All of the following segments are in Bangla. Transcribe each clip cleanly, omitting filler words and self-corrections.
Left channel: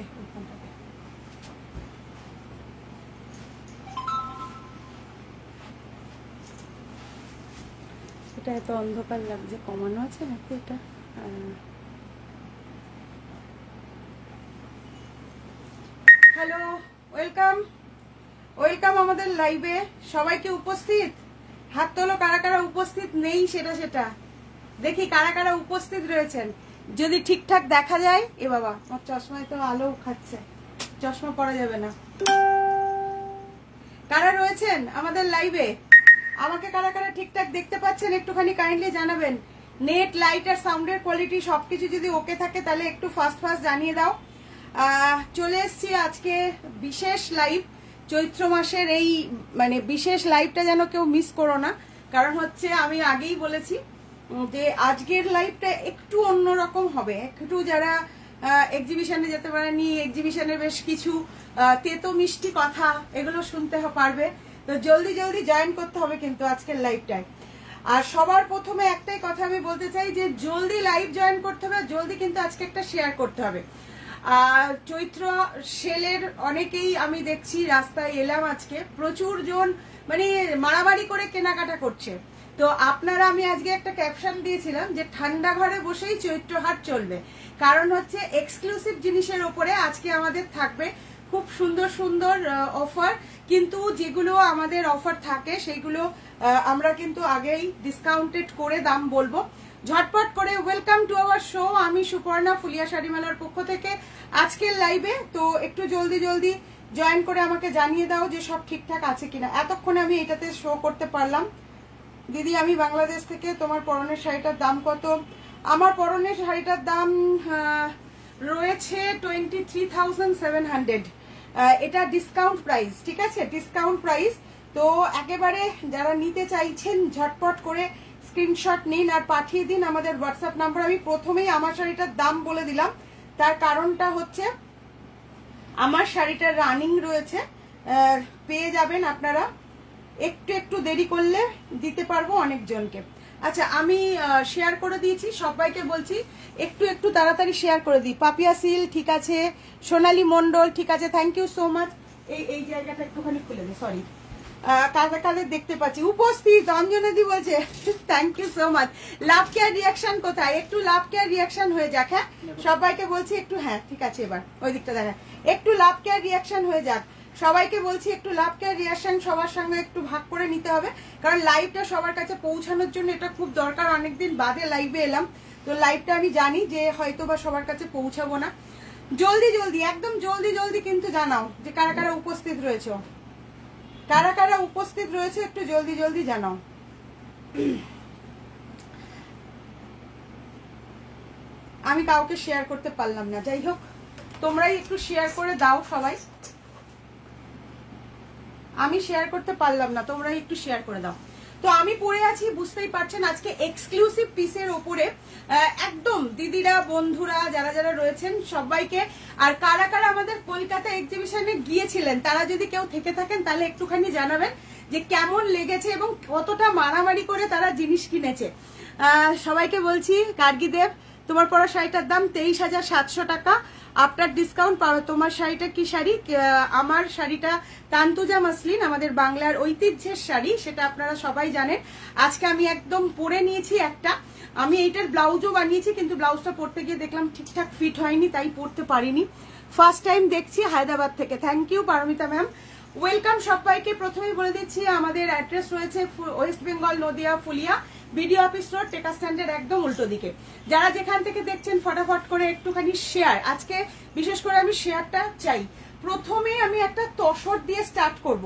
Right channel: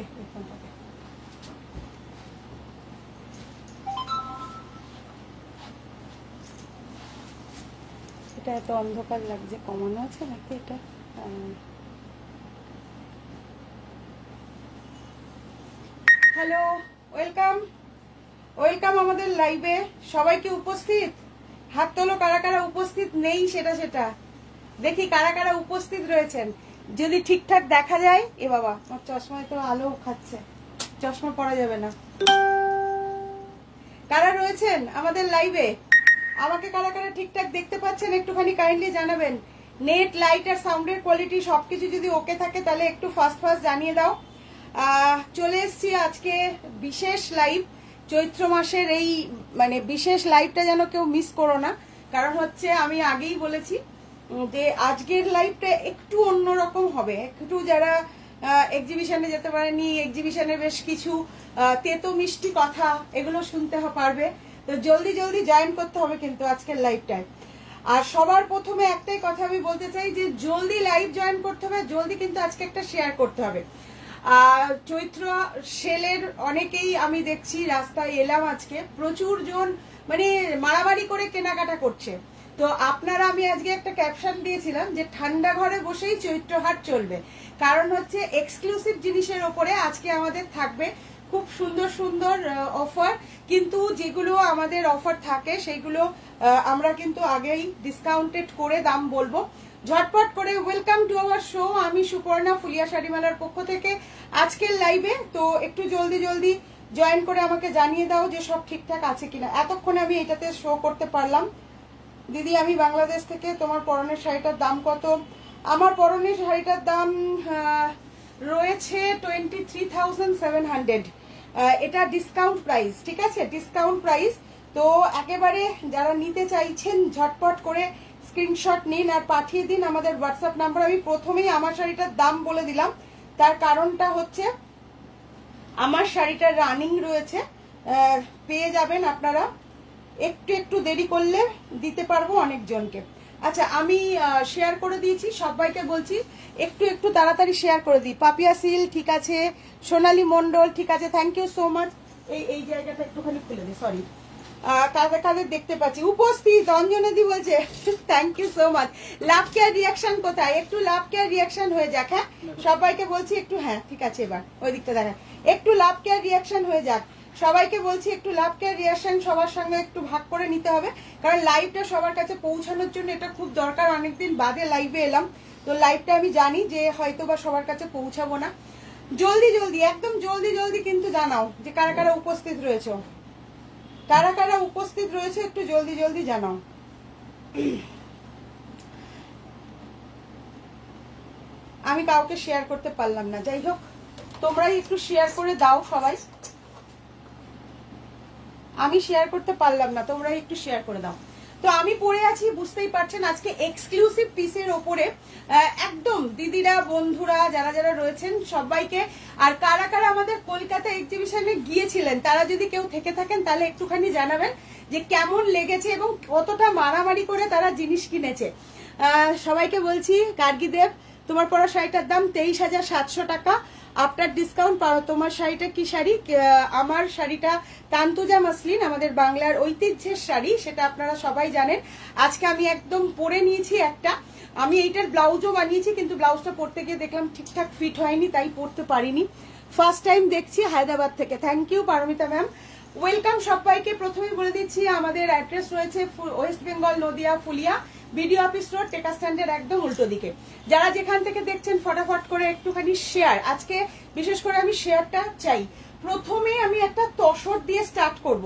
দে ফোনটাকে। এটা এত অন্ধকার লাগছে, কমানো আছে নাকি এটা? হ্যালো, ওয়েলকাম ওয়েলকাম আমাদের লাইভে সবাইকে। উপস্থিত হাত তোলো, কারা কারা উপস্থিত নেই সেটা সেটা দেখি, কারা কারা উপস্থিত রয়েছেন। যদি ঠিকঠাক দেখা যায়। এ বাবা, আমার চশমায় তো আলো খাচ্ছে, চশমা পরা যাবে না। কারা রয়েছেন আমাদের লাইভে? আমাকে কারা কারা ঠিকঠাক দেখতে পাচ্ছেন একটুখানি কাইন্ডলি জানাবেন। নেট, লাইট আর সাউন্ডের কোয়ালিটি সবকিছু যদি ওকে থাকে তাহলে একটু ফাস্ট ফাস্ট জানিয়ে দাও। চলে এসছি আজকে বিশেষ লাইভ, চৈত্র মাসের এই মানে বিশেষ লাইভটা যেন কেউ মিস করো না। কারণ হচ্ছে আমি আগেই বলেছি যে আজকের লাইভটা একটু অন্যরকম হবে। একটু যারা এক্সিবিশনে যেতে পারেনি, এক্সিবিশনে বেশ কিছু তেতো মিষ্টি কথা এগুলো শুনতে পারবে। তো জলদি জলদি জয়েন করতে হবে কিন্তু আজকের লাইভটায়। আর সবার প্রথমে একটাই কথা আমি বলতে চাই যে জলদি লাইভ জয়েন করতে হবে, জলদি কিন্তু আজকে একটা শেয়ার করতে হবে। চৈত্র সেলের অনেকেই আমি দেখছি রাস্তায় এলাম আজকে, প্রচুর জন মানে মারামারি করে কেনাকাটা করছে। তো আপনারা, আমি আজকে একটা ক্যাপশন দিয়েছিলাম যে ঠান্ডা ঘরে বসেই চৈত্রহাট চলবে। কারণ হচ্ছে এক্সক্লুসিভ জিনিসের ওপরে আজকে আমাদের থাকবে খুব সুন্দর সুন্দর অফার। কিন্তু যেগুলো আমাদের অফার থাকে সেইগুলো আমরা কিন্তু আগেই ডিসকাউন্টেড করে দাম বলবো। ঝটপট করে ওয়েলকাম টু আওয়ার শো। আমি সুপর্ণা, ফুলিয়া শাড়ি মেলার পক্ষ থেকে আজকের লাইভে। তো একটু জলদি জলদি জয়েন করে আমাকে জানিয়ে দাও যে সব ঠিকঠাক আছে কিনা। এতক্ষণে আমি এটাতে শো করতে পারলাম। দিদি, আমি বাংলাদেশ থেকে। তোমার পরনের শাড়িটার দাম কত? আমার পরনের শাড়িটার দাম রয়েছে 23,700। এটা ডিসকাউন্ট প্রাইস, ঠিক আছে, ডিসকাউন্ট প্রাইস। তো একেবারে যারা নিতে চাইছেন ঝটপট করে স্ক্রিনশট নিন আর পাঠিয়ে দিন আমাদের হোয়াটসঅ্যাপ নাম্বার। আমি প্রথমেই আমার শাড়িটার দাম বলে দিলাম, তার কারণটা হচ্ছে আমার শাড়িটা রানিং রয়েছে, পেয়ে যাবেন আপনারা। একটু একটু দেরি করলে দিতে পারবো অনেকজনকে। আচ্ছা, আমি শেয়ার করে দিয়েছি, সবাইকে বলছি একটু একটু তাড়াতাড়ি শেয়ার করে দিই। পাপিয়া সিল ঠিক আছে, সোনালী মন্ডল ঠিক আছে, থ্যাংক ইউ সো মাচ। এই জায়গাটা একটুখানি খুলে দিই, সরি। কাদের কাদের দেখতে পাচ্ছি উপস্থিত? অঞ্জনাদি বলছে thank you so much. Love care reaction কোথায়? একটু লাভ কেয়ার রিয়াকশন হয়ে যাক। হ্যাঁ, সবাইকে বলছি একটু। হ্যাঁ ঠিক আছে, এবার ওই দিকটা দেখা, একটু লাভ কেয়ার রিয়াকশন হয়ে যাক। সবাইকে বলছি একটু লাভ কেয়ার রিয়াকশন সবার সঙ্গে একটু ভাগ করে নিতে হবে, কারণ লাইভটা সবার কাছে পৌঁছানোর জন্য এটা খুব দরকার। অনেকদিন বাদে লাইভে এলাম, তো লাইভটা আমি জানি যে হয়তো বা সবার কাছে পৌঁছাবো না। জলদি জলদি, একদম জলদি জলদি কিন্তু জানাও যে কারা কারা উপস্থিত রয়েছে, কারা কারা উপস্থিত রয়েছে, একটু জলদি জলদি জানাও। আমি কাউকে শেয়ার করতে পারলাম না, যাই হোক তোমরাই একটু শেয়ার করে দাও সবাই। আমি শেয়ার করতে পারলাম না, তোমরাই একটু শেয়ার করে দাও। তো আমি পরে আছি, বুঝতেই পারছেন আজকে এক্সক্লুসিভ পিসের ওপরে একদম দিদিরা, বন্ধুরা যারা যারা রয়েছেন সবাইকে। আর কারা কারা আমাদের কলকাতা এক্সিবিশনে গিয়েছিলেন তারা যদি কেউ থেকে থাকেন তাহলে একটুখানি জানাবেন যে কেমন লেগেছে এবং কতটা মারামারি করে তারা জিনিস কিনেছে। সবাইকে বলছি, গার্গীদেব তোমার পরা শাড়িটার দাম 23,700 টাকা আফটার ডিসকাউন্ট পাওয়া। তোমার শাড়িটা কি শাড়ি? আমার শাড়িটা তান্তুজা মাসলিন, আমাদের বাংলার ঐতিহ্যের শাড়ি, সেটা আপনারা সবাই জানেন। আজকে আমি একদম পরে নিয়েছি একটা, আমি এইটার ব্লাউজও বানিয়েছি, কিন্তু ব্লাউজটা পরতে গিয়ে দেখলাম ঠিকঠাক ফিট হয়নি, তাই পরতে পারিনি। ফার্স্ট টাইম দেখছি হায়দ্রাবাদ থেকে। Thank you Paromita ma'am, welcome সবাইকে। প্রথমেই বলে দিচ্ছি আমাদের অ্যাড্রেস রয়েছে ওয়েস্ট বেঙ্গল, Nadia, Phulia, BDO office road, টেকা স্ট্যান্ডের একদম উল্টো দিকে। যারা যেখান থেকে দেখছেন ফটাফট করে একটুখানি শেয়ার, আজকে বিশেষ করে আমি শেয়ারটা চাই। প্রথমে আমি একটা তসর দিয়ে স্টার্ট করব।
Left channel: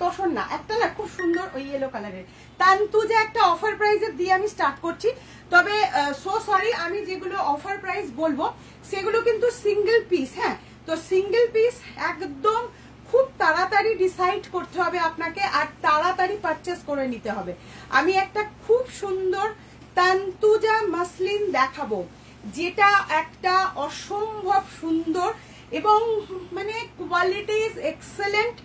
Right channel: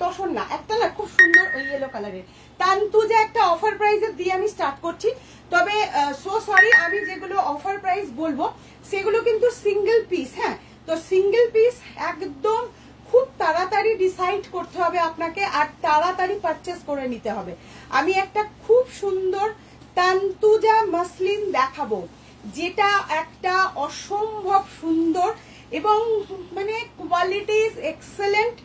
তসর না, একটা না খুব সুন্দর ওই ইয়েলো কালারের তান্তুজা একটা অফার প্রাইসে দিয়ে আমি স্টার্ট করছি। তবে সো সরি, আমি যেগুলো অফার প্রাইস বলবো সেগুলো কিন্তু সিঙ্গেল পিস। হ্যাঁ, তো সিঙ্গেল পিস একদম খুব তাড়াতাড়ি ডিসাইড করতে হবে আপনাকে, আর তাড়াতাড়ি পারচেস করে নিতে হবে। আমি একটা খুব সুন্দর তান্তুজা মাসলিন দেখাবো, যেটা একটা অসম্ভব সুন্দর এবং মানে কোয়ালিটি ইজ এক্সেলেন্ট।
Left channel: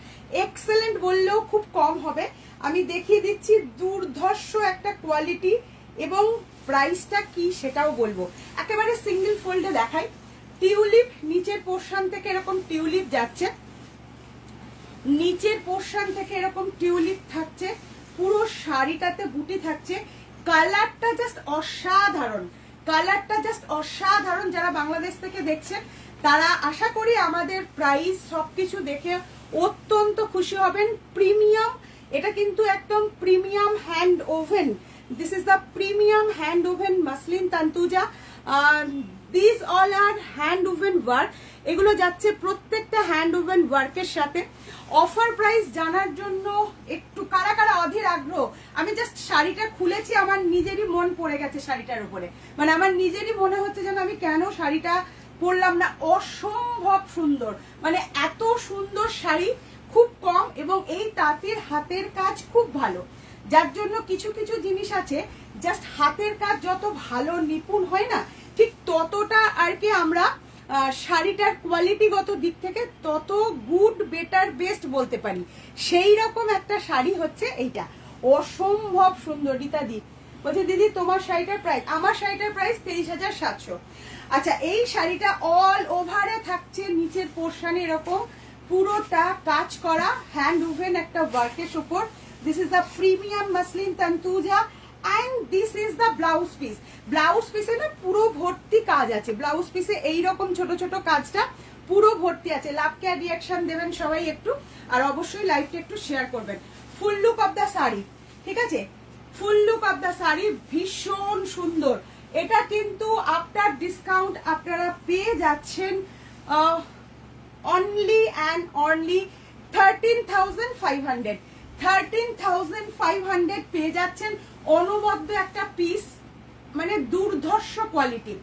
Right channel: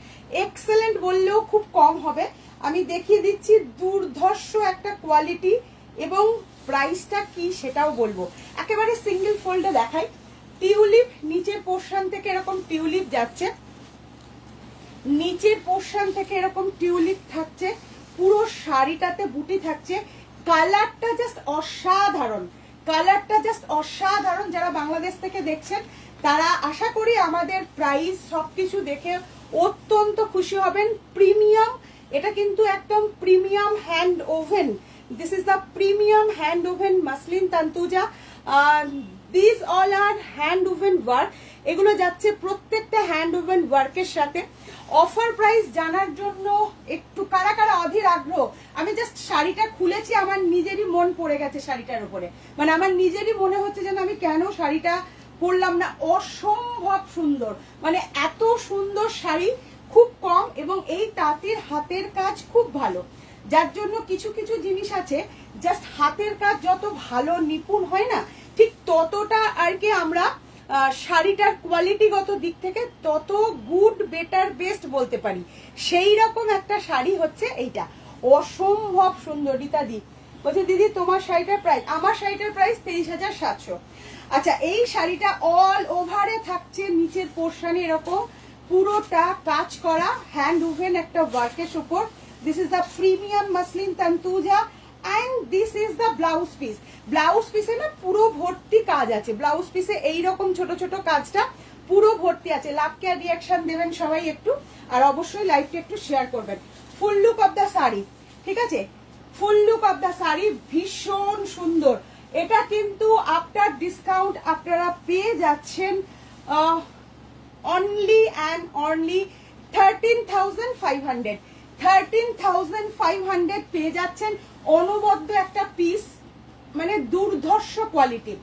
এক্সেলেন্ট বললেও খুব কম হবে। আমি দেখিয়ে দিচ্ছি দুর্ধর্ষ একটা কোয়ালিটি এবং প্রাইসটা কি সেটাও বলবো। একেবারে সিঙ্গেল ফোল্ডে দেখাই। টিউলিপ নিচের পোর্শন থেকে এরকম টিউলিপ যাচ্ছে, নিচের পোর্শন থেকে এরকম টিউলিপ থাকছে, পুরো শাড়িটাতে বুটি থাকছে। কালারটা জাস্ট অসাধারণ, কালারটা জাস্ট অসাধারণ। যারা বাংলাদেশ থেকে দেখছেন তারা আশা করি আমাদের প্রাইস সবকিছু দেখে অত্যন্ত খুশি হবেন। প্রিমিয়াম, এটা কিন্তু একদম premium hand woven. This is the premium hand woven muslin Tantuja. This all are hand woven work. এগুলো যাচ্ছে প্রত্যেকটা হ্যান্ড ওভেন ওয়ার্কের সাথে। অফার প্রাইস জানার জন্য একটু কারা কারা অধীর আগ্রহ। আমি জাস্ট শাড়িটা খুলেছি, আমার নিজেরই মন পড়ে গেছে শাড়িটার উপরে, মানে আমার নিজেরই মনে হচ্ছে যেন আমি কেন শাড়িটা পরলাম না। অসম্ভব সুন্দর, মানে এত সুন্দর শাড়ি, খুব কম, এবং এই তাঁতের হাতের কাজ খুব ভালো, যার জন্য কিছু কিছু জিনিস আছে জাস্ট হাতের কাজ যত ভালো নিপুণ হয় না, ঠিক ততটা আর কি আমরা শাড়িটার কোয়ালিটিগত দিক থেকে তত গুড, বেটার, বেস্ট বলতে পারি। সেই রকম একটা শাড়ি হচ্ছে এইটা, অসম্ভব সুন্দর। রীতাদি বলছে দিদি তোমার শাড়িটার প্রাইস, আমার শাড়িটার প্রাইস 23,700। আচ্ছা, এই শাড়িটা অল ওভারে থাকছে নিচের পোর্শনে এরকম পুরোটা কাজ করা হ্যান্ড ওভেন একটা ওয়ার্কের উপর। This is the premium muslin Tantuja and this is the blouse piece. Blouse পিসে না পুরো ভর্তি কাজ আছে, ব্লাউজ পিসে এইরকম ছোট ছোট কাজটা পুরো ভর্তি আছে। লাভকে রিয়াকশন দেবেন সবাই একটু, আর অবশ্যই লাইভটা একটু শেয়ার করবেন। ফুল লুক অফ দ্য শাড়ি, ঠিক আছে, ফুল লুক অফ দ্য শাড়ি ভীষণ সুন্দর। এটা কিন্তু আফটার ডিসকাউন্ট আপনারা পেয়ে যাচ্ছেন অনলি অ্যান্ড অনলি 13,500। 13,500 পেয়ে যাচ্ছেন অনবদ্য একটা পিস, মানে দুর্ধর্ষ কোয়ালিটি।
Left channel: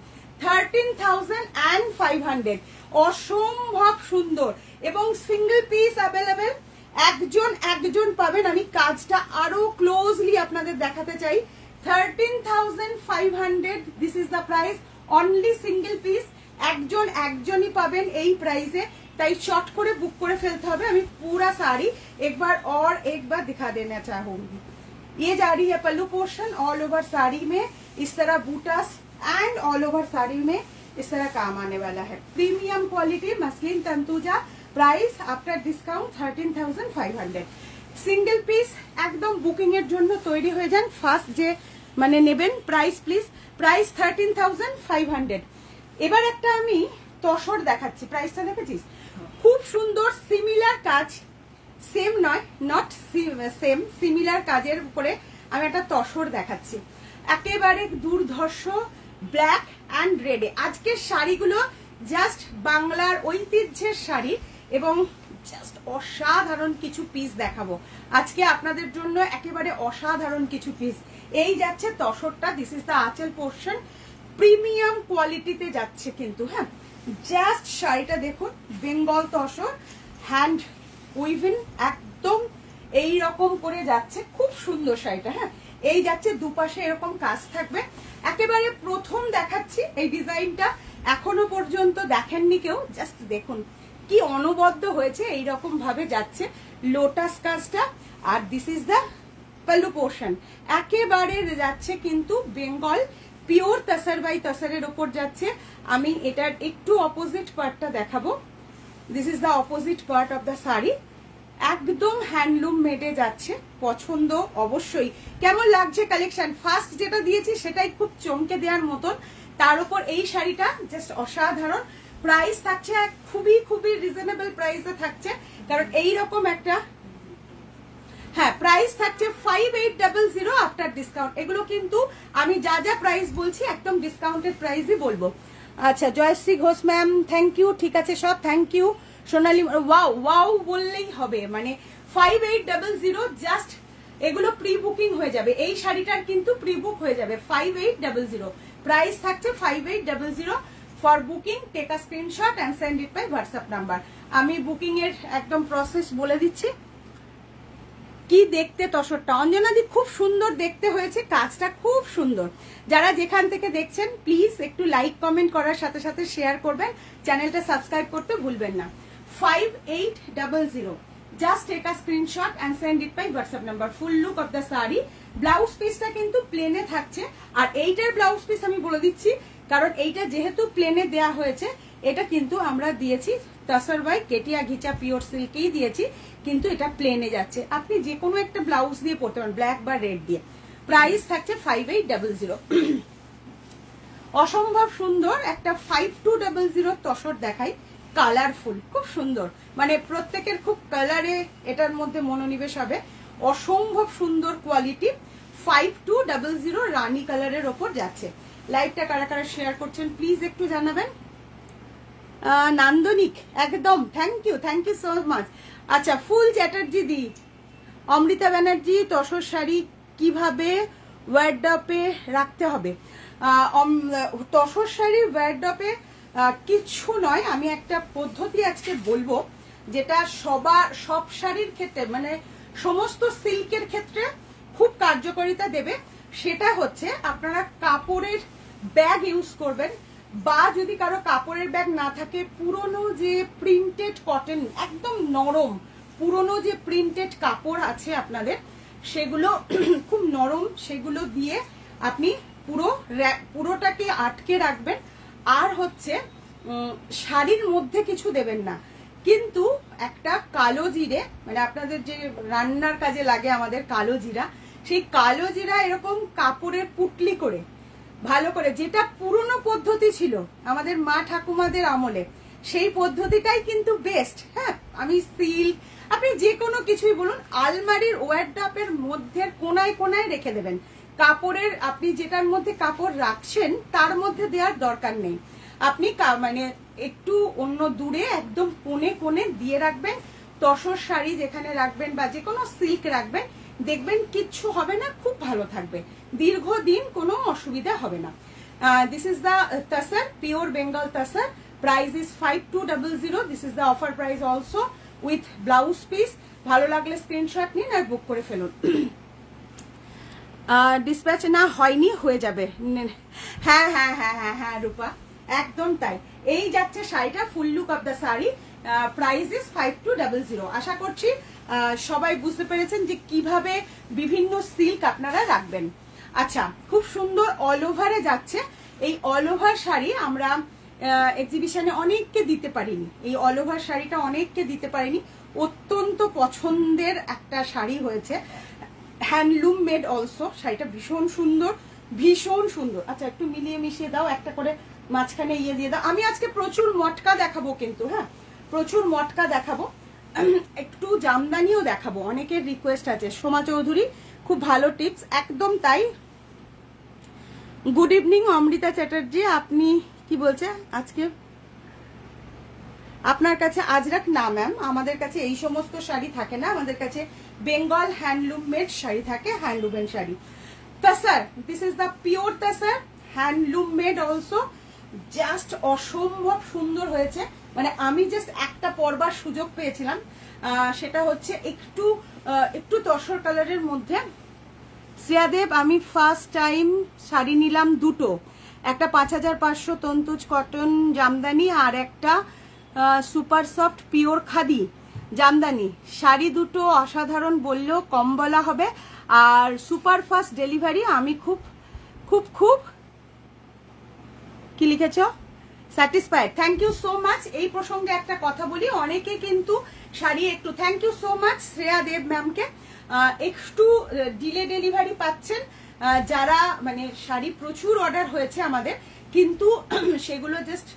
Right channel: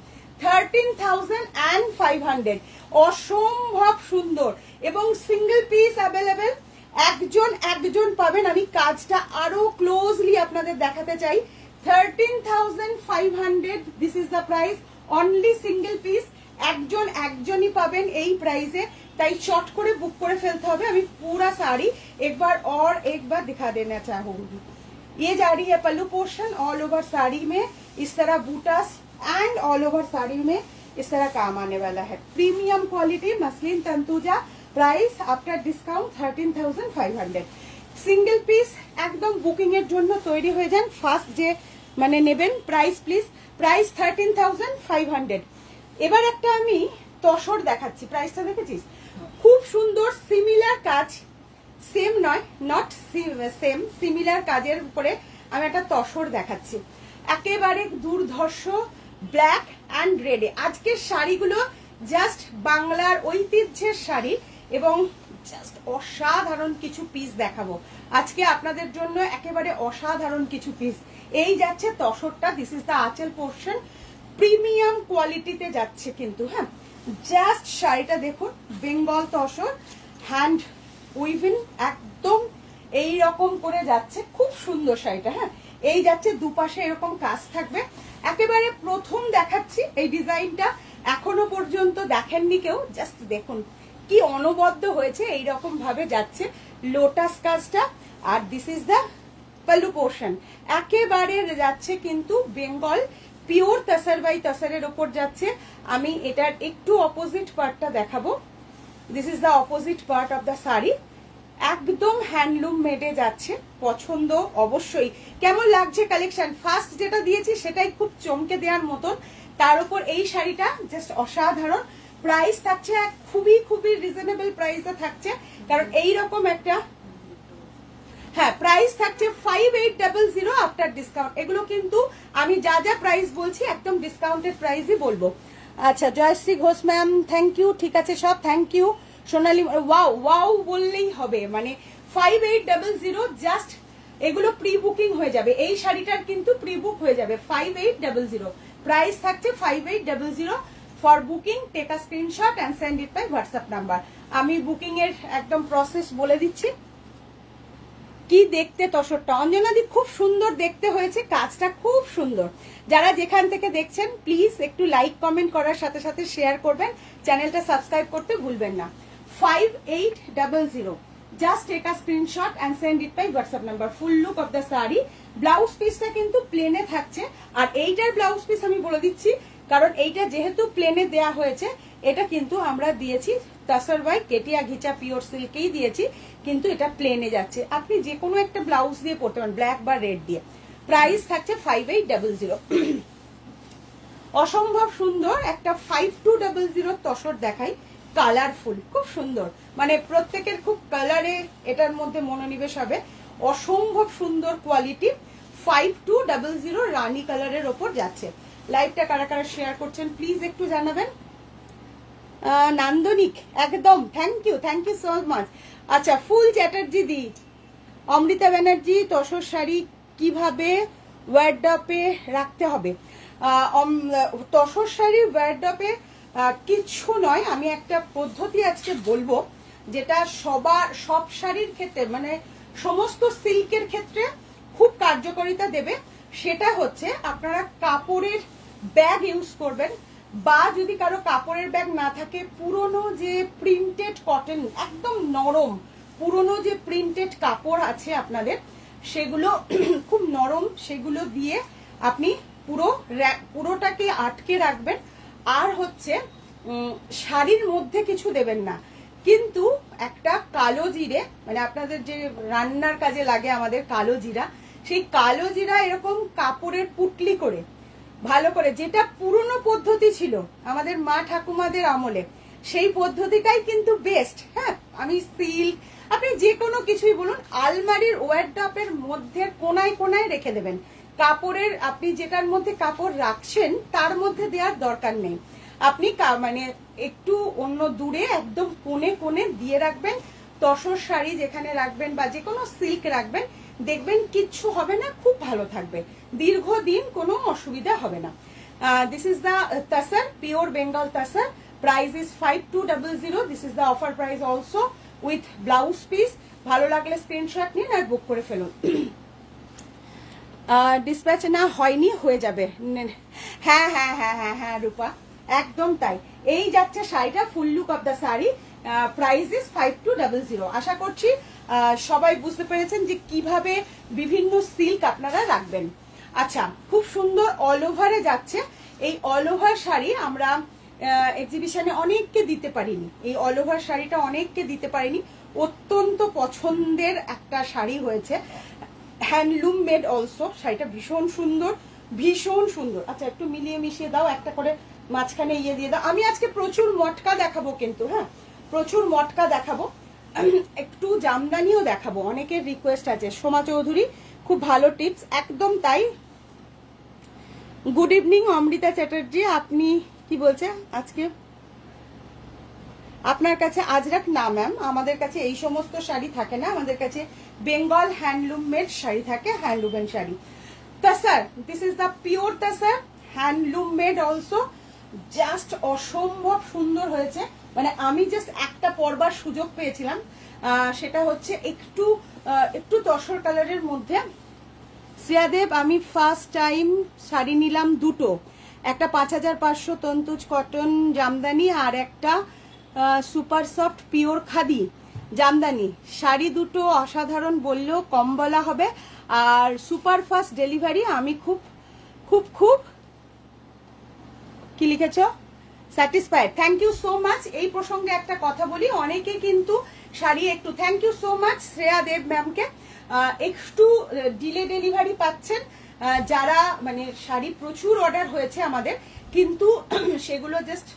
13,500, অসম্ভব সুন্দর, এবং সিঙ্গেল পিস অ্যাভেলেবেল। একজন পাবেন। আমি কাজটা আরো ক্লোজলি আপনাদের দেখাতে চাই। 13,500, this is the price, only single piece. একজনই পাবেন এই প্রাইসে, তাই চট করে বুক করে ফেলতে হবে। আমি पूरा साड़ी एक बार दिखा देना चाहूंगी। ये जा रही है pallu portion, all over sari में इस तरह बूटास एंड ऑल ओवर साड़ी में इस तरह काम आने वाला है। Premium quality muslin Tantuja, price after discount 13,500। Single piece একদম বুকিং এর জন্য তৈরি হয়ে যান। ফার্স্ট যে মানে নেবেন প্রাইস প্লিজ, প্রাইস 13,500। এবার একটা আমি তসর দেখাচ্ছি, প্রাইসটা দেখেছিস, খুব সুন্দর সিমিলার কাজ, সেম নয়, নট সেম, সিমিলার কাজের উপরে আমি একটা তসর দেখাচ্ছি, একেবারে দুর্ধর্ষ ব্ল্যাক অ্যান্ড রেডে। আজকের শাড়িগুলো জাস্ট বাংলার ঐতিহ্যের শাড়ি, এবং জাস্ট অসাধারণ কিছু পিস দেখাবো আজকে আপনাদের জন্য, একেবারে অসাধারণ কিছু পিস। এই যাচ্ছে তসরটা, this is the anchal portion, premium কোয়ালিটিতে যাচ্ছে কিন্তু। হ্যাঁ, জাস্ট শাড়িটা দেখুন, বেঙ্গল তসর হ্যান্ড উইভিং, একদম এই রকম করে যাচ্ছে, খুব সুন্দর শাড়িটা। হ্যাঁ, এই যাচ্ছে দুপাশে এরকম কাজ থাকবে। একেবারে প্রথম দেখাচ্ছি এই ডিজাইনটা, এখনো পর্যন্ত দেখেননি কেউ, জাস্ট দেখুন কি অনবদ্য হয়েছে, এইরকম ভাবে যাচ্ছে লোটাস কাজটা। আর this is the pallu portion, একেবারে যাচ্ছে কিন্তু বেঙ্গল পিওর তসর বাই তসরের ওপর যাচ্ছে। আমি এটার একটু অপোজিট পার্টটা দেখাবো। This is the opposite part of the sari, একদম হ্যান্ডলুম মেডে যাচ্ছে। পছন্দ অবশ্যই। কেমন লাগছে কালেকশন? ফার্স্ট যেটা দিয়েছি সেটাই খুব চমকে দেওয়ার মতন, তার উপর এই শাড়িটা জাস্ট অসাধারণ। প্রাইস থাকছে খুবই খুবই রিজনেবল প্রাইসে থাকছে, কারণ এইরকম একটা, হ্যাঁ প্রাইস থাকছে 5800 আফটার ডিসকাউন্ট। এগুলো কিন্তু আমি যা যা প্রাইস বলছি একদম ডিসকাউন্টেড প্রাইসই বলবো। আচ্ছা, Jayashree Ghosh ma'am thank you, ঠিক আছে সব thank you. Sonali wow wow বললেই হবে, মানে 5800 জাস্ট, এগুলো প্রি বুকিং হয়ে যাবে। এই শাড়িটার কিন্তু প্রি বুক হয়ে যাবে 5800, প্রাইস থাকছে 5800। For booking take a screenshot and send it by WhatsApp number. আমি বুকিং এর একদম প্রসেস বলে দিচ্ছি। কি দেখতে তসরটা অঞ্জনাদি, খুব সুন্দর দেখতে হয়েছে, কাজটা খুব সুন্দর। যারা যেখান থেকে দেখছেন প্লিজ একটু লাইক কমেন্ট করার সাথে সাথে শেয়ার করবেন, চ্যানেলটা সাবস্ক্রাইব করতে ভুলবেন না। 5800, just take a screenshot and send it by WhatsApp number. Full look of the sari, blouse পিসটা কিন্তু প্লেনে থাকছে। আর এইটার ব্লাউজ পিস আমি বলে দিচ্ছি, কারণ এইটা যেহেতু প্লেনে দেয়া হয়েছে, এটা কিন্তু আমরা দিয়েছি টাসার বাই কেটিয়া ঘিচা পিওর সিল্কেই দিয়েছি, কিন্তু এটা প্লেনে যাচ্ছে। আপনি যে কোনো একটা ব্লাউজ দিয়ে পরতে পারেন, ব্ল্যাক বা রেড দিয়ে। প্রাইস থাকছে 5800। অসম্ভব সুন্দর একটা 5200 তসর দেখাই, কালারফুল, খুব সুন্দর, মানে প্রত্যেকের খুব কালারে এটার মধ্যে মনোনিবেশ হবে। অসম্ভব সুন্দর কোয়ালিটি, 5200 রানী কালারের ওপর যাচ্ছে। লাইভটা কারা কারা শেয়ার করছেন প্লিজ একটু জানাবেন। নান্দনিক একদম, থ্যাংক ইউ সো মাচ। আচ্ছা, ফুল চ্যাটার্জি দি, অমৃতা ব্যানার্জি, তসর শাড়ি কিভাবে ওয়ার্ডরোবে রাখতে হবে? তসর শাড়ির ওয়ার্ডরোবে কিছু নয়, আমি একটা পদ্ধতি আজকে বলবো যেটা সব শাড়ির ক্ষেত্রে, মানে সমস্ত সিল্কের ক্ষেত্রে খুব কার্যকারিতা দেবে। সেটা হচ্ছে আপনারা কাপড়ের ব্যাগ ইউজ করবেন, বা যদি কারো কাপড়ের ব্যাগ না থাকে, পুরনো যে প্রিন্টেড কটন, একদম নরম পুরনো যে প্রিন্টেড কাপড় আছে আপনাদের, সেগুলো খুব নরম, সেগুলো দিয়ে আপনি পুরোটাকে আটকে রাখবেন। আর হচ্ছে শাড়ির মধ্যে কিছু দেবেন না, কিন্তু একটা কালো জিরে, মানে আপনাদের যে রান্নার কাজে লাগে আমাদের কালো জিরা, সেই কালো জিরা এরকম কাপড়ের পুটলি করে ভালো করে, যেটা পুরনো পদ্ধতি ছিল আমাদের মা ঠাকুমাদের আমলে, সেই পদ্ধতিটাই কিন্তু বেস্ট। হ্যাঁ, আমি সিল্ক, আপনি যে কোনো কিছুই বলুন, আলমারির ওয়ার্ডরোবের মধ্যে কোনায় কোনায় রেখে দেবেন। কাপড়ের, আপনি যেটার মধ্যে কাপড় রাখছেন তার মধ্যে দেওয়ার দরকার নেই, আপনি মানে একটু অন্য দূরে একদম কোণে কোণে দিয়ে রাখবেন। তসর শাড়ি যেখানে রাখবেন বা যে কোনো সিল্ক রাখবেন, দেখবেন কিচ্ছু হবে না, খুব ভালো থাকবে, দীর্ঘদিন কোনো অসুবিধা হবে না। This is the তাসার, pure Bengal তাসার। Price is 5200। This is the offer price also with blouse piece. ভালো লাগলে স্ক্রিনশট নিন আর বুক করে ফেলুন। ডিসপ্যাচ না হয়নি, হয়ে যাবে। হ্যাঁ হ্যাঁ হ্যাঁ হ্যাঁ হ্যাঁ রূপা, একদম তাই। এই যাচ্ছে শাড়িটা, ফুল look of the sari. Price is 5200। আশা করছি সবাই বুঝতে পেরেছেন যে কিভাবে বিভিন্ন সিল্ক আপনারা রাখবেন। আচ্ছা, খুব সুন্দর অল ওভারে যাচ্ছে। এই অল ওভার শাড়ি আমরা এক্সিবিশনে অনেককে দিতে পারিনি, এই অল ওভার শাড়িটা অনেককে দিতে পারিনি, অত্যন্ত পছন্দের একটা শাড়ি হয়েছে, হ্যান্ডলুম মেড অলসো। শাড়িটা ভীষণ সুন্দর, ভীষণ সুন্দর। আচ্ছা, একটু মিলিয়ে মিশিয়ে দাও, একটা করে মাঝখানে ইয়ে দিয়ে দাও। আমি আজকে প্রচুর মটকা দেখাবো কিন্তু, হ্যাঁ প্রচুর মটকা দেখাবো, একটু জামদানিও দেখাবো, অনেকের রিকোয়েস্ট আছে। সোমা চৌধুরী, খুব ভালো টিপস, একদম তাই। গুড ইভিনিং অমৃতা চ্যাটার্জি, আপনি কি বলছে আজকে আপনার কাছে আজরাক? না ম্যাম, আমাদের কাছে এই সমস্ত শাড়ি থাকে না, আমাদের কাছে বেঙ্গল হ্যান্ডলুম মেড শাড়ি থাকে, হ্যান্ডলুমের sari. Tussar, this is the pure tussar, handloom made also. Just অসম্ভব সুন্দর হয়েছে, মানে আমি জাস্ট একটা পরবার সুযোগ পেয়েছিলাম, সেটা হচ্ছে একটু তসর কালারের মধ্যে। শ্রেয়াদেব, আমি ফার্স্ট টাইম শাড়ি নিলাম দুটো, একটা 5500 তন্তুজ কটন জামদানি আর একটা super soft pure khadi Jamdani. Sari দুটো অসাধারণ বললেও কম বলা হবে, আর সুপার ফাস্ট ডেলিভারি। আমি খুব খুব খুব কি লিখেছ? Satisfied. Thank you so much. এই প্রসঙ্গে একটা কথা বলি, অনেকে কিন্তু শাড়ি একটু, thank you so much Shreya Deb ম্যামকে, একটু ডিলে ডেলিভারি পাচ্ছেন যারা, মানে শাড়ি প্রচুর অর্ডার হয়েছে আমাদের, কিন্তু সেগুলো জাস্ট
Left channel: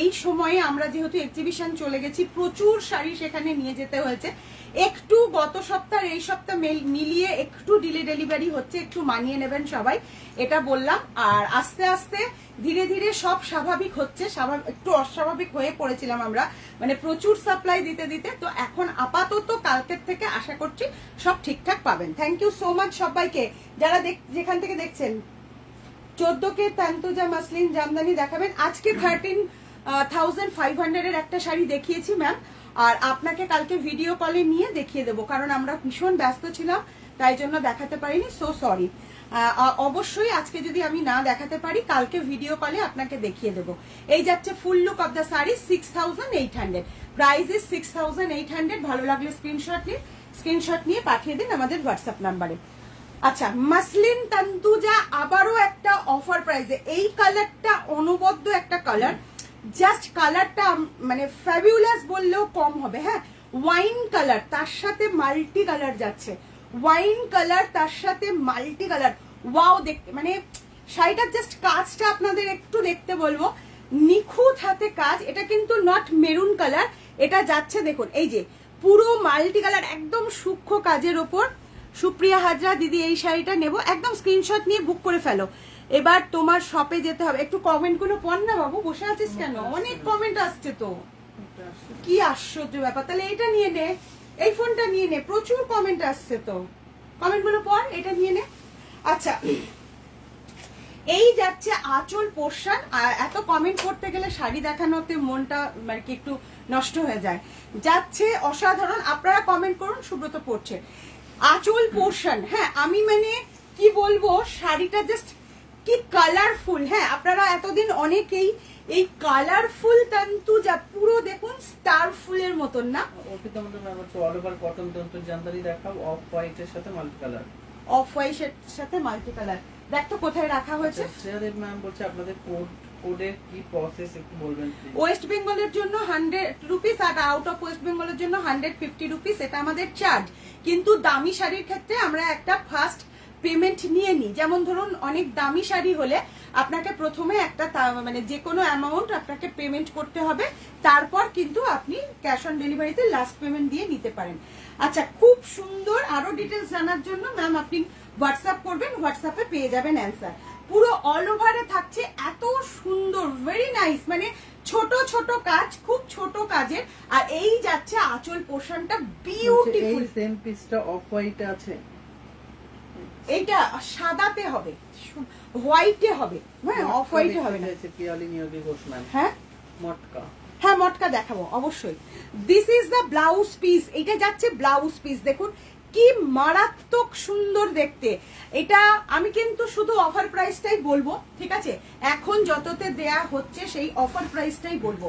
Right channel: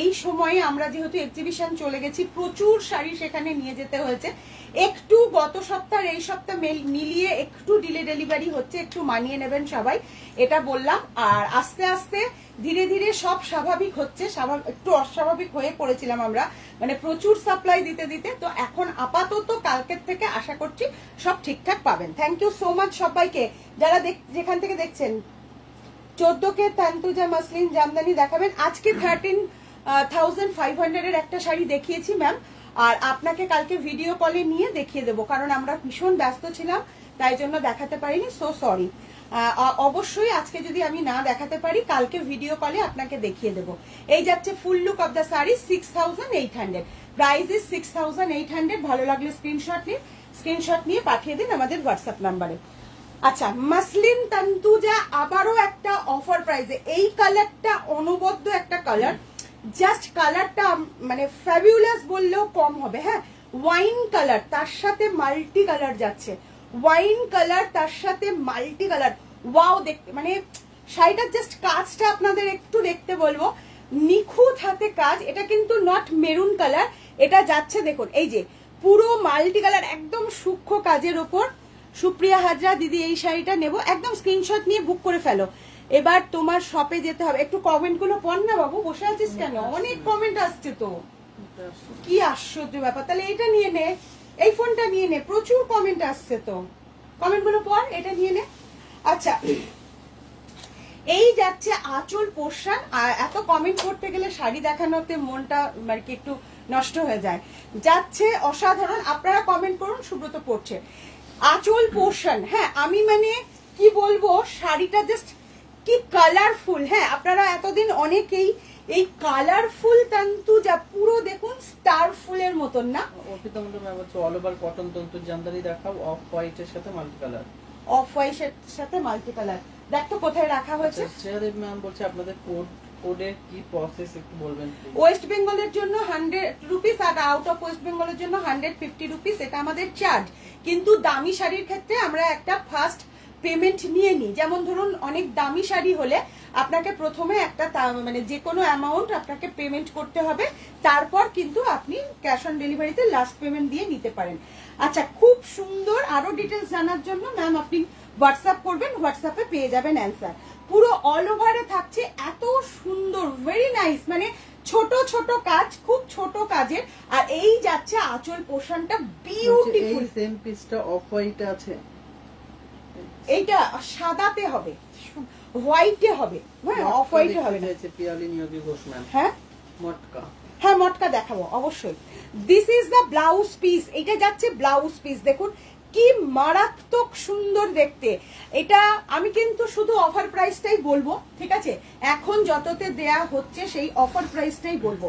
এই সময়ে আমরা যেহেতু এক্সিবিশন চলে গেছি, প্রচুর শাড়ি সেখানে নিয়ে যেতে হয়েছে, একটু গত সপ্তাহ এই সপ্তাহ মিলিয়ে একটু ডিলে ডেলিভারি হচ্ছে, একটু মানিয়ে নেবেন সবাই, এটা বললাম। আর আস্তে আস্তে ধীরে ধীরে সব স্বাভাবিক হচ্ছে, একটু অস্বাভাবিক হয়ে পড়েছিলাম আমরা, মানে প্রচুর সাপ্লাই দিতে দিতে। তো এখন আপাতত কালকের থেকে আশা করছি সব ঠিকঠাক পাবেন। থ্যাংক ইউ সো মাচ সবাইকে যারা যেখান থেকে দেখছেন। 14K তান্তুজা মাসলিন জামদানি দেখাবেন আজকে। 13,500 এর একটা শাড়ি দেখিয়েছি ম্যাম, আর আপনাকে কালকে ভিডিও কলে নিয়ে দেখিয়ে দেবো, কারণ আমরা ভীষণ ব্যস্ত ছিলাম, তাই জন্য দেখাতে পারিনি, সো সরি। অবশ্যই আজকে যদি আমি না দেখাতে পারি, কালকে ভিডিও কলে আপনাকে দেখিয়ে দেবো। এই যাচ্ছে ফুল look of the sari, 6800। Price is 6800। ভালো লাগলে স্ক্রিনশট নিয়ে পাঠিয়ে দিন আমাদের হোয়াটসঅ্যাপ নাম্বারে। আচ্ছা, মাসলিন তান্তুজা আবারও একটা অফার প্রাইসে। এই কালারটা অনবদ্য একটা কালার, জাস্ট কালারটা মানে ফ্যাবিউলাস বললেও কম হবে। হ্যাঁ, ওয়াইন কালার তার সাথে মাল্টি কালার যাচ্ছে, ওয়াইন কালার তার সাথে মাল্টি কালার। ওয়াও, দেখতে মানে শাড়িটার জাস্ট কাজটা আপনাদের একটু দেখতে বলবো, নিখুঁত হাতে কাজ। এটা কিন্তু নট মেরুন কালার, এটা যাচ্ছে দেখুন এই যে পুরো মাল্টি কালার, একদম সূক্ষ্ম কাজের ওপর। সুপ্রিয়া হাজরা দিদি এই শাড়িটা নেব, একদম স্ক্রিনশট নিয়ে বুক করে ফেলো। এবার তোমার শপে যেতে হবে। একটু কমেন্ট গুলো পড় না বাবু, বসে আছিস কেন? অনেক কমেন্ট আসছে তো, কি আশ্চর্য ব্যাপার। তাহলে এটা নিয়ে নে, এই ফোনটা নিয়ে নে, প্রচুর কমেন্ট আসছে তো, কমেন্ট গুলো পড়, এটা নিয়ে নে। আচ্ছা, এই যাচ্ছে আঁচল পোর্শন। এত কমেন্ট করতে গেলে শাড়ি দেখানোতে মনটা মানে কি একটু নষ্ট হয়ে যায়। যাচ্ছে অসাধারণ, আপনারা কমেন্ট করুন, সুব্রত পড়ছে। আঁচল পোর্শন, হ্যাঁ আমি মানে কি বলবো, শাড়িটা জাস্ট কি কালারফুল। হ্যাঁ, আপনারা এতদিন অনেকেই এই কালারফুল তন্তু যা পুরো দেখুন স্টার ফুলের মতন না, অল ওভার কটন তন্তু জামদানি দেখাও, অফ হোয়াইট এর সাথে মাল্টি কালার, অফ হোয়াইট এর সাথে মাল্টি কালার। দেখ তো কোথায় রাখা হয়েছে। ম্যাম বলছে আপনাদের কোডের কি প্রসেস একটু বলবেন। ওয়েস্ট বেঙ্গলের জন্য 100 রুপিস আর আউট অফ ওয়েস্ট বেঙ্গলের জন্য 150 রুপিস, এটা আমাদের চার্জ। কিন্তু দামি শাড়ির ক্ষেত্রে আমরা একটা ফার্স্ট পেমেন্ট নিয়ে নিই। যেমন ধরুন অনেক দামি শাড়ি হলে আপনাকে প্রথমে একটা মানে যে কোনো অ্যামাউন্ট আপনাকে পেমেন্ট করতে হবে, তারপর কিন্তু আপনি ক্যাশ অন ডেলিভারিতে লাস্ট পেমেন্ট দিয়ে নিতে পারেন। আচ্ছা, খুব সুন্দর। আরো ডিটেলস জানার জন্য ম্যাম আপনি হোয়াটসঅ্যাপ করবেন, হোয়াটসঅ্যাপে পেয়ে যাবেন অ্যান্সার। পুরো অল ওভারে থাকছে এত সুন্দর, ভেরি নাইস, মানে ছোট ছোট কাজ, খুব ছোট কাজের। আর এই যাচ্ছে আঁচল পোর্শনটা বিউটিফুল। এই সেম পিসটা অফ হোয়াইট আছে, এইটা সাদাতে হবে, হোয়াইটে হবে। হ্যাঁ, অফ হোয়াইটে হবে না। পিয়ালি নিয়োগী ঘোষ ম্যাম। হ্যাঁ, মটকা, হ্যাঁ মটকা দেখাবো অবশ্যই। This is the blouse piece, এটা যাচ্ছে ব্লাউজ পিস। দেখুন কি মারাত্মক সুন্দর দেখতে। এটা আমি কিন্তু শুধু অফার প্রাইসটাই বলবো, ঠিক আছে? এখন যততে দেয়া হচ্ছে সেই অফার প্রাইসটাই বলবো,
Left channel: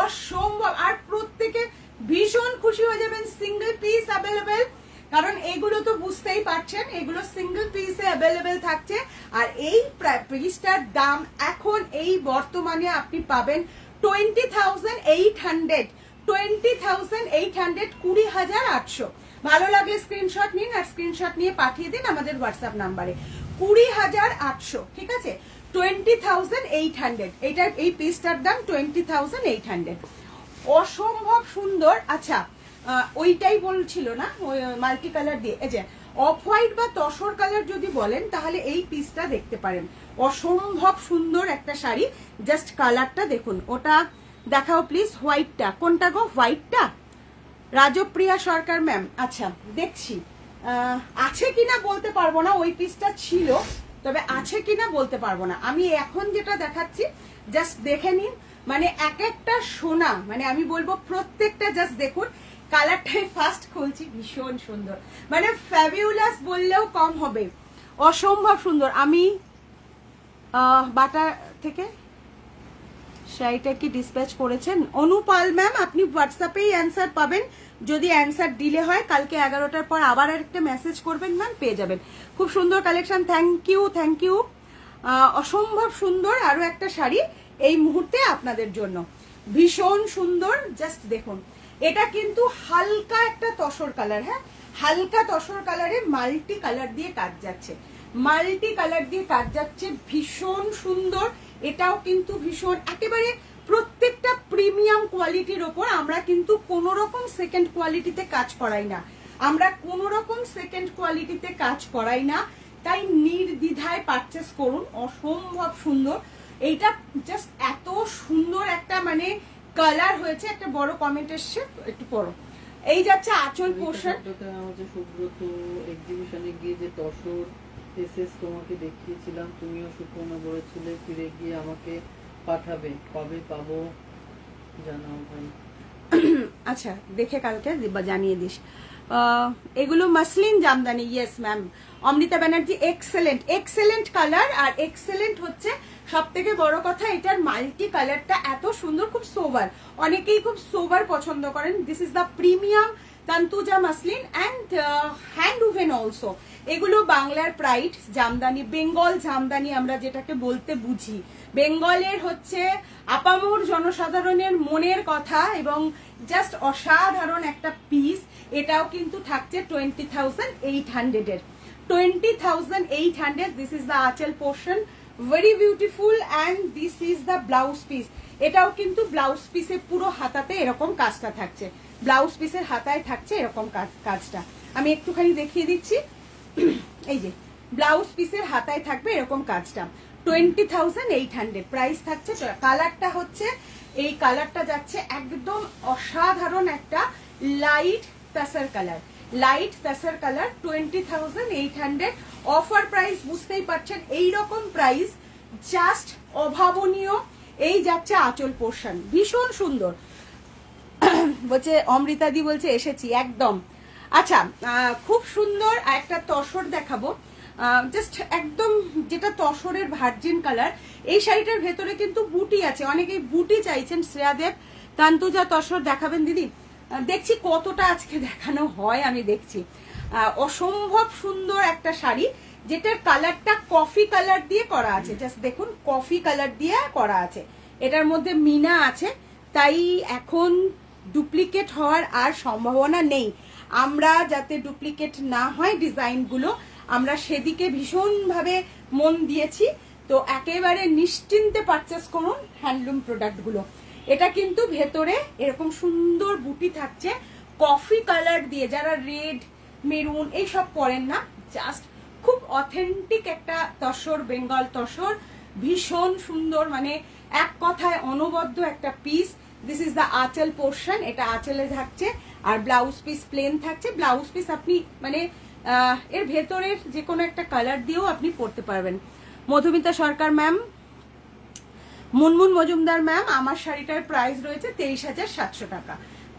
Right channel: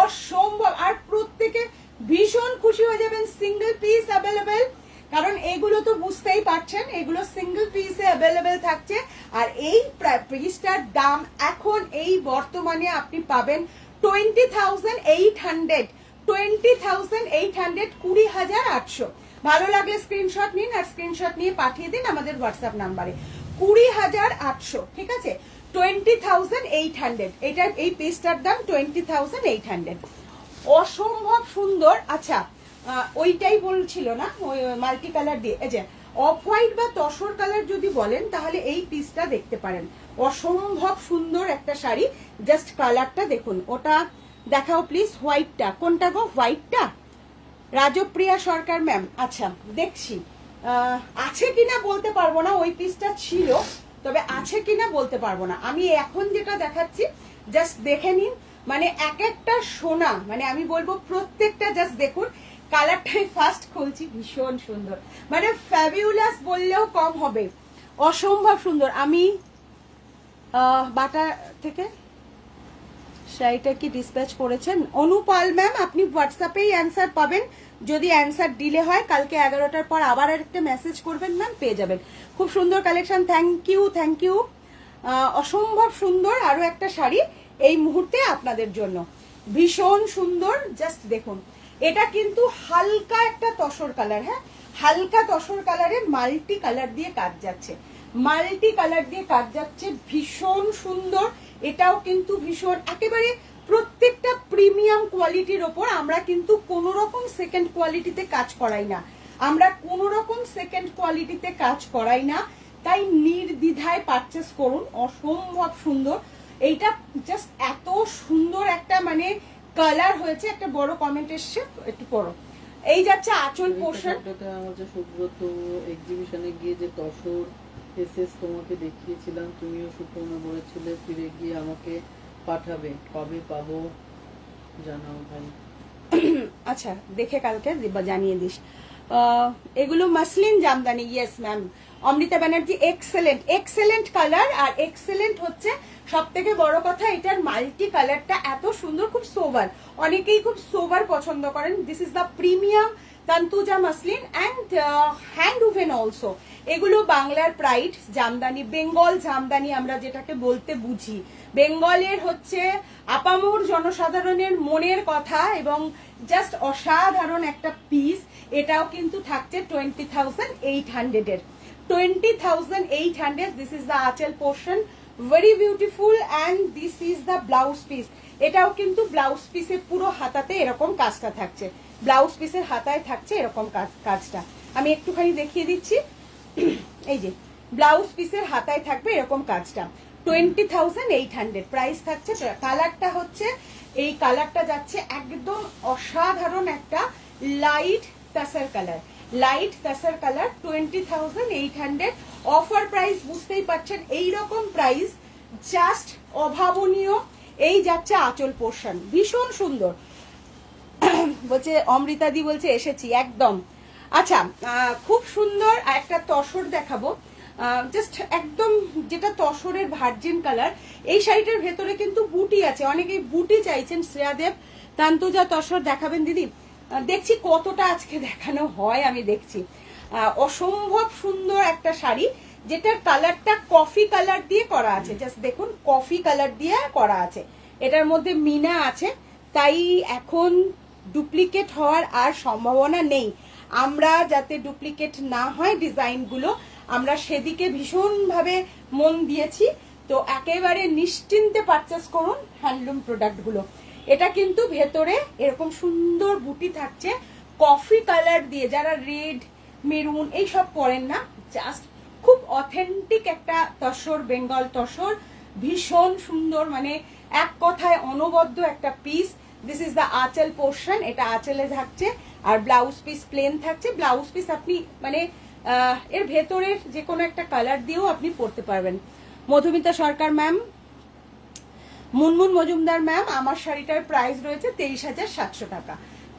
অসম্ভব। আর প্রত্যেকে ভীষণ খুশি হয়ে যাবেন, সিঙ্গেল পিস অ্যাভেলেবেল। কারণ এগুলো তো বুঝতেই পারছেন, এগুলো সিঙ্গেল পিসে অ্যাভেলেবেল থাকছে। আর এই পিসটার দাম এখন এই বর্তমানে আপনি পাবেন 20,800, 20,800, 20,800। ভালো লাগলে স্ক্রিনশট নিন আর স্ক্রিনশট নিয়ে পাঠিয়ে দিন আমাদের হোয়াটসঅ্যাপ নাম্বারে। 20,800, ঠিক আছে? 20,800, এটা এই পিসটার দাম 20,800। অসম্ভব সুন্দর। আচ্ছা, ওইটাই বলছিল না, মাল্টি কালার দিয়ে। এই যে অফ হোয়াইট বা তসর কালার যদি বলেন তাহলে এই পিসটা দেখতে পারেন। অসম্ভব সুন্দর একটা শাড়ি, জাস্ট কালারটা দেখুন। ওটা দেখাও প্লিজ, হোয়াইটটা কোনটা গো? হোয়াইটটা রাজপ্রিয়া সরকার ম্যাম। আচ্ছা, দেখছি আছে কিনা বলতে পারবো না, ওই পিসটা ছিল, তবে আছে কিনা বলতে পারবো না। আমি এখন যেটা দেখাচ্ছি জাস্ট দেখে নিন, মানে এক একটা সোনা, মানে আমি বলবো প্রত্যেকটা জাস্ট দেখুন। কালারটাই ফার্স্ট খুলছি, ভীষণ সুন্দর, মানে ফ্যাবিউলাস বললেও কম হবে, অসম্ভব সুন্দর। আমি বাটা থেকে শাড়িটা কি ডিসপ্যাচ করেছেন? অনুপাল ম্যাম, আপনি হোয়াটসঅ্যাপেই অ্যান্সার পাবেন। যদি অ্যান্সার ডিলে হয় কালকে 11টার পর আবার একটা মেসেজ করবেন ম্যাম, পেয়ে যাবেন। খুব সুন্দর collection, thank you, thank you. অসম্ভব সুন্দর আরো একটা শাড়ি এই মুহূর্তে আপনাদের জন্য, ভীষণ সুন্দর। জাস্ট দেখুন, এটা কিন্তু হালকা একটা তসর কালার। হ্যাঁ, হালকা তসর কালারের মাল্টি কালার দিয়ে কাজ যাচ্ছে, মাল্টি কালার দিয়ে কাজ যাচ্ছে, ভীষণ সুন্দর। এটাও কিন্তু ভীষণ একেবারে প্রত্যেকটা প্রিমিয়াম কোয়ালিটির ওপর। আমরা কিন্তু কোন রকম সেকেন্ড কোয়ালিটিতে কাজ করাই না, আমরা কোন রকম সেকেন্ড কোয়ালিটিতে কাজ করাই না, তাই নির্দ্বিধায় পারচেস করুন। অসম্ভব সুন্দর, এইটা জাস্ট এত সুন্দর একটা মানে কালার হয়েছে। একটা বড় কমেন্ট এসছে, একটু পড়ো। এই যাচ্ছে আঁচল পোর্শন। আমাদের সুব্রত এক্সিবিশনে গিয়ে যে তসর এসএস তোমাকে দেখিয়েছিলাম, তুমিও সুপর্ণা বলেছিলে ফিরে গিয়ে আমাকে পাঠাবে, কবে পাবো জানাও ভাই। আচ্ছা, দেখে কালকে জানিয়ে দিস। এগুলো muslin jamdani. Yes ma'am, Amrita Banerjee. Excellent, excellent colour. আর এক্সেলেন্ট হচ্ছে সব থেকে বড় কথা, এটার মাল্টি কালারটা এত সুন্দর, খুব সোবার। অনেকেই খুব সোবার পছন্দ করেন। This is the premium Tantuja muslin and hand woven also. এগুলো বাংলার প্রাইড জামদানি, বেঙ্গল জামদানি আমরা যেটাকে বলতে বুঝি, বেঙ্গলের হচ্ছে আপামর জনসাধারণের মনের কথা এবং জাস্ট অসাধারণ একটা পিস। এটাও কিন্তু থাকছে 20,800 এর। 20,800। This is the anchal portion, very beautiful. And this is the blouse piece. এটাও কিন্তু ব্লাউজ পিসের পুরো হাতাতে এরকম কাজটা থাকছে, ব্লাউজ পিসের হাতায় থাকছে এরকম কাজটা। আমি একটুখানি দেখিয়ে দিচ্ছি। এই যে ব্লাউজ পিসের হাতায় থাকবে এরকম কাজটা। 20,800 প্রাইস থাকছে। কালারটা হচ্ছে এই কালারটা যাচ্ছে একদম অসাধারণ একটা light তাসার colour, light তাসার colour. 20,800 offer price, বুঝতেই পারছেন এইরকম প্রাইস জাস্ট অভাবনীয়। এই যাচ্ছে আঁচল পোর্শন, ভীষণ সুন্দর। বলছে অমৃতাদি বলছে এসেছি একদম। আচ্ছা, খুব সুন্দর একটা তসর দেখাবো, জাস্ট একদম যেটা তসরের ভার্জিন কালার। এই শাড়িটার ভেতরে কিন্তু বুটি আছে, অনেকেই বুটি চাইছেন। শ্রেয়াদেব তান্তুজা তসর দেখাবেন দিদি? দেখছি কতটা আজকে দেখানো হয়, আমি দেখছি। অসম্ভব সুন্দর একটা শাড়ি, যেটার কালারটা কফি কালার দিয়ে করা আছে। জাস্ট দেখুন, কফি কালার দিয়ে করা আছে। এটার মধ্যে মিনা আছে, তাই এখন ডুপ্লিকেট হওয়ার আর সম্ভাবনা নেই। আমরা যাতে ডুপ্লিকেট না হয় ডিজাইনগুলো, আমরা সেদিকে ভীষণভাবে মন দিয়েছি। তো একেবারে নিশ্চিন্তে পারচেস করুন হ্যান্ডলুম প্রোডাক্টগুলো। এটা কিন্তু ভেতরে এরকম সুন্দর বুটি থাকছে কফি কালার দিয়ে। যারা রেড মেরুন এইসব পরেন না, জাস্ট খুব অথেন্টিক একটা তসর, বেঙ্গল তসর, ভীষণ সুন্দর, মানে এক কথায় অনবদ্য একটা piece. This is the anchal portion, এটা আঁচলে থাকছে। আর ব্লাউজ পিস প্লেন থাকছে। ব্লাউজ পিস আপনি মানে এর ভেতরের যে কোনো একটা কালার দিয়েও আপনি পরতে পারবেন। মধুমিতা সরকার ম্যাম, মুনমুন মজুমদার ম্যাম, আমার শাড়িটার প্রাইস রয়েছে 23,700 টাকা।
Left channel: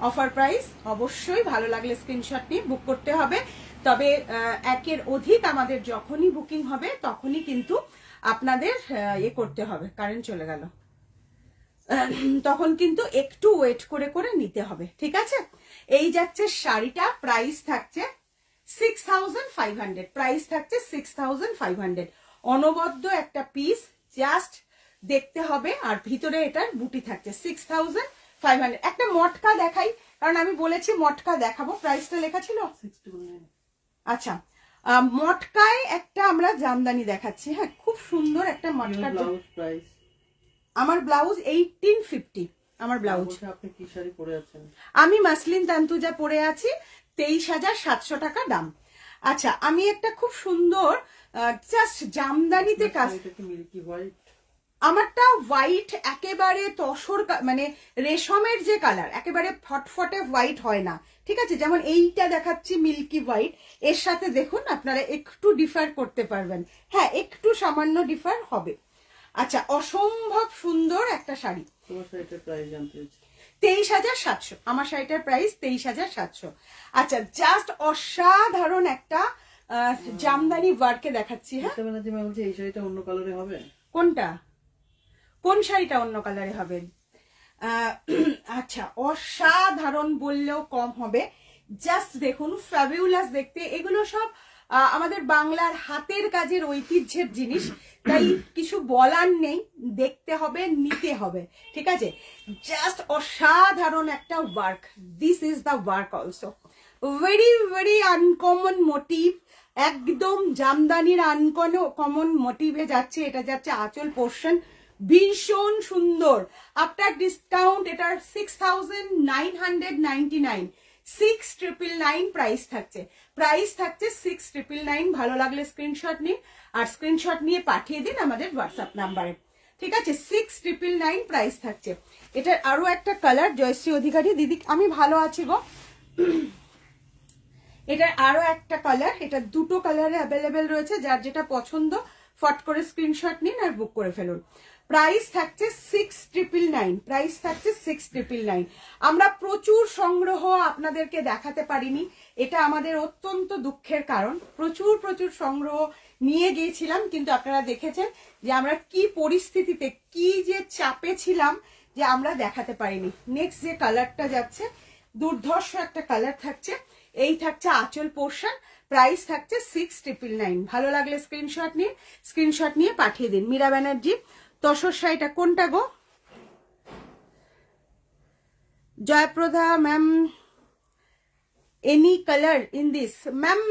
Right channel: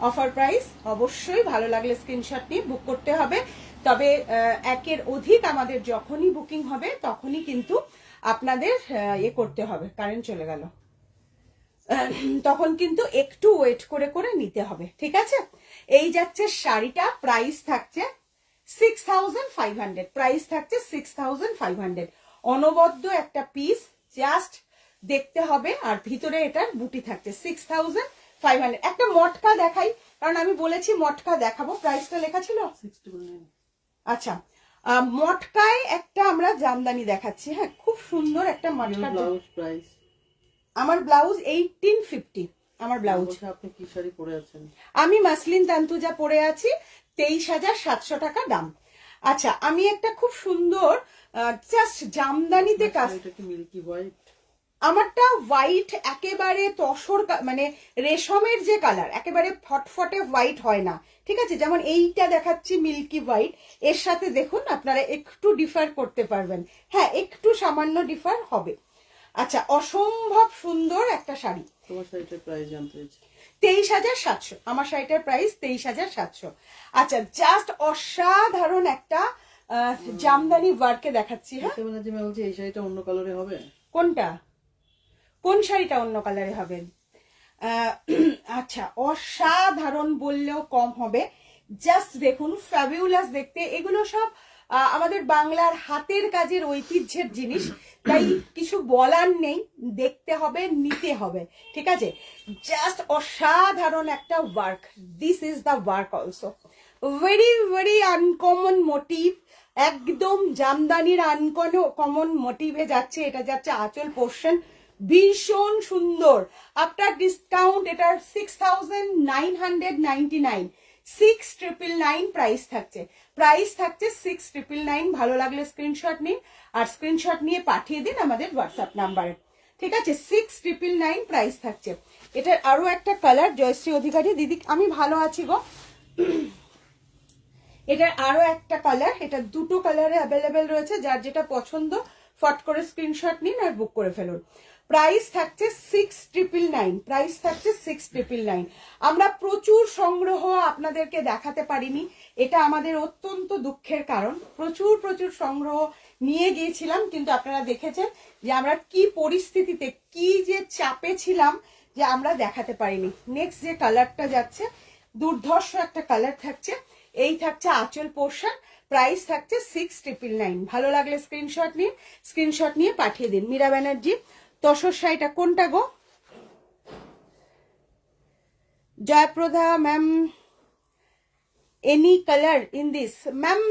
Offer price. অবশ্যই ভালো লাগলে স্ক্রিনশট নিয়ে বুক করতে হবে। তবে একের অধিক আমাদের যখনই বুকিং হবে তখনই কিন্তু আপনাদের ইয়ে করতে হবে। কারেন্ট চলে গেল, তখন কিন্তু একটু ওয়েট করে করে নিতে হবে, ঠিক আছে? এই যাচ্ছে শাড়িটা, প্রাইস থাকছে 6,500। প্রাইস থাকছে 6,500। অনবদ্য একটা পিস, জাস্ট দেখতে হবে। আর ভিতরে এটার বুটি থাকছে 6,500। একটা মটকা দেখাই, কারণ আমি বলেছি মটকা দেখাবো। প্রাইসটা লেখা ছিল 69। আচ্ছা, মটকায় একটা আমরা জামদানি দেখাচ্ছি। হ্যাঁ, খুব সুন্দর একটা মটকা। প্রাইস আমার ব্লাউজ 1850। আমার ব্লাউজ। আপনি কি শাড়ি পরে আছেন? আমি মাসলিন তান্তুজা পরে আছি, 23,700 টাকা দাম। আচ্ছা, আমি একটা খুব সুন্দর জাস্ট জামদানিতে কাজ। মিল্কি হোয়াইট, আমারটা হোয়াইট, একেবারে তসর, মানে রেশমের যে কালার, একেবারে ফটফটে হোয়াইট হয় না, ঠিক আছে? যেমন এইটা দেখাচ্ছি মিল্কি হোয়াইট, এর সাথে দেখুন আপনারা একটু ডিফার করতে পারবেন। হ্যাঁ, একটু সামান্য ডিফার হবে। আচ্ছা, অসম্ভব সুন্দর একটা শাড়ি। তোমার শাড়িটার প্রাইস জানতে চাইছি। 23,700। আমার শাড়িটার প্রাইস 23,700। আচ্ছা, জাস্ট অসাধারণ একটা জামদানি ওয়ার্কে দেখাচ্ছি। হ্যাঁ, এই শাড়িটা অন্য কালারে হবে। কোনটা? কোন শাড়িটা অন্য কালারে হবে? আচ্ছা, অসাধারণ বললেও কম হবে। জাস্ট দেখুন, ফ্যাবিউলাস দেখতে। এগুলো সব আমাদের বাংলার হাতের কাজের ঐতিহ্যের জিনিস, তাই কিছু বলার নেই, দেখতে হবে, নিতে হবে, ঠিক আছে? জাস্ট অসাধারণ একটা work. This is the work also. Very very uncommon motif, একদম জামদানির আনকমন মোটিভে যাচ্ছে। এটা যাচ্ছে আঁচল পোর্শন, ভীষণ সুন্দর। আফটার ডিসকাউন্ট এটার 6,999। 6,999 প্রাইস থাকছে। প্রাইস থাকছে 6,999। ভালো লাগলে স্ক্রিনশট নিন, আর স্ক্রিনশট নিয়ে পাঠিয়ে দিন আমাদের হোয়াটসঅ্যাপ নাম্বারে, ঠিক আছে? 6,999 প্রাইস থাকছে। এটার আরো একটা কালার, জয়শ্রী অধিকারী দিদি, আমি ভালো আছি গো। এটার আরো একটা কালার, এটা দুটো কালারে অ্যাভেলেবেল রয়েছে। যার যেটা পছন্দ ফট করে স্ক্রিনশট নিন আর বুক করে ফেলুন। প্রাইস থাকছে 6,999। প্রাইস থাকছে 6,999। আমরা প্রচুর সংগ্রহ আপনাদেরকে দেখাতে পারিনি, এটা আমাদের অত্যন্ত দুঃখের কারণ। প্রচুর সংগ্রহ নিয়ে গিয়েছিলাম, কিন্তু আপনারা দেখেছেন যে আমরা কি পরিস্থিতিতে, কি যে চাপে ছিলাম যে আমরা দেখাতে পারিনি। নেক্সট যে কালারটা যাচ্ছে, দুর্ধর্ষ একটা কালার থাকছে। এই থাকছে আঁচল পোর্শন, প্রাইস থাকছে 6,999। ভালো লাগলে স্ক্রিনশট নিন, স্ক্রিনশট নিয়ে পাঠিয়ে দিন। মীরা ব্যানার্জি, তসর শাড়িটা কোনটা গো? Jayaprada ma'am, any colour in this? Ma'am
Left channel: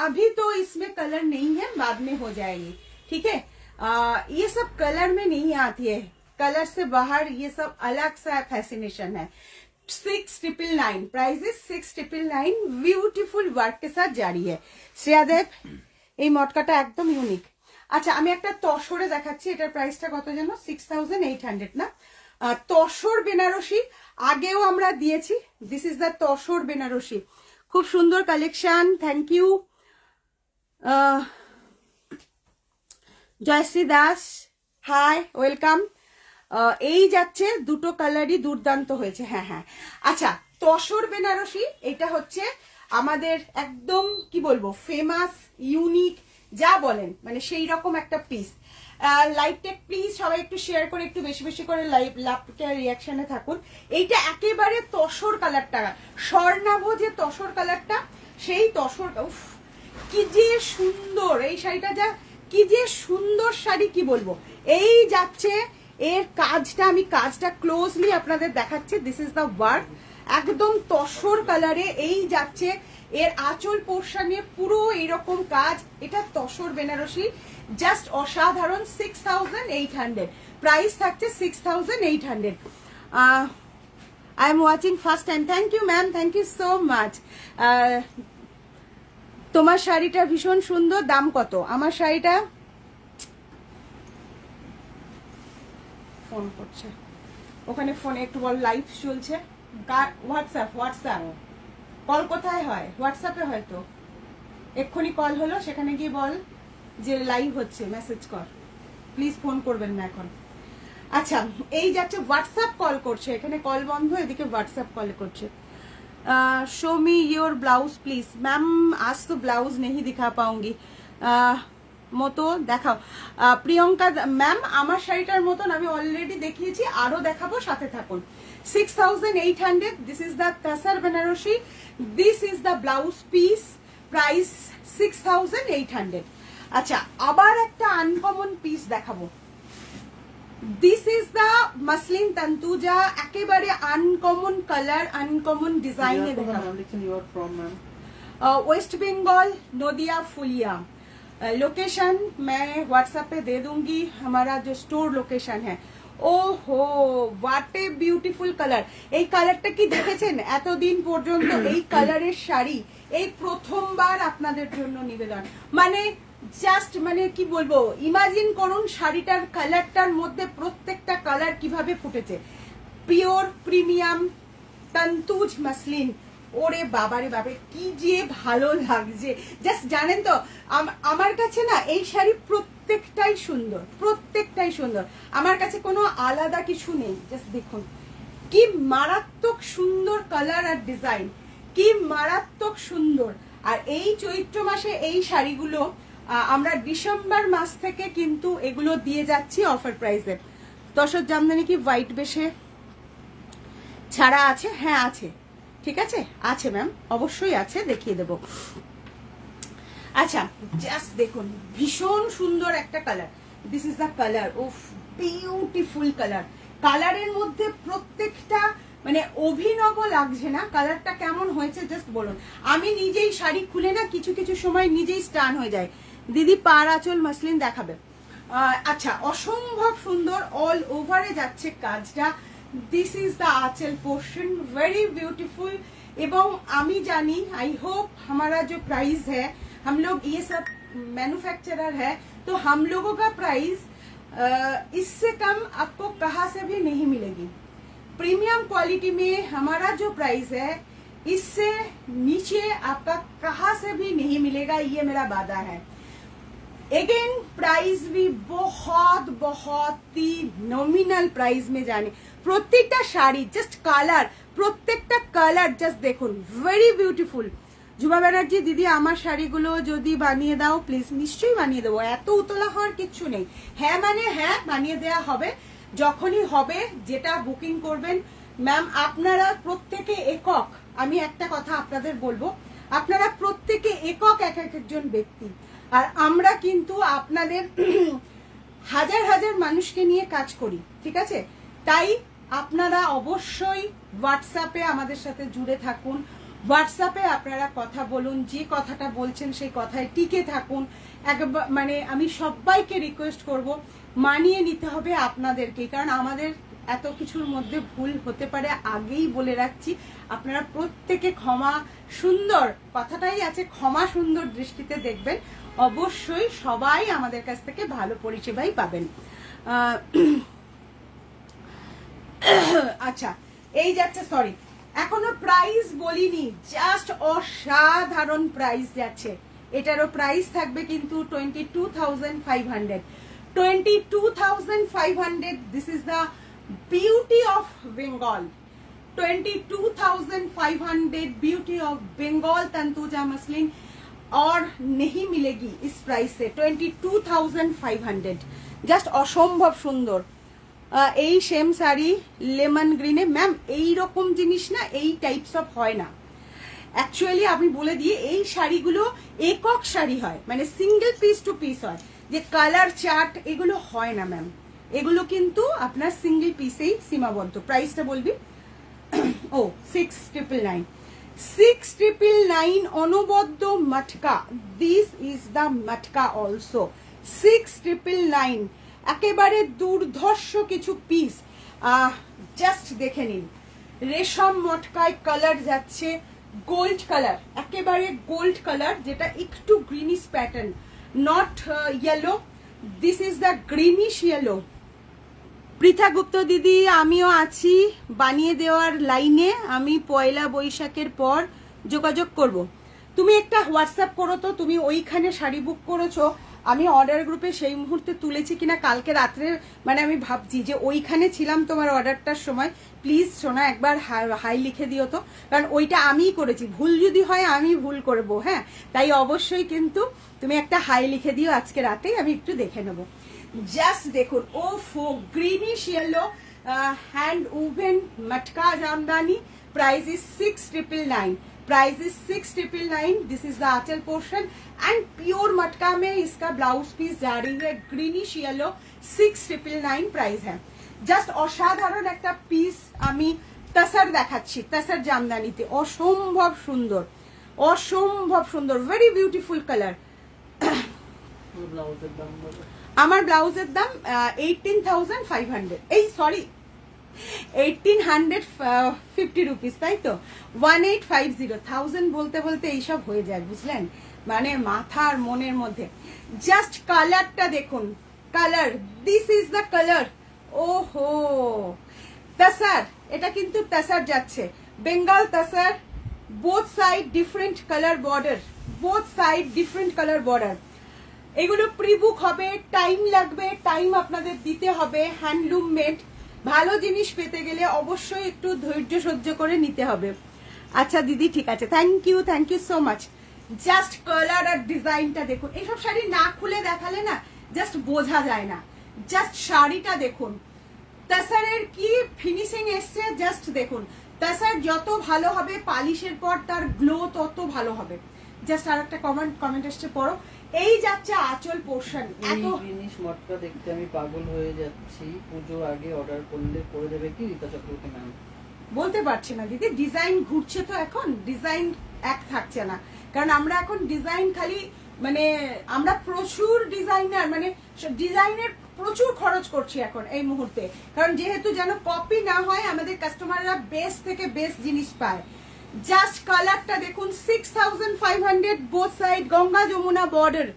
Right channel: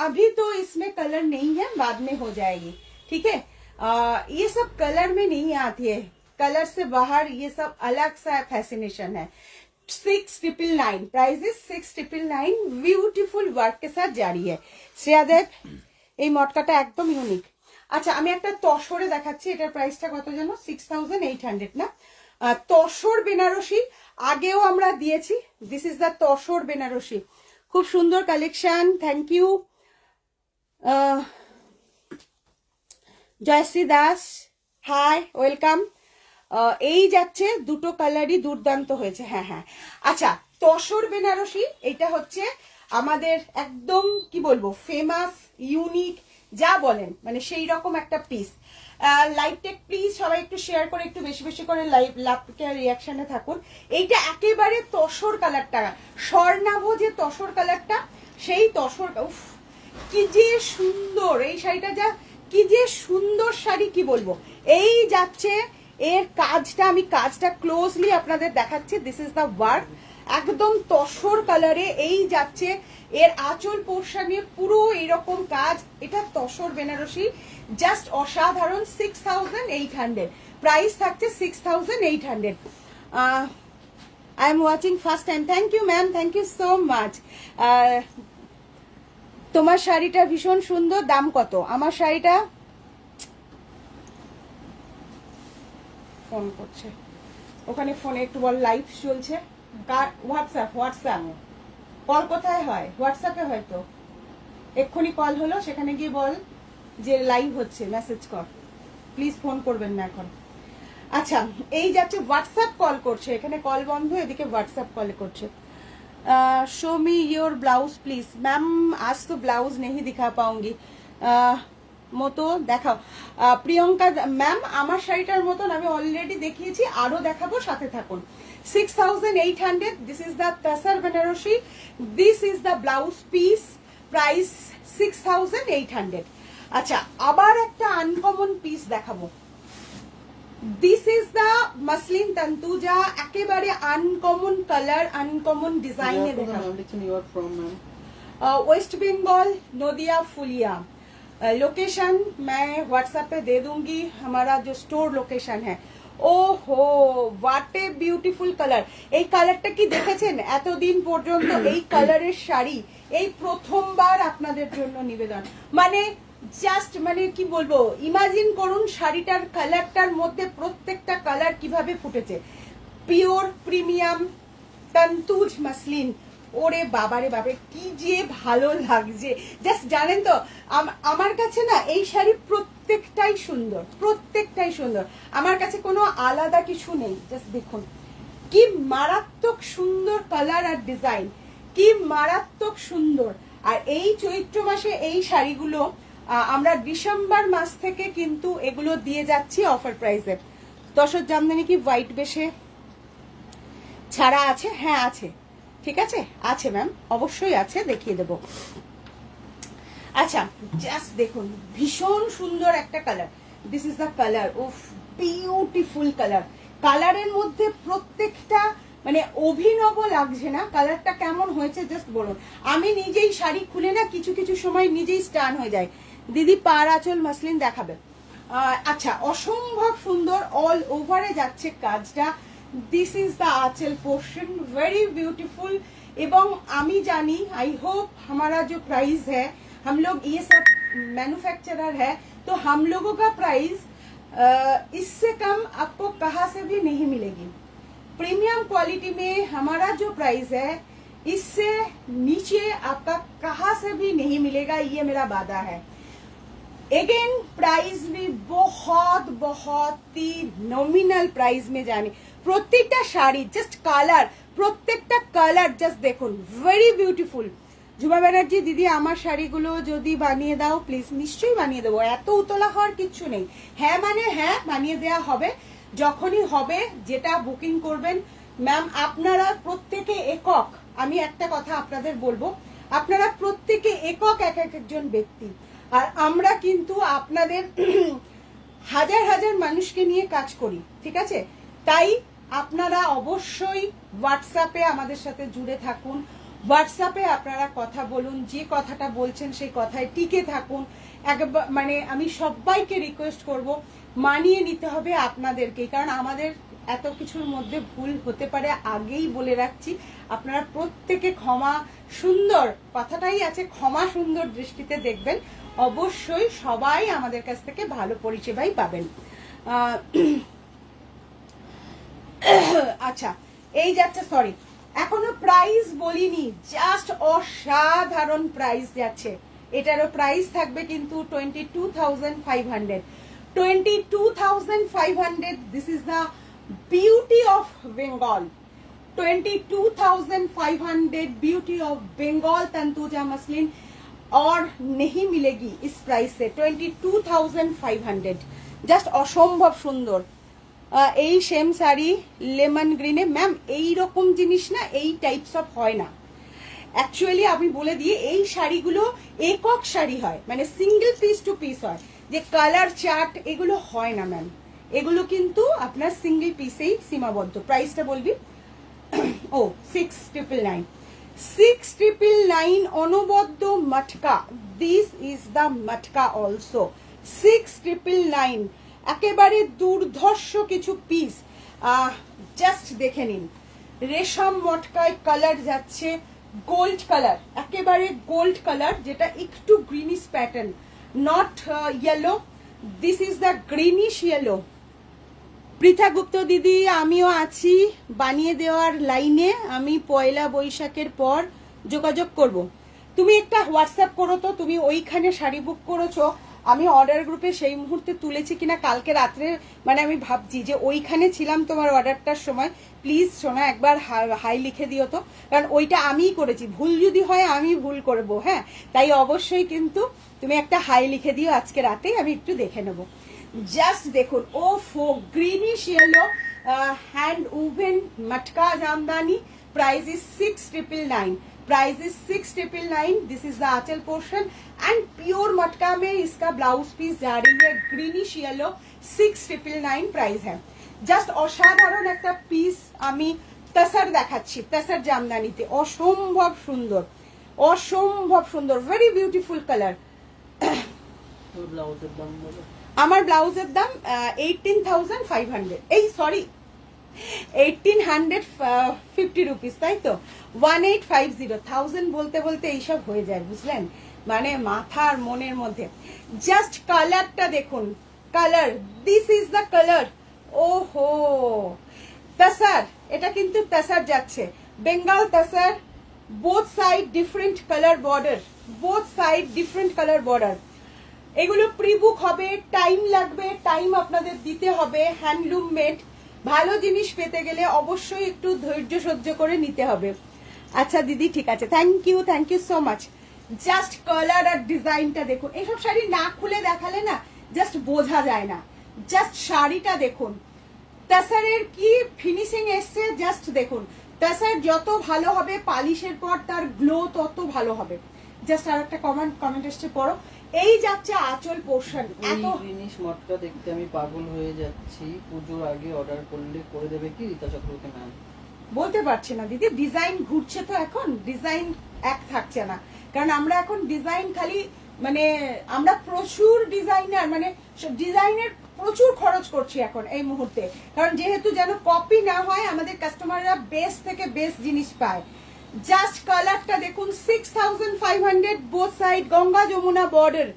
अभी तो इसमें कलर नहीं है, बाद में हो जाएगी, ठीक है। ये सब कलर में नहीं आती है, कलर से बाहर ये सब अलग सा फैसिनेशन है। 6999 प्राइस इज 6999, ब्यूटीफुल वर्क के साथ जारी है। শ্রেয়াদেব এই মটকাটা একদম ইউনিক। আচ্ছা আমি একটা তসরে দেখাচ্ছি, এটার প্রাইসটা কত জানো? 6800 না? তসর বেনারসি আগেও আমরা দিয়েছি। This is the tussar Banarasi, খুব সুন্দর collection. Thank you Jayashree Das, hi, welcome. এই যাচ্ছে, দুটো কালারই দুর্দান্ত হয়েছে। হ্যাঁ হ্যাঁ, আচ্ছা তসর বেনারসি এটা হচ্ছে আমাদের একদম কি বলবো ফেমাস, ইউনিক, যা বলেন মানে সেই রকম একটা পিস। লাইভ টেক প্লিজ সবাই একটু শেয়ার করে একটু বেশি বেশি করে লাইভ রিয়াকশনে থাকুন। এইটা একেবারে তসর কালারটা, স্বর্ণাভ যে তসর কালারটা, সেই তসর, উফ কি যে সুন্দর এই শাড়িটা, যা কি যে সুন্দর শাড়ি, কি বলবো। এই যাচ্ছে এর কাজটা, আমি কাজটা ক্লোজলি আপনাদের দেখাচ্ছি। দিস ইজ দ্য ওয়ার্ক, একদম তসর কালারে এই যাচ্ছে। এর আঁচল পোর্শনে পুরো এরকম কাজ, এটা তসর বেনারসি, জাস্ট অসাধারণ। 6800 প্রাইস থাকছে 6800। I am watching first time, thank you ma'am, thank you so much. তোমার শাড়িটা ভীষণ সুন্দর, দাম কত? আমার শাড়িটা, ফোন করছে ওখানে, ফোনে একটু বল, লাইভ চলছে। হোয়াটসঅ্যাপ কল কোথায় হয়? হোয়াটসঅ্যাপে হয়তো এক্ষুনি কল হলো, সেখানে গিয়ে বল যে লাইভ হচ্ছে, মেসেজ কর, প্লিজ ফোন করবেন না এখন। আচ্ছা এই যাচ্ছে হোয়াটসঅ্যাপ কল করছে, এখানে কল বন্ধ, এদিকে হোয়াটসঅ্যাপ কল করছে। Show me your blouse please. Ma'am आज तो ब्लाउज नहीं दिखा पाऊंगी, মতো দেখাও। প্রিয়ঙ্কা ম্যাম, আমার শাড়িটার মতন আমি অলরেডি দেখিয়েছি, আরো দেখাবো, সাথে থাকুন। 6800, this is the tussar Banarasi, this is the blouse piece, price 6800। আচ্ছা আবার একটা আনকমন পিস দেখাবো। This is the muslin Tantuja, একেবারে আনকমন কালার, আনকমন ডিজাইনে দেখাবো। वेस्ट बंगाल, नदिया, फुलिया। लोकेशन मैं व्हाट्सएप पे दे दूंगी, हमारा जो स्टोर लोकेशन है। ওহো হোয়াট এ বিউটিফুল কালার। এই কালারটা কি দেখেছেন? এতদিন পর্যন্ত এই কালারের শাড়ি এই প্রথমবার আপনাদের জন্য নিবেদন, মানে জাস্ট মানে কি বলবো, ইমাজিন করুন শাড়িটার কালারটার মধ্যে প্রত্যেকটা কালার কিভাবে ফুটেছে। পিওর প্রিমিয়াম তন্তুজ মাসলিন, ওরে বাবারে বাবা কি যে ভালো লাগছে। জাস্ট জানেন তো আমার কাছে না এই শাড়ি প্রত্যেকটাই সুন্দর, প্রত্যেকটাই সুন্দর, আমার কাছে কোনো আলাদা কিছু নেই। জাস্ট দেখুন কি মারাত্মক সুন্দর কালার আর ডিজাইন, কি মারাত্মক সুন্দর। আর এই চৈত্র মাসে এই শাড়িগুলো আমরা ডিসেম্বর মাস থেকে কিন্তু এগুলো দিয়ে যাচ্ছি অফার প্রাইসে। তসর জামদানি কি হোয়াইট বেশে ছাড়া আছে? হ্যাঁ আছে, ঠিক আছে, আছে ম্যাম, অবশ্যই আছে, দেখিয়ে দেব। আচ্ছা জাস্ট দেখুন ভীষণ সুন্দর একটা colour, this is the colour, উফ বিউটিফুল কালার। কালারের মধ্যে প্রত্যেকটা মানে অভিনব লাগছে না? কালারটা কেমন হয়েছে জাস্ট বলুন। আমি নিজেই শাড়ি খুলে না কিছু কিছু সময় নিজেই স্টান হয়ে যায়। দিদি পার আঁচল মাসলিন দেখাবে। আচ্ছা অসম্ভব সুন্দর, অল ওভারে যাচ্ছে কাজটা। This is the anchal portion, very beautiful. एवं आमी जानी, आई होप हमारा जो प्राइस है, हम लोग ये सब मैन्युफैक्चरर है, तो हम लोगों का प्राइस इससे कम आपको कहाँ से भी नहीं मिलेगी। प्रीमियम क्वालिटी में हमारा जो प्राइस है इससे नीचे आपका कहाँ से भी नहीं मिलेगा, ये मेरा वादा है। अगेन प्राइस भी बहुत बहुत ही नॉमिनल प्राइस में जाने। প্রত্যেকটা শাড়ি জাস্ট কালার, প্রত্যেকটা কালার জাস্ট দেখুন, ভেরি বিউটিফুল। ঝুমা ব্যানার্জি দিদি আমার শাড়িগুলো যদি বানিয়ে দাও প্লিজ। নিশ্চয়ই বানিয়ে দেবো, এত উতলা হওয়ার কিচ্ছু নেই। হ্যাঁ মানে হ্যাঁ বানিয়ে দেওয়া হবে, যখনই হবে যেটা বুকিং করবেন। ম্যাম আপনারা প্রত্যেকে একক, আমি একটা কথা আপনাদের বলবো, আপনারা প্রত্যেকে একক এক একজন ব্যক্তি, আর আমরা কিন্তু আপনাদের হাজার হাজার মানুষকে নিয়ে কাজ করি, ঠিক আছে? তাই আপনারা অবশ্যই হোয়াটসঅ্যাপে আমাদের সাথে জুড়ে থাকুন, হোয়াটসঅ্যাপে আপনারা কথা বলুন, যে কথাটা বলছেন সেই কথায় টিকে থাকুন। একবার মানে আমি সবাইকে রিকোয়েস্ট করব, মানিয়ে নিতে হবে আপনাদেরকে, কারণ আমাদের এত কিছুর মধ্যে ভুল হতে পারে, আগেই বলে রাখছি। আপনারা প্রত্যেকে ক্ষমা সুন্দর, কথাটাই আছে, ক্ষমা সুন্দর দৃষ্টিতে দেখবেন। অবশ্যই সবাই আমাদের কাছ থেকে ভালো পরিষেবাই পাবেন। আচ্ছা, এই যাচ্ছে, সরি এখনো প্রাইস বলিনি, জাস্ট অসাধারণ প্রাইস যাচ্ছে। এটারও প্রাইস থাকবে কিন্তু 22,500। 22,500, this is the beauty of Bengal. 22,500 beauty of Bengal Tantuja muslin और नहीं मिलेगी इस प्राइस से। 22,500 জাস্ট অসম্ভব সুন্দর। এই সেম শাড়ি লেমন গ্রিনে, ম্যাম এই রকম জিনিস না, এই টাইপস অফ হয় না অ্যাকচুয়ালি। আমি বলে দিই, এই শাড়িগুলো একক শাড়ি হয়, মানে সিঙ্গেল পিস টু পিস হয়, যে কালার চার্ট এগুলো হয় না ম্যাম। এগুলো কিন্তু আপনার সিঙ্গেল পিসেই সীমাবদ্ধ। প্রাইসটা বলবি? ও 6,999 6,999 অনবদ্য matka. This is the matka also 6,999। একেবারে দুর্ধর্ষ কিছু পিস, জাস্ট দেখে নিন। রেশম মটকায় কালার যাচ্ছে গোল্ড কালার, একেবারে গোল্ড কালার, যেটা একটু greenish pattern, not yellow. This is the greenish yellow. Pritha Gupta দিদি, আমিও আছি বানিয়ে দেওয়ার লাইনে। আমি পয়লা বৈশাখের পর যোগাযোগ করব। তুমি একটা হোয়াটসঅ্যাপ করো তো, তুমি ওইখানে শাড়ি বুক করেছো, আমি অর্ডার গ্রুপে সেই মুহূর্তে তুলেছি কিনা কালকে রাত্রে, মানে আমি ভাবছি যে ওইখানে ছিলাম তোমার অর্ডারটার সময়। প্লিজ সোনা একবার হাই লিখে দিও তো, কারণ ওইটা আমিই করেছি। ভুল যদি হয় আমি ভুল করবো, হ্যাঁ, তাই অবশ্যই কিন্তু তুমি একটা হাই লিখে দিও আজকে রাতেই, আমি একটু দেখে নেবো। জাস্ট দেখুন, ও ফো greenish yellow hand woven matka jamdani. Price is 6,999। Price is 6,999। This is the anchal portion and pure matka में इसका ब्लाउज पीस जा रही है ग्रीनिश येलो। 6,999 प्राइस है। জাস্ট অসাধারণ একটা পিস আমি তাসার দেখাচ্ছি, তাসার জামদানিতে। অসম্ভব সুন্দর, অসম্ভব সুন্দর, ভেরি বিউটিফুল কালার। আমার ব্লাউজের দাম 18,500, এই সরি 1,850 রুপিস, তাই তো? 1,850। 1000 বলতে বলতে এইসব হয়ে যায়, বুঝলেন, মানে মাথার মনের মধ্যে। জাস্ট কালারটা দেখুন, colour, this is the colour. ওহো, তাসার, এটা কিন্তু তাসার যাচ্ছে, Bengal tussar. Both side different colour border, both side different colour border. এগুলো প্রি বুক হবে, টাইম লাগবে, টাইম আপনাদের দিতে হবে। হ্যান্ডলুম মেড, ভালো জিনিস পেতে গেলে অবশ্যই একটু ধৈর্য সহ্য করে নিতে হবে। আচ্ছা দিদি, ঠিক আছে, thank you so much. Just colour আর ডিজাইনটা দেখুন। এইসব শাড়ি না খুলে দেখালে না জাস্ট বোঝা যায় না। জাস্ট শাড়িটা দেখুন, তাসারের কি ফিনিশিং এসছে, জাস্ট দেখুন। তাসার যত ভালো হবে, পালিশের পর তার গ্লো তত ভালো হবে। জাস্ট আর একটা কমেন্ট এসছে, পড়ো। এই যাচ্ছে আঁচল পোর্শন। এত জিনিস মটকা দেখতে আমি পাগল হয়ে যাচ্ছি। পুজোর আগে অর্ডার করলে করে দেবে কি রীতা চক্রবর্তী ম্যাম? বলতে পারছি না দিদি, ডিজাইন ঘুরছে তো, এখন ডিজাইন এক থাকছে না, কারণ আমরা এখন ডিজাইন খালি, মানে আমরা প্রচুর ডিজাইনার, মানে ডিজাইনের প্রচুর খরচ করছি এখন এই মুহূর্তে, কারণ যেহেতু যেন কপি না হয়, আমাদের কাস্টমাররা বেস্ট থেকে বেস্ট জিনিস পায়। জাস্ট কালারটা দেখুন, 6,500 both side, Ganga Jamuna border,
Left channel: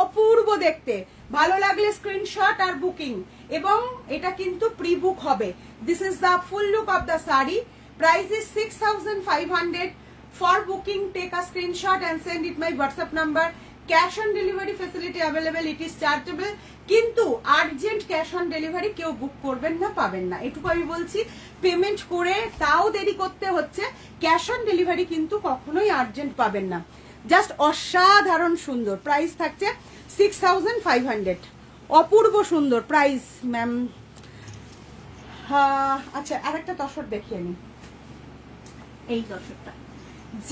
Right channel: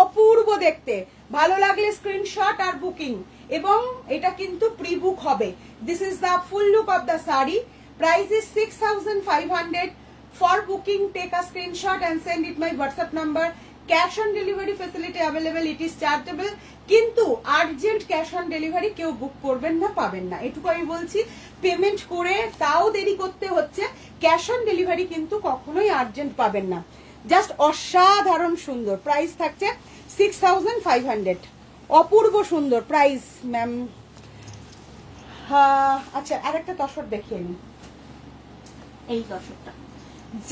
অপূর্ব দেখতে। ভালো লাগলে স্ক্রিনশট আর বুকিং, এবং এটা কিন্তু প্রি বুক হবে। This is the full look of the sari. Price is 6,500। For booking take a screenshot and send it my WhatsApp number. Cash on delivery facility available, it is chargeable, কিন্তু আর্জেন্ট ক্যাশ অন ডেলিভারি কেউ বুক করবেন না, পাবেন না, এটুকু আমি বলছি। পেমেন্ট করে তাও দেরি করতে হচ্ছে, ক্যাশ অন ডেলিভারি কিন্তু কখনোই আর্জেন্ট পাবেন না। জাস্ট অসাধারণ সুন্দর। প্রাইস থাকছে 6,500। অপূর্ব সুন্দর প্রাইস ম্যাম। আচ্ছা, আর একটা তসর দেখিয়ে নিন। এই তসরটা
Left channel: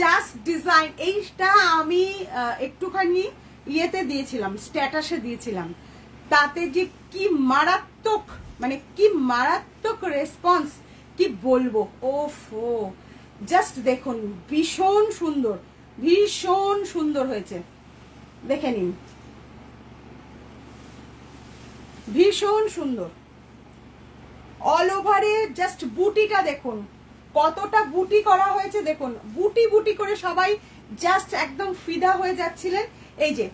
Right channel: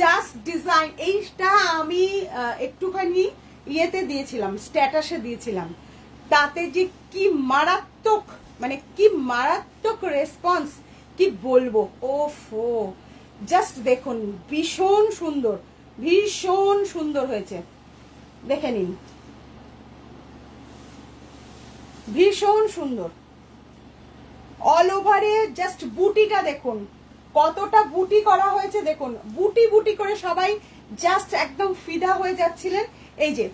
জাস্ট ডিজাইন, এইটা আমি একটুখানি ইয়েতে দিয়েছিলাম, স্ট্যাটাসে দিয়েছিলাম, তাতে যে কি মারাত্মক, মানে কি মারাত্মক রেসপন্স, কি বলবো। ওফো, জাস্ট দেখুন, ভীষণ সুন্দর, ভীষণ সুন্দর হয়েছে, দেখে নিন, ভীষণ সুন্দর। অল ওভারে জাস্ট বুটিটা দেখুন, কতটা বুটি করা হয়েছে দেখুন, বুটি বুটি করে সবাই জাস্ট একদম ফিদা হয়ে যাচ্ছিলেন। এই যে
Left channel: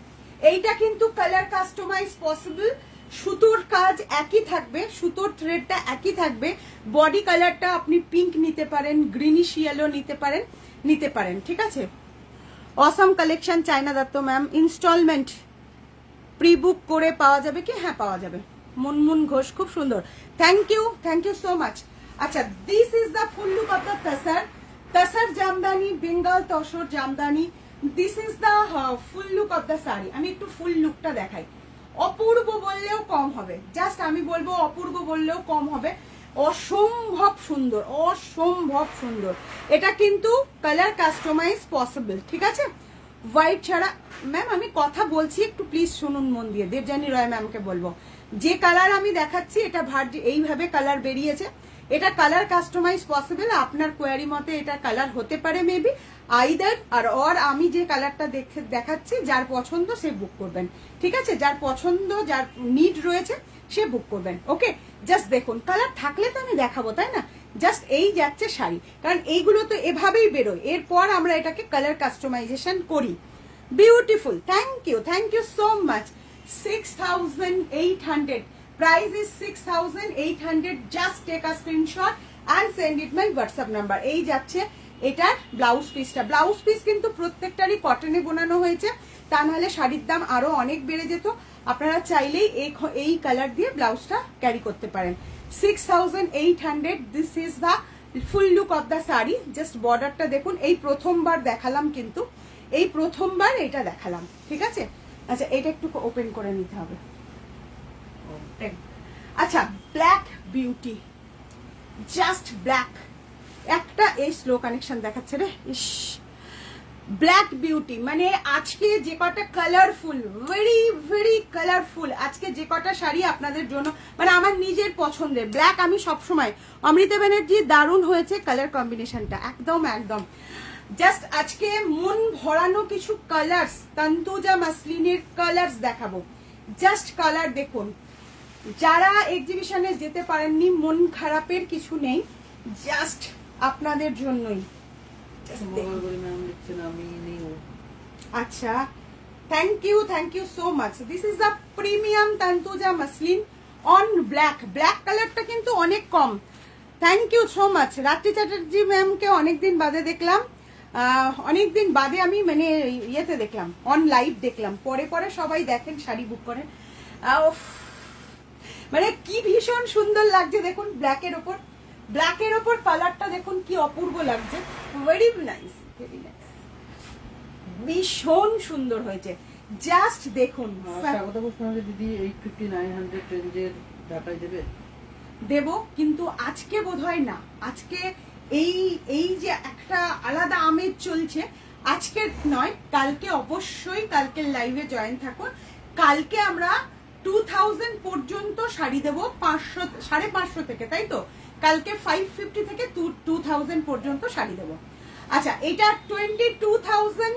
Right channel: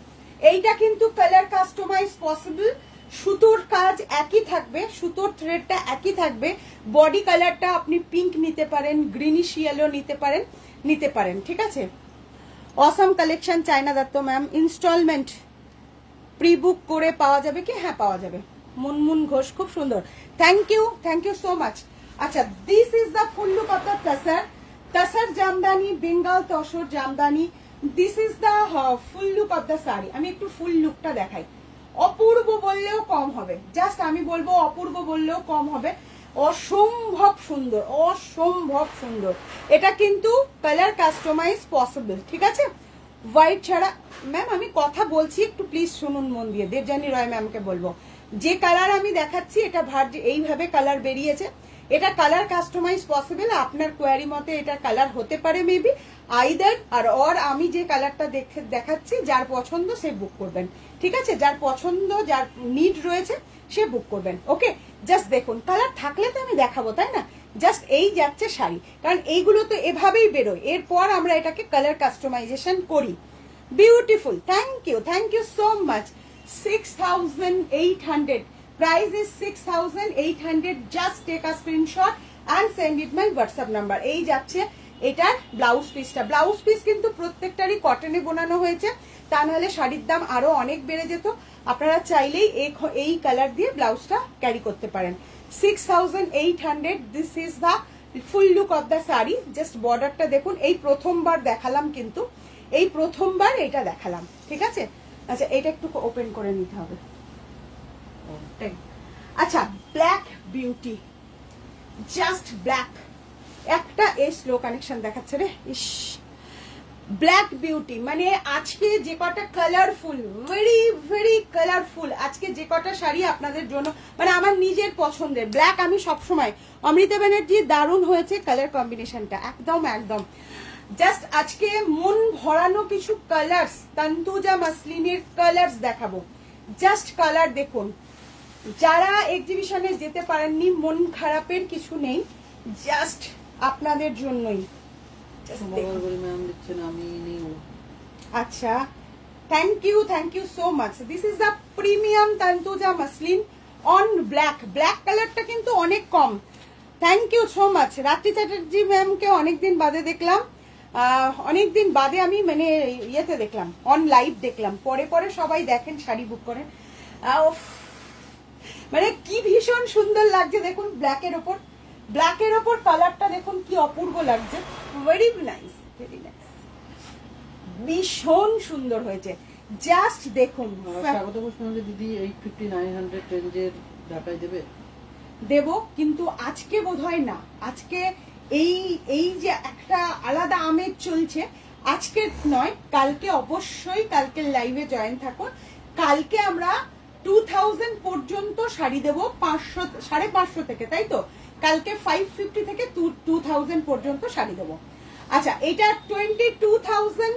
এইটা কিন্তু কালার কাস্টমাইজ পসিবল, সুতোর কাজ একই থাকবে, সুতোর থ্রেডটা একই থাকবে, বডি কালারটা আপনি পিঙ্ক নিতে পারেন, গ্রিনিশ ইয়েলো নিতে পারেন, ঠিক আছে। Awesome collection China Dutta ma'am. Instalment pre book করে পাওয়া যাবে কি? হ্যাঁ পাওয়া যাবে। মুনমুন ঘোষ, খুব সুন্দর, থ্যাংক ইউ সো মাচ। আচ্ছা, this is the full look of the tussar Jamdani, Bengal tussar Jamdani. This is the full look of the sari. আমি একটু ফুল লুকটা দেখাই। অপূর্ব বললেও কম হবে, জাস্ট আমি বলবো অপূর্ব বললেও কম হবে। অসম্ভব সুন্দর, অসম্ভব সুন্দর। এটা কিন্তু কালার কাস্টমাইজ পসিবল, ঠিক আছে। হোয়াইট ছাড়া ম্যাম আমি কথা বলছি, একটু প্লিজ শুনুন মন দিয়ে। দেবযানী রয় ম্যামকে বলবো, যে কালার আমি দেখাচ্ছি এটা এইভাবে কালার বেরিয়েছে, এটা কালার কাস্টমাইজ পসিবল। আপনার কোয়ারি মতে এটা কালার হতে পারে মেবি, আইদার আর আমি যে কালারটা দেখাচ্ছি, যার পছন্দ সে বুক করবেন, ঠিক আছে। যার পছন্দ, যার নিড রয়েছে সে বুক করবেন, ওকে। জাস্ট দেখুন, কালার থাকলে তো আমি দেখাবো, তাই না। জাস্ট এই যাচ্ছে শাড়ি, কারণ এইগুলো তো এভাবেই বেরোয়, এরপর আমরা এটাকে কালার কাস্টমাইজেশন করি। Beautiful, thank you so much. 6800 price is 6800. just take a screenshot and send it my WhatsApp number. এই যাচ্ছে এটার ব্লাউজ পিসটা। ব্লাউজ পিস কিন্তু প্রত্যেকটারই কটনে বোনানো হয়েছে, তা নাহলে শাড়ির দাম আরো অনেক বেড়ে যেত। আপনারা চাইলেই এই কালার দিয়ে ব্লাউজটা ক্যারি করতে পারেন। 6800, this is the full look of the sari. Just বর্ডারটা দেখুন, এই প্রথমবার দেখালাম, কিন্তু এই প্রথমবার এটা দেখালাম, ঠিক আছে। আচ্ছা, এটা একটু ওপেন করে নিতে হবে। আচ্ছা, ব্ল্যাক বিউটি, জাস্ট ব্ল্যাক। একটা এই স্লো কানেকশন দেখাচ্ছে রে, ইস। ব্ল্যাক বিউটি মানে আজকে যে কটা কালারফুল, ভেরি ভেরি কালারফুল, আজকে যে কটা শাড়ি আপনাদের জন্য, মানে আমার নিজের পছন্দের ব্ল্যাক। আমি সবসময়, অমৃতা ব্যানার্জি দারুণ হয়েছে কালার কম্বিনেশনটা, একদম একদম। জাস্ট আজকে মন ভরানো কিছু কালার্স, তন্তুজা মাসলিনের কালার্স দেখাবো। জাস্ট কালার দেখুন, যারা এক্সিবিশনে যেতে পারেননি, মন খারাপের কিছু নেই, জাস্ট আপনাদের জন্যই। আচ্ছা, thank you so much. This is the premium Tantuja muslin on black. Black কালারটা কিন্তু অনেক কম। Thank you so much. Ratri Chatterjee ম্যামকে অনেকদিন বাদে দেখলাম, অনেকদিন বাদে আমি মানে ইয়েতে দেখলাম, অন লাইভ দেখলাম। পরে পরে সবাই দেখেন, শাড়ি বুক করেন। মানে কি ভীষণ সুন্দর লাগছে দেখুন, ব্ল্যাকের ওপর কালারটা দেখুন কি অপূর্ব লাগছে। ভেরি নাইস, ভেরি নাইস, ভীষণ সুন্দর হয়েছে। জাস্ট দেখুন। স্বাগত ঘোষণা দিদি 8900 রেঞ্জের ঢাকায় দেব, কিন্তু আজকে বোধহয় না। আজকে এই যে একটা আলাদা আমেজ চলছে, আজকে নয়, কালকে অবশ্যই, কালকের লাইভে জয়েন থাকুন। কালকে আমরা 2000 পর্যন্ত শাড়ি দেবো, 500 থেকে, তাই তো। কালকে 550 থেকে 2000 পর্যন্ত শাড়ি দেবো। আচ্ছা, এটা 22,500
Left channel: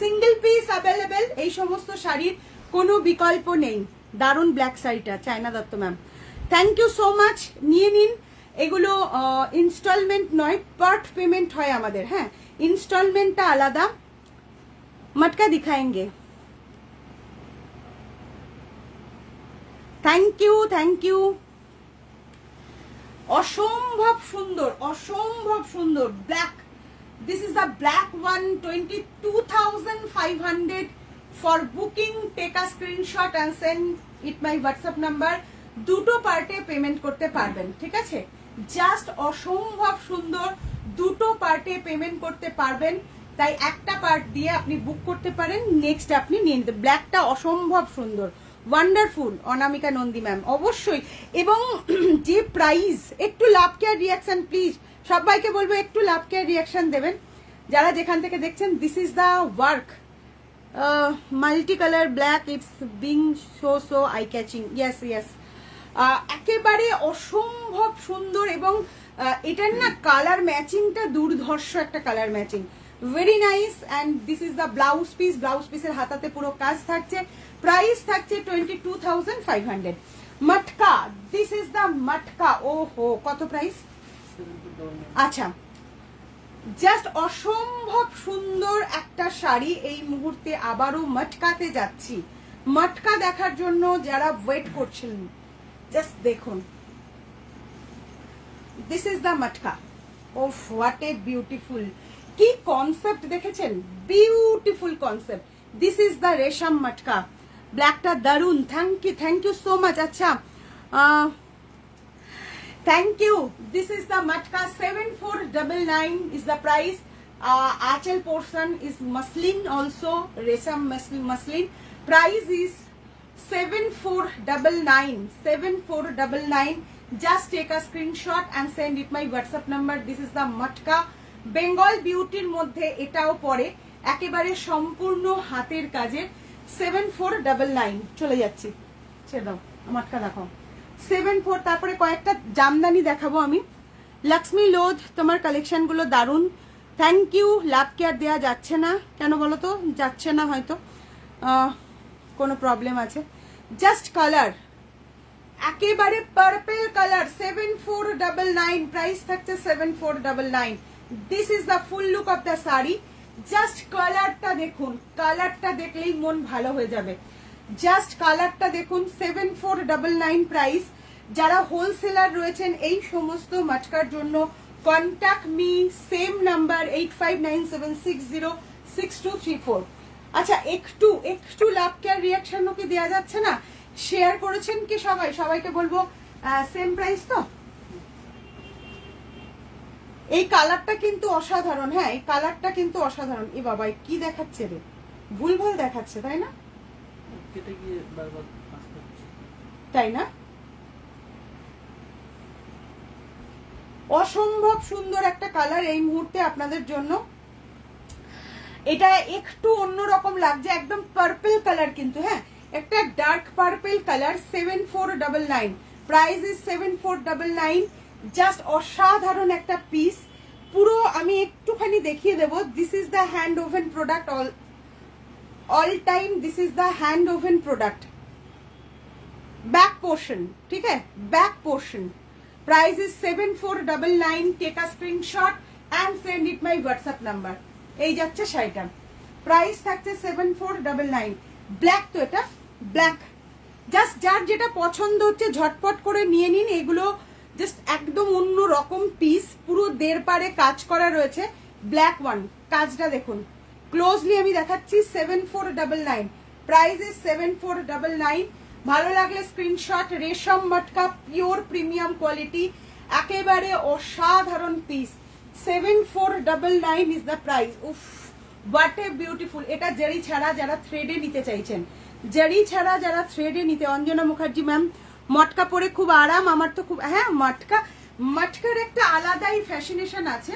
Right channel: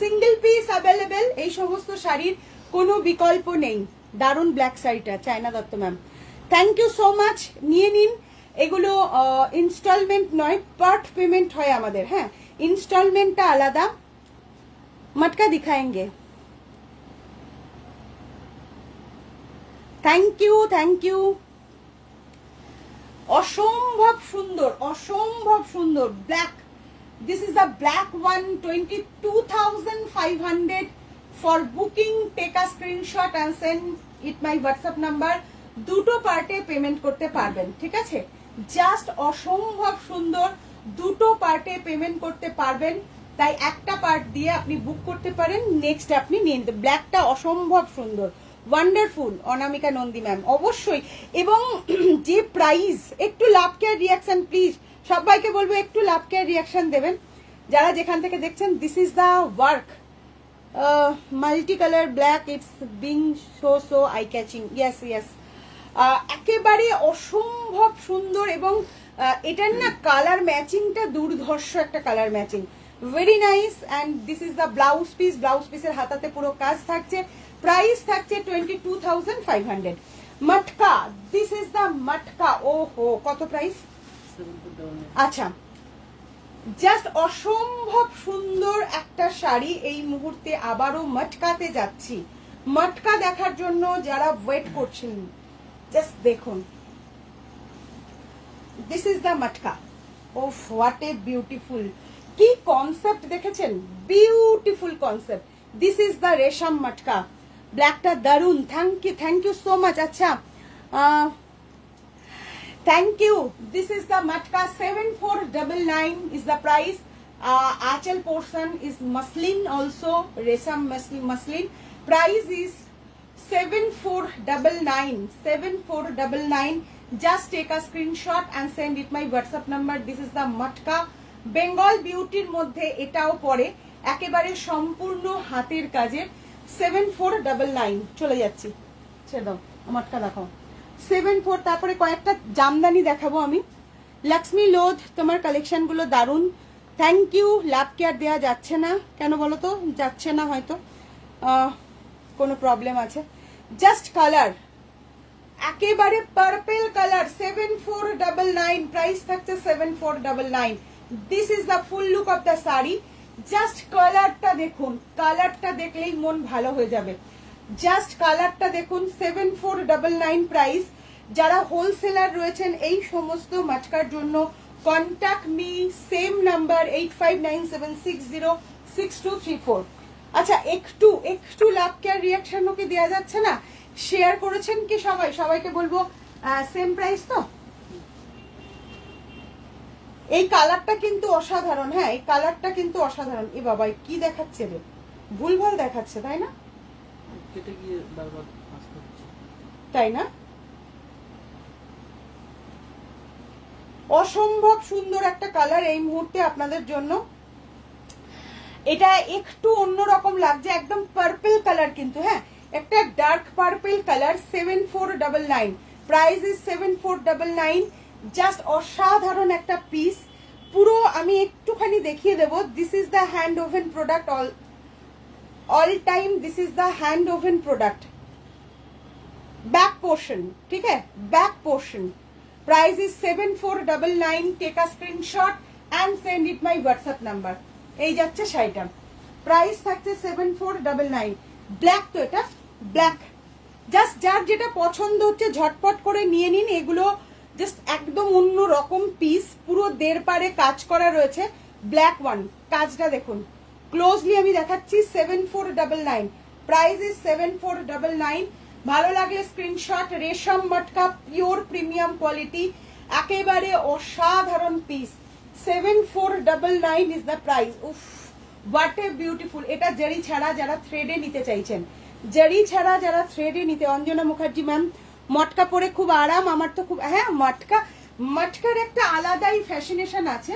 সিঙ্গেল পিস অ্যাভেলেবেল। এই সমস্ত শাড়ির কোনো বিকল্প নেই। দারুণ ব্ল্যাক শাড়িটা, China Dutta ma'am, thank you so much. নিয়ে নিন, এগুলো ইনস্টলমেন্ট নয়, পার্ট পেমেন্ট হয় আমাদের। হ্যাঁ, ইনস্টলমেন্টটা আলাদা। মটকা দিখাएंगे। Thank you. অসম্ভব সুন্দর black. This is the black one, 22,500 for booking. Take a screenshot and send it my WhatsApp number. দুটো পার্টে পেমেন্ট করতে পারবেন, ঠিক আছে। জাস্ট অসম্ভব সুন্দর, দুটো পার্টে পেমেন্ট করতে পারবেন। তাই একটা পার্ট দিয়ে আপনি বুক করতে পারেন, নেক্সট আপনি নিয়ে নিতে। ব্ল্যাকটা অসম্ভব সুন্দর, ওয়ান্ডারফুল। অনামিকা নন্দী ম্যাম, অবশ্যই। এবং যে প্রাইস, একটু লাভ কেয়ার রিয়াকশন প্লিজ, সবাইকে বলবো একটু লাভ কেয়ার রিয়াকশন দেবেন যারা যেখান থেকে দেখছেন। This is the work, multi colour black, it's being so eye catching. Yes yes, একেবারে অসম্ভব সুন্দর, এবং এটার না কালার ম্যাচিংটা দুর্ধর্ষ একটা colour matching, very nice. And this is the blouse piece, blouse পিসের হাতাতে পুরো কাজ থাকছে। প্রাইস থাকছে 22,500। মটকা, দিস ইজ দ্য মটকা। ও হো, কত প্রাইস? আচ্ছা, জাস্ট অসম্ভব সুন্দর একটা শাড়ি। এই মুহূর্তে আবারও মটকাতে যাচ্ছি। মটকা দেখার জন্য যারা ওয়েট করছেন, জাস্ট দেখুন, দিস ইজ দ্য মটকা। ওফ, হোয়াট এ বিউটিফুল, কি কনসেপ্ট দেখেছেন, beautiful concept. This is the resham matka, ব্ল্যাকটা দারুন। Thank you so much. আচ্ছা, thank you. This is the matka, 7499 is the price. Achal portion is muslin, also resam muslin. Price is 7499. 7499. Just take a screenshot and send it my WhatsApp number. This is the matka. Bengal beauty এর মধ্যে এটাও পড়ে, একেবারে সম্পূর্ণ হাতের কাজের। 7499 চলে যাচ্ছি, ছেড়ে দাও, মাটকা দেখাও। 74। তারপরে কয়েকটা জামদানি দেখাবো আমি। লক্ষ্মী লোধ, তোমার কালেকশন গুলো দারুন, থ্যাংক ইউ। লাভ কেয়ার দেওয়া যাচ্ছে না কেন বলো তো? যাচ্ছে না, হয়তো কোনো প্রবলেম আছে। জাস্ট কালার, একেবারে পার্পল কালার, 7499। প্রাইস থাকছে 7499। This is the full look of the sari. Just কালারটা দেখুন, কালারটা দেখলেই মন ভালো হয়ে যাবে। জাস্ট কালারটা দেখুন, 7499 প্রাইস। যারা হোলসেলার রয়েছেন এই সমস্ত মাটকার জন্য, কন্ট্যাক্ট মি, সেম নাম্বার 8597606234। আচ্ছা, একটু লাভ কেয়ার রিয়াকশন কি দেওয়া যাচ্ছে না? শেয়ার করেছেন কি সবাই? সবাইকে বলবো সেম প্রাইস তো। এই কালারটা কিন্তু অসাধারণ, হ্যাঁ এই কালারটা কিন্তু অসাধারণ। এ বাবা, কি দেখাচ্ছে রে, ভুলভাল দেখাচ্ছে তাই না? তাই না? অসম্ভব সুন্দর একটা কালার এই মুহূর্তে আপনাদের জন্য। এটা একটু অন্যরকম লাগছে, একদম পার্পল কালার কিন্তু, হ্যাঁ একটা dark purple colour. 7499। Price is 7499। Just অসাধারণ একটা পিস। পুরো আমি একটুখানি দেখিয়ে দেবো। This is the hand woven product, all time this is the hand woven product. Back portion, ठीक है, back portion. Price is 7499। Take a screenshot and send it my WhatsApp number. এই যাচ্ছে শাড়িটা, প্রাইস থাকছে 7499। ব্ল্যাক তো, এটা ব্ল্যাক। জাস্ট যার যেটা পছন্দ হচ্ছে ঝটপট করে নিয়ে নিন। এগুলো জাস্ট একদম অন্য রকম পিস, পুরো দেড় পারে কাজ করা রয়েছে। ব্ল্যাক ওয়ান, কাজটা দেখুন ক্লোজলি, আমি দেখাচ্ছি। 7499। Price is 7499। ভালো লাগলে স্ক্রিনশট। রেশম মটকা, পিওর প্রিমিয়াম কোয়ালিটি, একেবারে অসাধারণ পিস। 7499 is the price. উফ, হোয়াট এ বিউটিফুল। এটা জারি ছাড়া যারা থ্রেডে নিতে চাইছেন, জারি ছাড়া যারা থ্রেডে নিতে। অঞ্জনা মুখার্জি ম্যাম, মটকা পরে খুব আরাম। আমার তো খুব, হ্যাঁ মটকার একটা আলাদাই ফ্যাশনেশন আছে।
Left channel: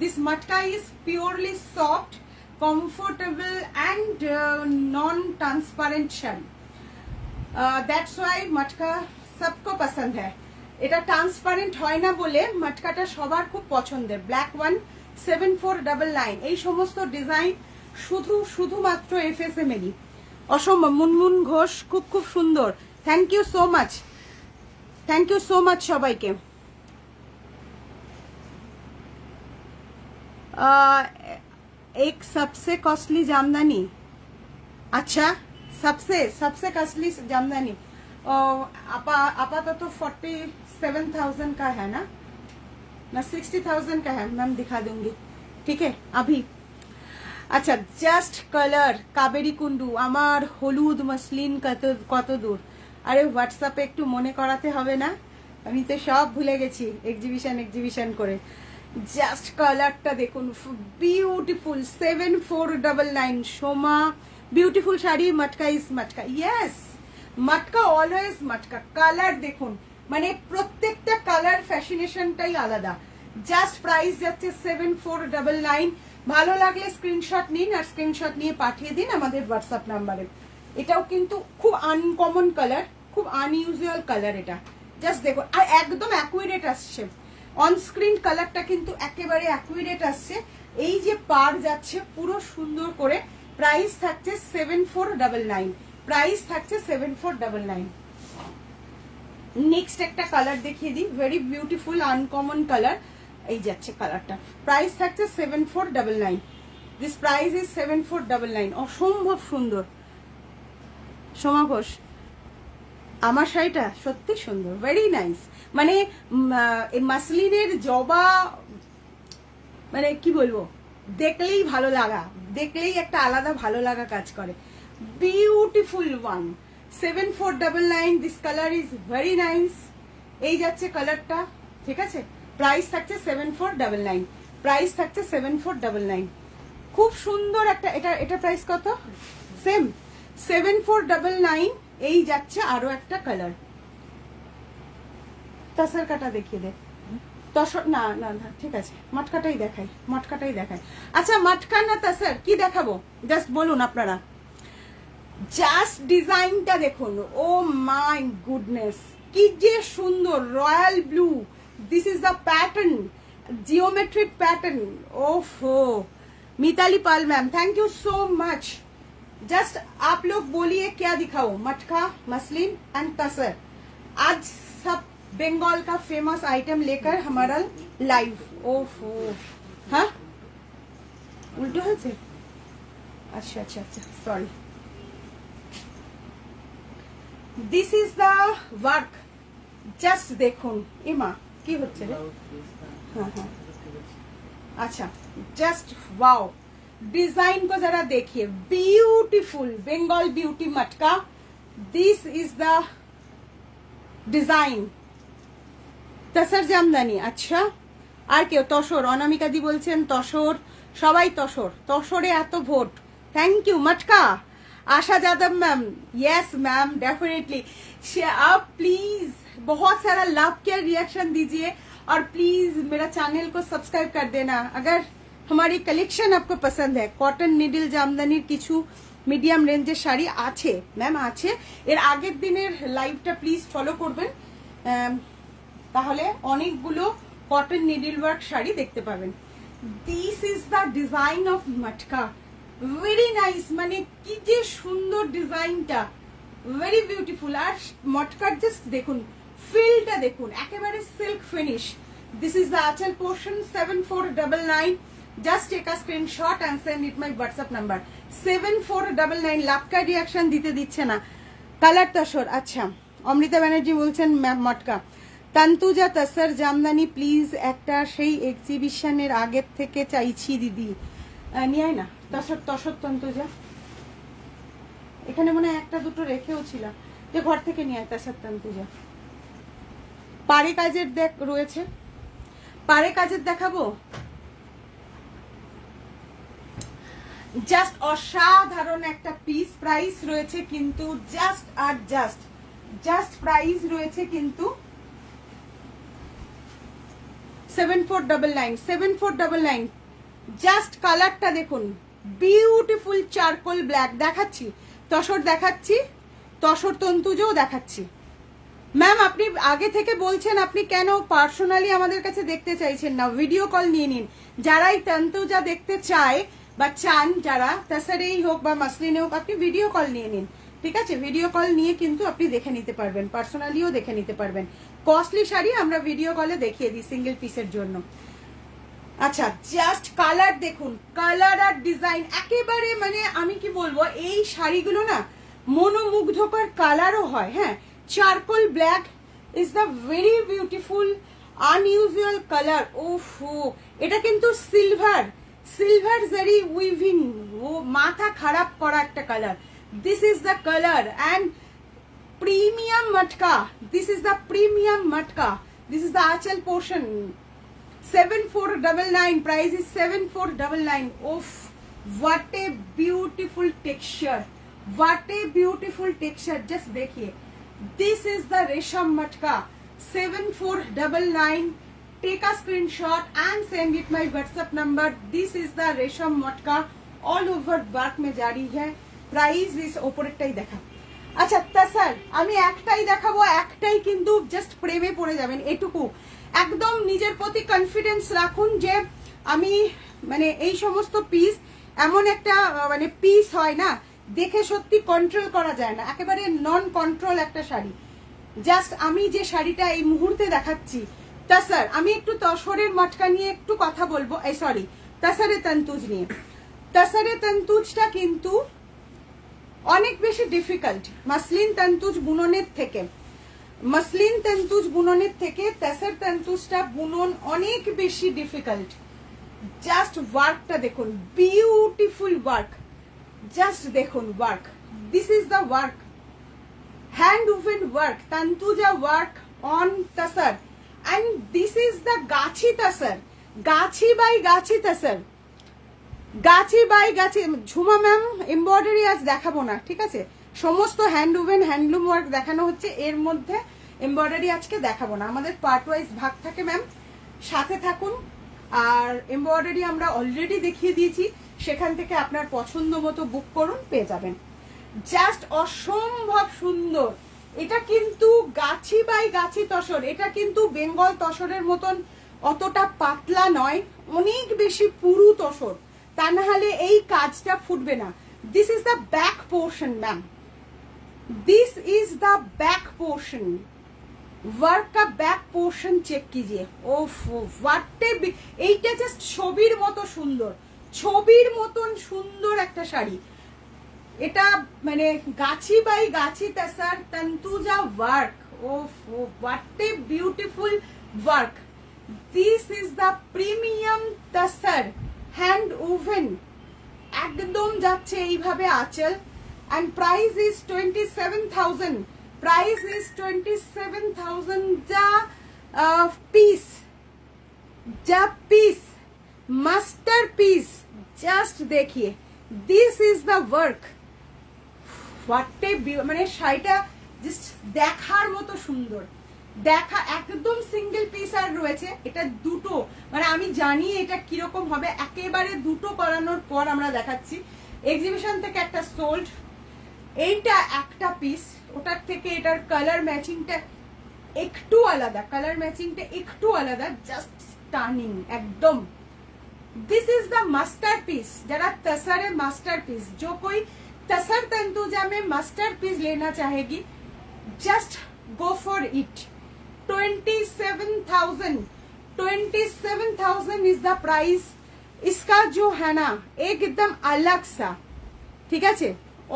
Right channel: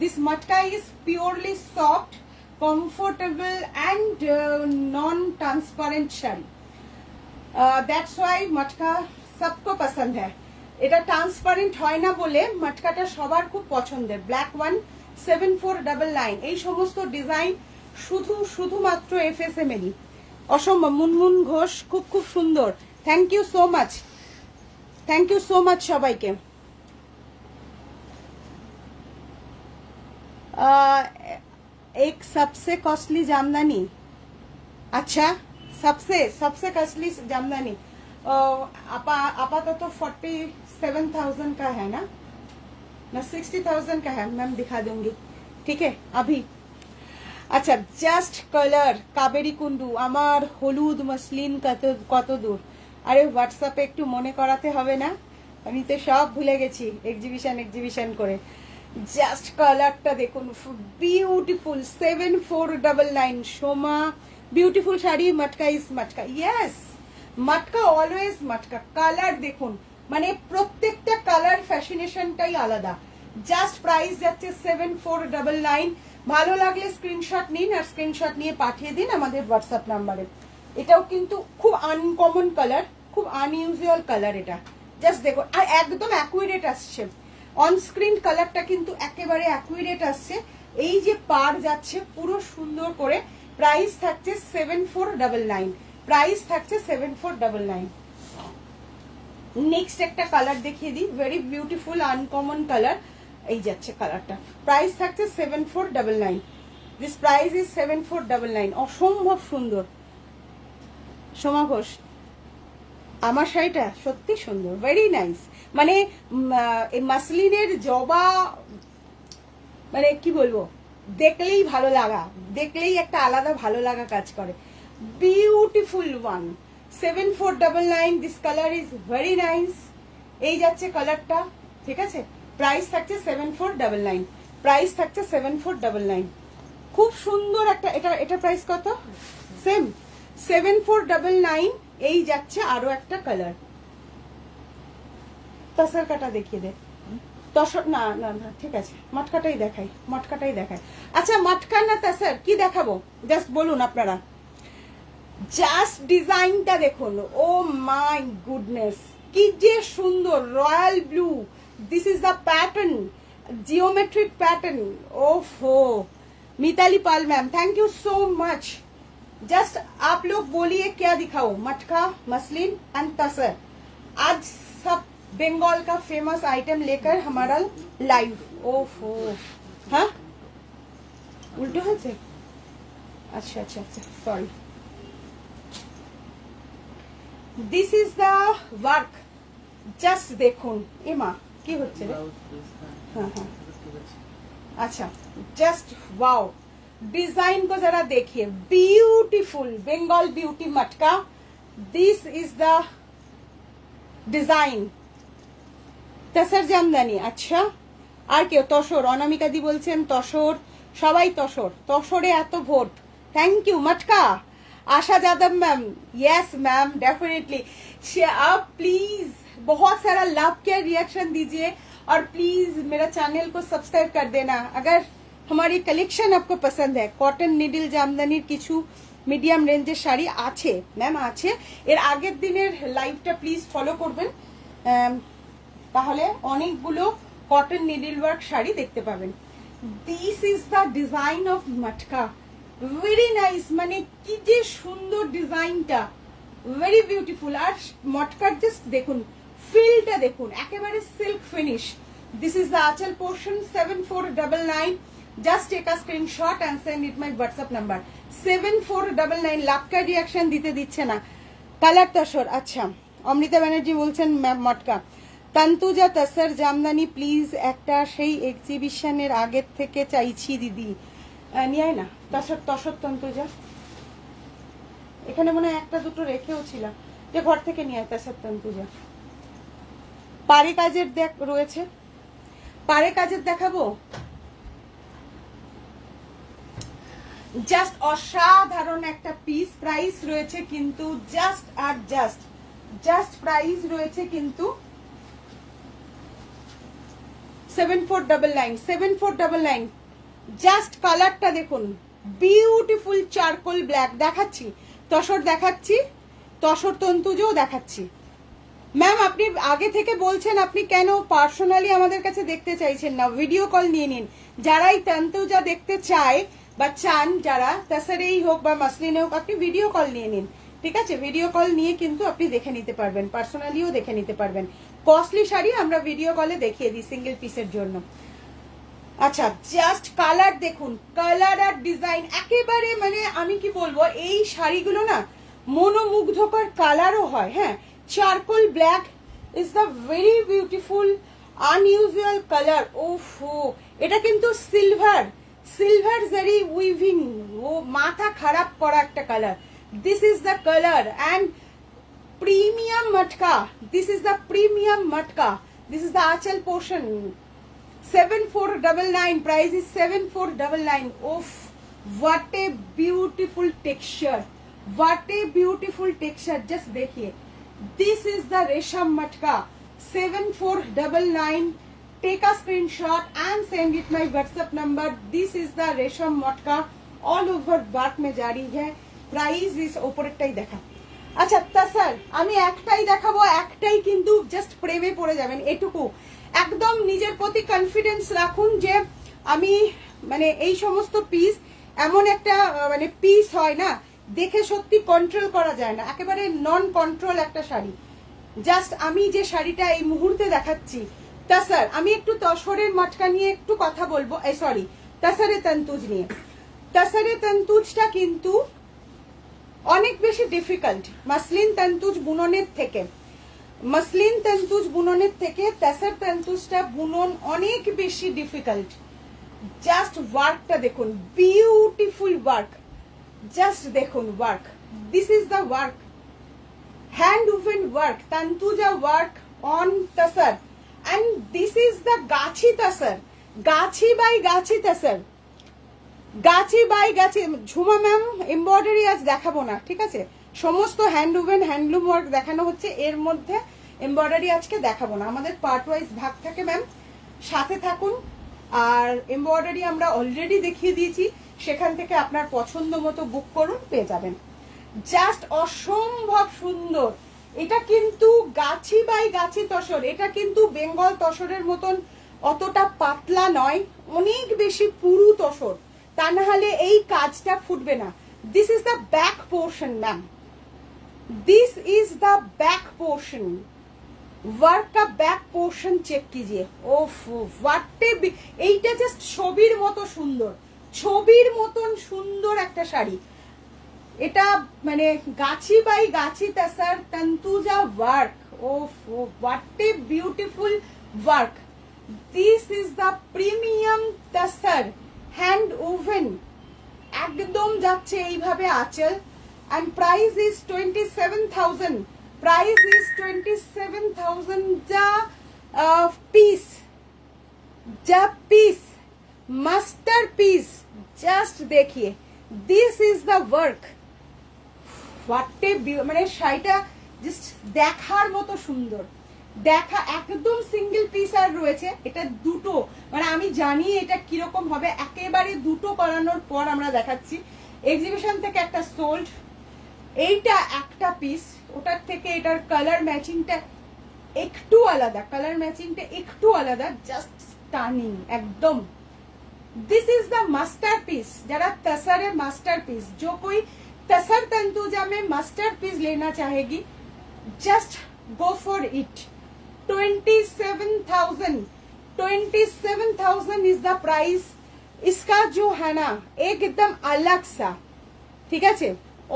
This matka is purely soft, comfortable and non-transparent শাড়ি। That's why মটকা सबको पसंद है। এটা ট্রান্সপারেন্ট হয় না বলে মটকাটা সবার খুব পছন্দের। Black one, 7499। এই সমস্ত ডিজাইন শুধুমাত্র FSM এরই। অসম্ভব। মুনমুন ঘোষ, খুব সুন্দর। Thank you so much, thank you so much সবাইকে। एक सबसे कॉस्टली जामदानी, अच्छा सबसे कॉस्टली जामदानी आपातत तो 47,000 का है ना 60,000 का है मैम, दिखा दूंगी, ठीक है अभी। अच्छा, জাস্ট কালার, কাবেরী কুন্ডু, আমার হলুদ মসলিন কত দূর। আরে হোয়াটসঅ্যাপে একটু মনে করাতে হবে না, আমি তো সব ভুলে গেছি এক্সিবিশন করে। জাস্ট কালারটা দেখুন, beautiful. 7499। Soma, beautiful sari. Matka is matka, yes matka, always matka. Colour দেখুন, মানে প্রত্যেকটা কালার ফ্যাশনেশনটাই আলাদা। জাস্ট প্রাইস যাচ্ছে 7499। ভালো লাগলে স্ক্রিনশট নিন আর স্ক্রিনশট নিয়ে পাঠিয়ে দিন আমাদের হোয়াটসঅ্যাপ নাম্বারে। এটাও কিন্তু খুব আনকমন কালার, খুব আনইউজুয়াল কালার। এটা জাস্ট দেখো, আর একদম অ্যাকুরেট আসছে অন স্ক্রিন কালারটা, কিন্তু একেবারে অ্যাকুরেট আসছে। এই যে পার যাচ্ছে পুরো সুন্দর করে। প্রাইস থাকছে 7499, প্রাইস থাকছে 7499। নেক্সট একটা কালার দেখিয়ে দিই, ভেরি বিউটিফুল আনকমন কালার। এই যাচ্ছে কালারটা, প্রাইস থাকছে 7499। This price is 7499। অসম্ভব সুন্দর। সোমা ঘোষ, আমার শাড়িটা সত্যি সুন্দর, ভেরি নাইস। মানে এই মাসলিনের জবা, মানে কি বলবো, দেখলেই ভালো লাগা, দেখলেই একটা আলাদা ভালো লাগা কাজ করে। Beautiful one, 7499। This colour is very nice. এই যাচ্ছে কালারটা, ঠিক আছে। প্রাইস থাকছে 7499, প্রাইস থাকছে 7499। খুব সুন্দর একটা, এটা প্রাইস কত? সেম 7499। এই যাচ্ছে আরো একটা কালার। তাসার কাটা দেখিয়ে দে। তসর না না না, ঠিক আছে, মটকাটাই দেখাই, মটকাটাই দেখাই। আচ্ছা, মটকা না তাসার কি দেখাবো জাস্ট বলুন আপনারা। জাস্ট ডিজাইনটা দেখুন, ও মাই গুডনেস, কি যে সুন্দর। Royal blue, this is the pattern, geometric pattern. ओफो, Mitali Pal ma'am, thank you so much. Just आप लोग बोलिए क्या दिखाओ, मटका, मसलिन एंड तसर। आज सब बंगाल का फेमस आइटम लेकर हमारा लाइव। ओफो, हाँ उल्टो है। अच्छा अच्छा अच्छा, sorry. This is the work, just देखुन। एमा কি হচ্ছে রে? হ্যাঁ হ্যাঁ, আচ্ছা, জাস্ট ওয়াও। ডিজাইন को जरा देखिए, beautiful Bengal beauty matka. This is the design. Tussar jamdani. আচ্ছা, আর কেউ? তসর, অনামিকা দি বলছেন তসর, সবাই তসর। তসরে এত vote, thank you. Matka, Asha Yadav ma'am, yes ma'am, definitely. आप प्लीज बहुत सारा लव के रिएक्शन दीजिए और प्लीज मेरा चैनल को सब्सक्राइब कर देना। अगर हमारी कलेक्शन आपको पसंद है, कॉटन निडल জামদানির কিছু মিডিয়াম রেঞ্জের শাড়ি আছে ম্যাম, আছে। এর আগের দিনের লাইভটা প্লিজ ফলো করবেন, তাহলে অনেকগুলো কটন নিডল ওয়ার্ক শাড়ি দেখতে পাবেন। This is the design of matka, very nice. মানে কি যে সুন্দর ডিজাইনটা, ভেরি বিউটিফুল। আর মটকার জাস্ট দেখুন, ফিলটা দেখুন, একেবারে silk finish. This is the anchal portion. 7499। Just take a screenshot and send it my WhatsApp number. 7499। লাভকা রিয়াকশন দিতে দিচ্ছে না। কালার তসর। আচ্ছা, অমৃতা ব্যানার্জি বলছেন মটকা। তন্তুজা তসর জামদানি প্লিজ একটা সেই এক্সিবিশনের আগের থেকে চাইছি দিদি। নিয়ে না তসর, তসর তন্তুজা। এখানে মনে হয় একটা দুটো রেখেও ছিল, যে ঘর থেকে নিয়ে আয় তসর তন্তুজা। পাড়ে কাজের দেখ রয়েছে, পাড়ে কাজের দেখাবো। জাস্ট অসাধারণ একটা পিস। প্রাইস রয়েছে কিন্তু জাস্ট আর জাস্ট প্রাইস রয়েছে কিন্তু 7499, 7499। জাস্ট কালারটা দেখুন, বিউটিফুল চারকোল ব্ল্যাক। দেখাচ্ছি তসর, দেখাচ্ছি তসর তন্তুজও দেখাচ্ছি। ম্যাম, আপনি আগে থেকে বলছেন আপনি কেন পার্সোনালি আমাদের কাছে দেখতে চাইছেন না? ভিডিও কল নিয়ে নিন। যারাই তন্তুজা দেখতে চায় বা চান, যারা তসরেই হোক বা মাসলিনে হোক, আপনি ভিডিও কল নিয়ে নিন, ঠিক আছে? ভিডিও কল নিয়ে কিন্তু আপনি দেখে নিতে পারবেন, পার্সোনালিও দেখে নিতে পারবেন। কস্টলি শাড়ি আমরা ভিডিও কলে দেখিয়ে দিই সিঙ্গেল পিসের জন্য। আচ্ছা, জাস্ট কালার দেখুন, কালার আর ডিজাইন একেবারে, মানে আমি কি বলবো, এই শাড়িগুলো না মনোমুগ্ধকর কালারও হয়। হ্যাঁ, charcoal black is the very beautiful unusual colour. ওফো, এটা কিন্তু সিলভার জারি উইভিং, ও মাথা খারাপ করা একটা colour. This is the colour and premium matka. This is the premium matka. This is the anchal portion. 7499, price is 7499. Oof, what a beautiful texture, what a beautiful texture. Just देखिए, this is the resham matka। 7499। take a screenshot and send it my WhatsApp number. This is the resham matka all over work में जारी है. Price is ওপরেরটাই দেখা. আচ্ছা তাসার আমি একটাই দেখাবো, একটাই কিন্তু জাস্ট প্রেমে পড়ে যাবেন এটুকু। একদম নিজের প্রতি কনফিডেন্স রাখুন যে আমি মানে এই সমস্ত পিস এমন একটা মানে পিস হয় না দেখে সত্যি কন্ট্রোল করা যায় না, একেবারে নন কন্ট্রোল একটা শাড়ি। জাস্ট আমি যে শাড়িটা এই মুহূর্তে দেখাচ্ছি তাসার, আমি একটু তসরের মটকা নিয়ে একটু কথা বলবো, সরি তাসারে তন্তুজ নিয়ে। তাসারে তন্তুজটা কিন্তু অনেক বেশি ডিফিকাল্ট মাসলিন তন্তুজ বুননের থেকে। মাসলিন তন্তুজ বুননের থেকে তাসার তন্তুজটা বুনন অনেক বেশি ডিফিকাল্ট। জাস্ট ওয়ার্কটা দেখুন, বিউটিফুল ওয়ার্ক, জাস্ট দেখুন work, this is the work, hand woven work, Tantuja work on tasar, and this is the Gachhi তাসার, Gachhi by gachhi তাসার, Gachhi by Gachhi. Jhuma ma'am embroidery আজ দেখাবো না, ঠিক আছে, সমস্ত হ্যান্ড ওভেন হ্যান্ডলুম ওয়ার্ক দেখানো হচ্ছে, এর মধ্যে এমব্রয়ডারি আজকে দেখাবো না, আমাদের পার্ট ওয়াইজ ভাগ থাকে ম্যাম, সাথে থাকুন। আর এমব্রয়ডারি আমরা অলরেডি দেখিয়ে দিয়েছি, সেখান থেকে আপনার পছন্দ মতো বুক করুন, পেয়ে যাবেন। জাস্ট অসম্ভব সুন্দর। এটা কিন্তু গাছি বাই গাছি তসর, এটা কিন্তু বেঙ্গল তসরের মতন অতটা পাতলা নয়, অনেক বেশি পুরু তসর, তা না হলে এই কাজটা ফুটবে না। This is the back portion ma'am, this is the back portion, work का बैक पोर्शन चेक कीजिए। ओफ वाटे এইটা জাস্ট ছবির মতো সুন্দর, ছবির মতন সুন্দর একটা শাড়ি। এটা মানে গাছি বাই গাছি তাসার তন্তুজা ওয়ার্ক, ওফ what a beautiful work. This is the premium tasar hand woven, একদম যাচ্ছে এইভাবে আঁচল। and price is 27,000, price is 27,000 the piece, the piece, masterpiece, just देखिए, this is the work, what a মানে শাড়িটা জাস্ট দেখার মতো সুন্দর, দেখা একদম সিঙ্গেল পিস আর রয়েছে, এটা দুটো, মানে আমি জানি এটা কিরকম হবে, একেবারে দুটো করানোর পর আমরা দেখাচ্ছি। এক্সিবিশন থেকে একটা সোল্ড, এইটা একটা পিস, ওটার থেকে এটার কালার ম্যাচিংটা একটু আলাদা, কালার ম্যাচিংটা একটু আলাদা, জাস্ট স্টানিং একদম। दिस इज द मास्टरपीस, जरा तसर मास्टरपीस, जो कोई तसर तंतुजा में मास्टरपीस लेना चाहेगी, just go for it. 27,000 is the price. इसका जो है ना एकदम अलग सा, ठीक है,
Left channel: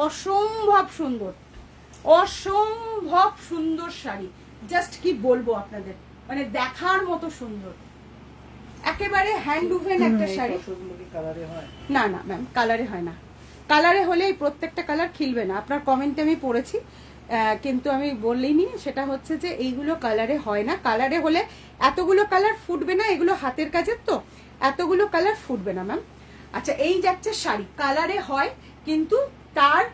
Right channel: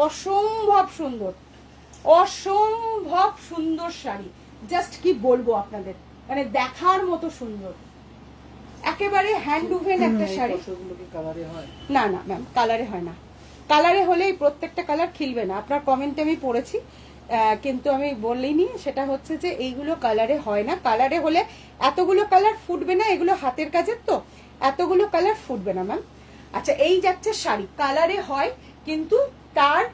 অসম্ভব সুন্দর, অসম্ভব সুন্দর শাড়ি, জাস্ট কি বলবো আপনাদের, মানে দেখার মতো সুন্দর, একেবারে হ্যান্ড ওভেন একটা শাড়ি। না না ম্যাম কালারে হয় না, কালারে হলেই প্রত্যেকটা কালার খিলবে না, আপনার কমেন্টে আমি পড়েছি, কিন্তু আমি বললিনি, সেটা হচ্ছে যে এইগুলো কালারে হয় না, কালারে হলে এতগুলো কালার ফুটবে না, এগুলো হাতের কাজের তো এতগুলো কালার ফুটবে না ম্যাম। আচ্ছা এই যাচ্ছে শাড়ি, কালারে হয় কিন্তু তার